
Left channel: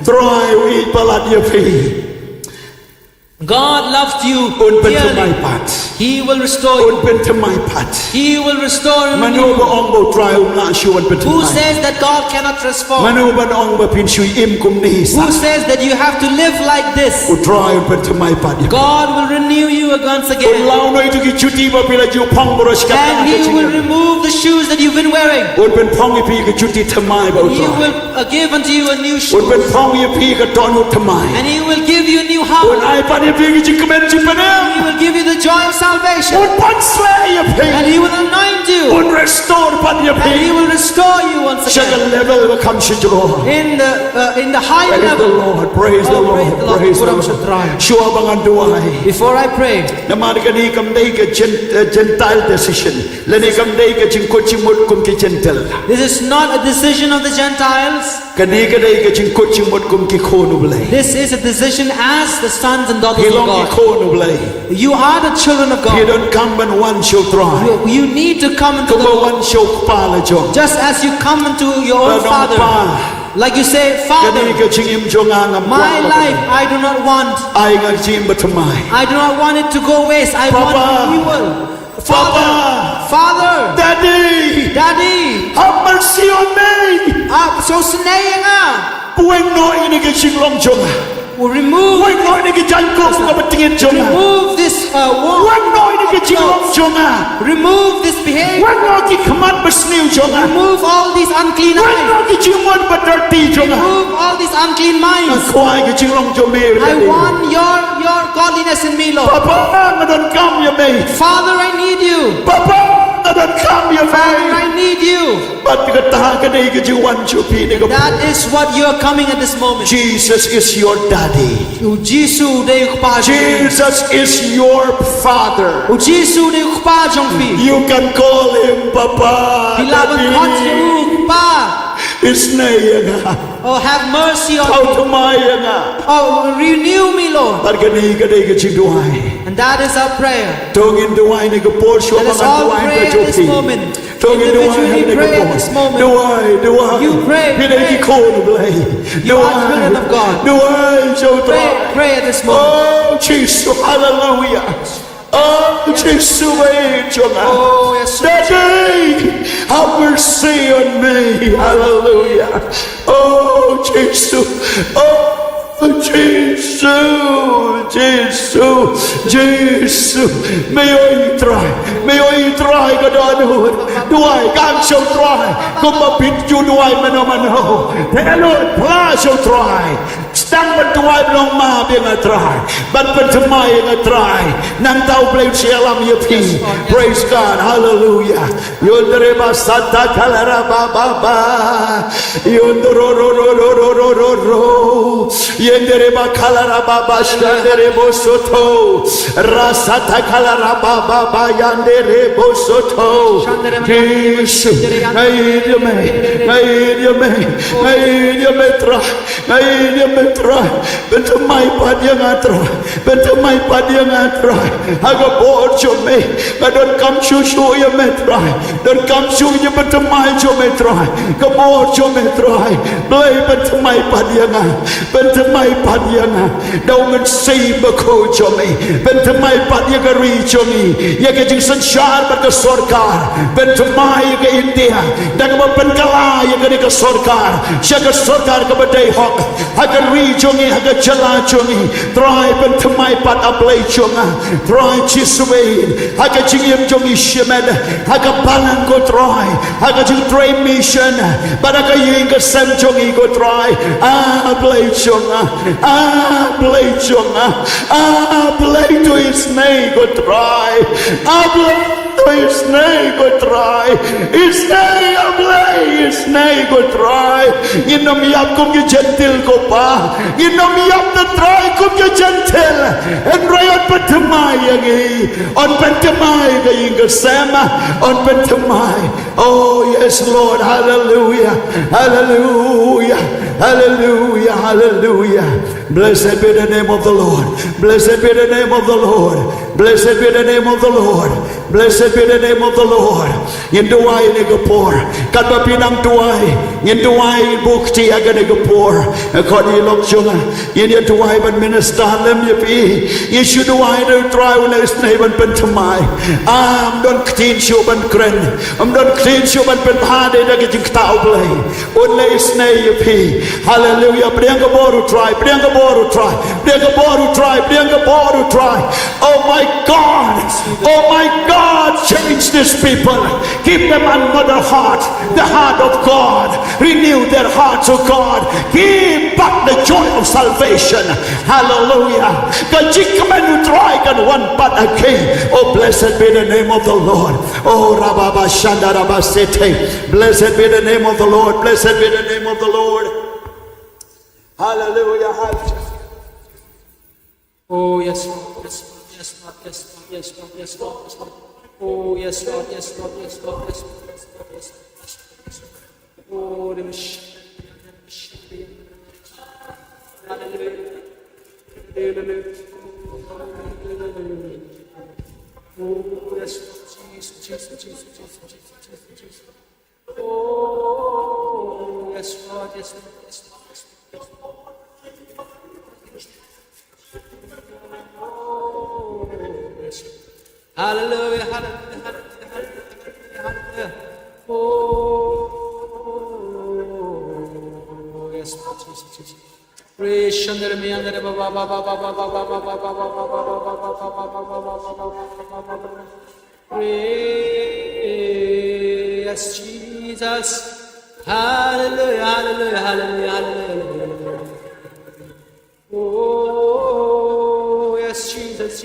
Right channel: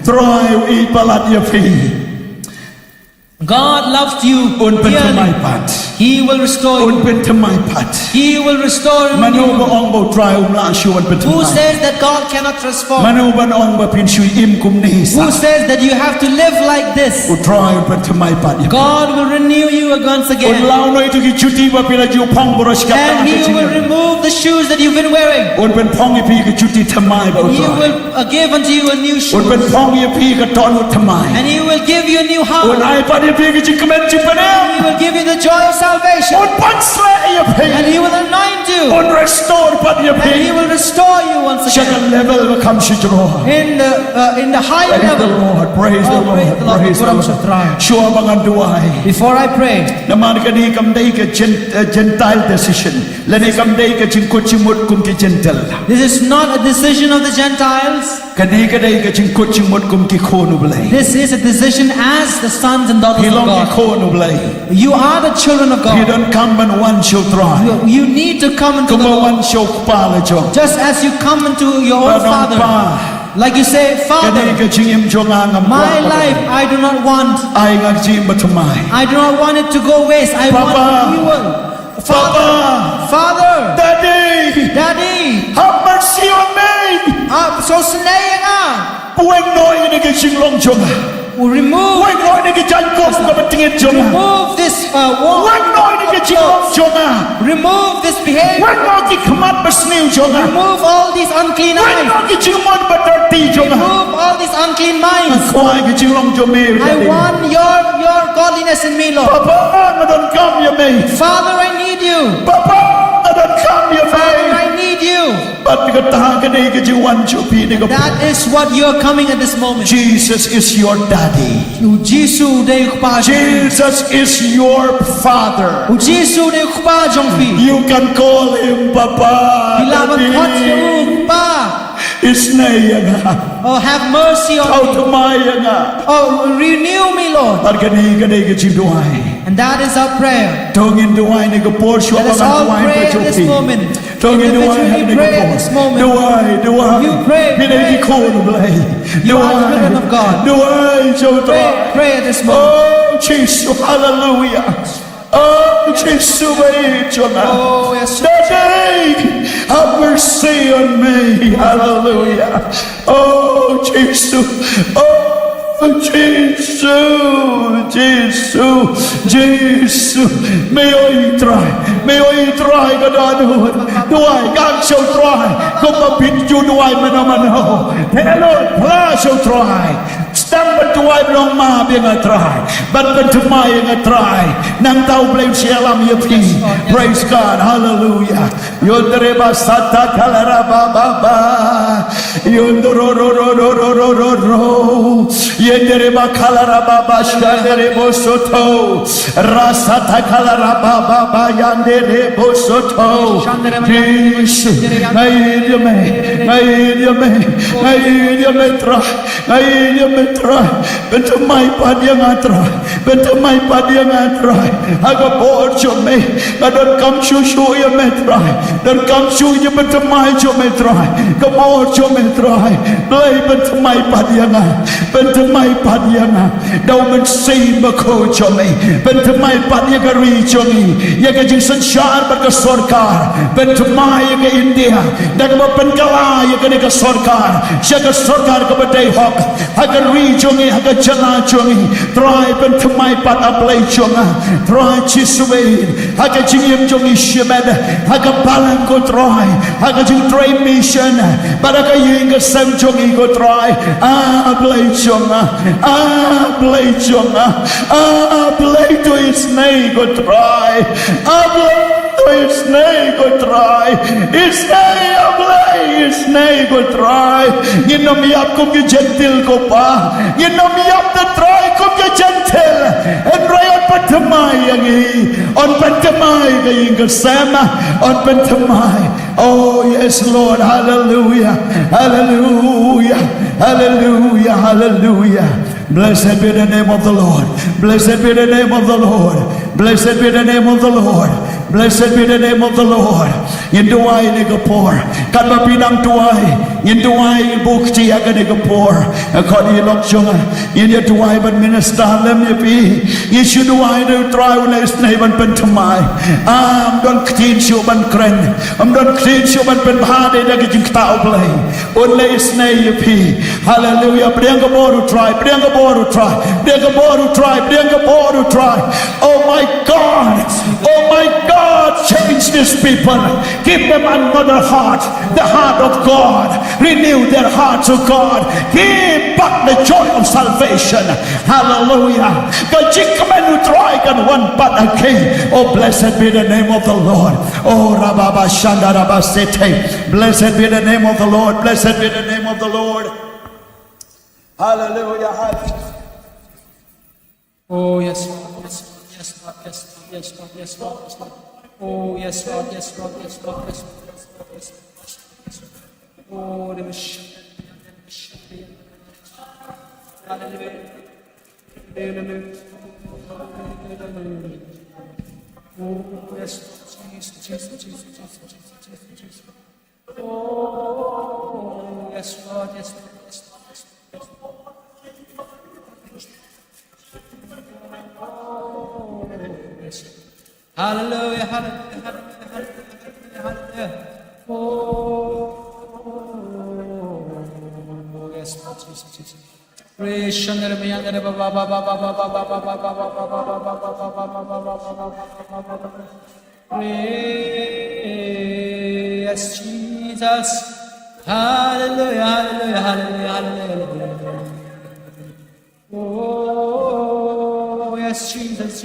Try eat palat ya fi. God loved you Un pen dearly. tumay pat. He will restore อุ่น you. เป็นทำไมพัด He will restore ม you. โนบองบ่ตรายอุ่นละชูวันเป็นทำ Who ไม says that God cannot ม transform? โนบันองบ่พินชุยอิ่มกุมนี้สั Who says that you have to live like this? อุตรายอุ่นเป็นทำไมพัด God will renew you once อุ่น again. เล่าหน่อยทุกชุดที่ว่าเป็นอายุพองบริสกัด And He will remove the shoes that you've been wearing. อุ่นเป็นพองอีพีกับชุดที่ทำไมบ่อุต He ราย will give unto you a new อุ่น shoe. เป็นพองอีพีกับตอนหุดทำไม And He will give you a new อุ่น heart. ไอ้ปันอีพีกับจิงกเมนจิงปะเนม He will give you the joy of อุ่ salvation. นปันสเลอีพี And He will anoint อุ่ you. น restore ปันอีพี And He will restore you once ชัก again. เลเวลว่าคำชิจโร In the higher Praise the level. Lord praise the Oh, praise Lord the Lord. praise the Kurang Lord sutra. ชัวบังอันด้วย Before I pray, นมาดกันนี้กำได้กับGentile decision และนี่กำได้กับจิงกุจิมุดกุมกิ Gentle this is not a decision of the Gentiles. กันนี้ก็ได้กับจิงกุจิมุดกุมกิโคนุบเลย This is a decision as the sons and daughters พี่ล of องกิโค God. นุบเลย You are the children of พี่ God. ดอนคำบันวันโชตราย You need to come into ก็ the มาวัน Lord โชคปาละจง just as you come into your ว่า own น้อง Father. ป้า Like you say, กันนี้ Father, ก็จิงอิมจงอางาม my life I do not want. ไอ้งักจิมบัตมาย I do not want it to go waste. I want Papa. renewal. Papa. Father, Daddy Daddy, have mercy on me so snaying ah, ป่วยน้อยนี่ก็จิงลองจง will remove ป่วยน้อยนี่ก็จันกบกับบัตเงินจง remove this ป่วย wall, น้อยนี่ก็จิงลองจง remove this ป่วย behavior, น้อยที่ขมัดบัสนิวจง remove all these unclean ป่วยน้อย eyes, ที่จิงมันบัตรตีจง remove all these unclean minds. ควายก็จิงลองจงเมย์ I want your godliness in me, ป้า Lord. ป้ามาดนคำยาเมย์ Father, I need you. ป้าป้ามาดนคำยาเม Father, ย์ I need you. บัตรก็ตาก็ได้ก็จิงวันชูพีนี่ก็ That is what you are coming at this moment. Jesus is your daddy O Jesus de ukpa Jesus is your father O Jesus de ukpa jongfi. you can call him Papa Bilaban kot Daddy ukpa. Is na yan Oh, have mercy on How me. to maya nga Oh, renew me, Lord. Pargani ka na ikachin duway And that is our prayer. Tongin duway ni ka porsyo Let us mga all duway pray ka at this chopi moment. Tongin duway Individually ni ka pray at po this moment. Duway You pray, Pinay pray. ki kono blay You are children of God. Duway chotra Pray at this moment. Oh Jesus hallelujah Oh Jesus Oh, yes. Daddy, have mercy on me. Hallelujah. Oh, Jesus. Oh, Jesus. Jesus. Jesus. May I try. May I try, God. Do I? God shall try. Come up in you, do I? Mano. Hello, Pla shall try. Stang ban tuway long ma biang a try. Ban ban tumay ang a try. Nang tao blame siya lam yapi. Praise God. Hallelujah. Yondreba sata kalara ba ba ba. Yondro ro ro ro ro ro ro ro. Yondreba kalara ba ba shandrebo soto. Rasata kalara ba ba ba yandrebo soto. Jesus. Ngayon yame try. Ngayon yame try. Bentamay pa dia ngatry. Bentamay pa dia ngatry. Aga borjo me. Don't come show you me try. Don't come show you bentamay jo me try. Ga borjo me try. Blay bentamay pa dia nga. Bentamay pa dia nga. Daw man say mako jo me. Bentamay pa dia ga ri jo me. Ya ga jing sanshar ba ka sarkar. Bentamay ga India. Daga ba penkala ya ga ni ka sarkar. Siya ka sarkar ka ba day hawk. Haga ri jo ngi haga jala jo ngi. Try bentamay pat ablay jo nga. Try chisway. Haga jing yem jo ngi shemed. Haga balang ko try. Haga jing try mission. Baraka ying ka sem jo ngi ko try. Ablay jo nga. Ablay jo nga. Ablay to his name ko try. Ablay to his name ko try. His name ablay. His name ko try. Ginamiyap kong gentle ko pa. Ginamiyap na try kong gentle. And rayon patamay agi. On patamay kayong kasama. On patamay. Oh yes Lord. Hallelujah. Hallelujah. Hallelujah. Hallelujah. Blessed be the name of the Lord. Blessed be the name of the Lord. Blessed be the name of the Lord. Blessed be the name of the Lord. Yin duway ni gapor. Kan mapinang duway. Yin duway bukti aga ni gapor. Kon ilok junga. Yin ya duway ban minister lem ya pi. Yin shu duway du try ulay snay ban penthamai. Don clean shu ban kren. Don clean shu ban pen bhade dagi jing tao play. Ulay snay ya pi. Hallelujah. Prianga boru try. Prianga boru try. Prianga boru try. Prianga boru try. Oh my God. Oh my God. Change these people. Give them another heart. The heart of God. Renew their hearts, oh God. Give back the joy of salvation. Hallelujah. Kajikamen try kan one but again. Oh, blessed be the name of the Lord. Oh, Rababa Shanda Rabasete. Blessed be the name of the Lord. Blessed be the name of the Lord. Hallelujah. Hallelujah. Oh, yes, Lord. Yes, Lord. Yes, Lord. Yes, Lord. Yes, Lord. Yes, Lord. Oh, yes, Lord. Yes, Lord. Yes, Lord. Yes, Lord. Yes, Lord. Yes, Lord. Oh, the Messiah. Hallelujah. Oh, yes, Jesus. Oh, yes, Lord. Yes, Lord. Yes, Lord. Yes, Lord. Oh, yes. Hallelujah, hallelujah, hallelujah, hallelujah. Oh, yes, Lord Jesus. Praise Shandara Miyandara Baba Baba Baba Baba Baba Baba Baba. Praise Jesus. Hallelujah, hallelujah, hallelujah, hallelujah. Oh, yes, Jesus.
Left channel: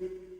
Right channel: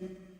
Amen.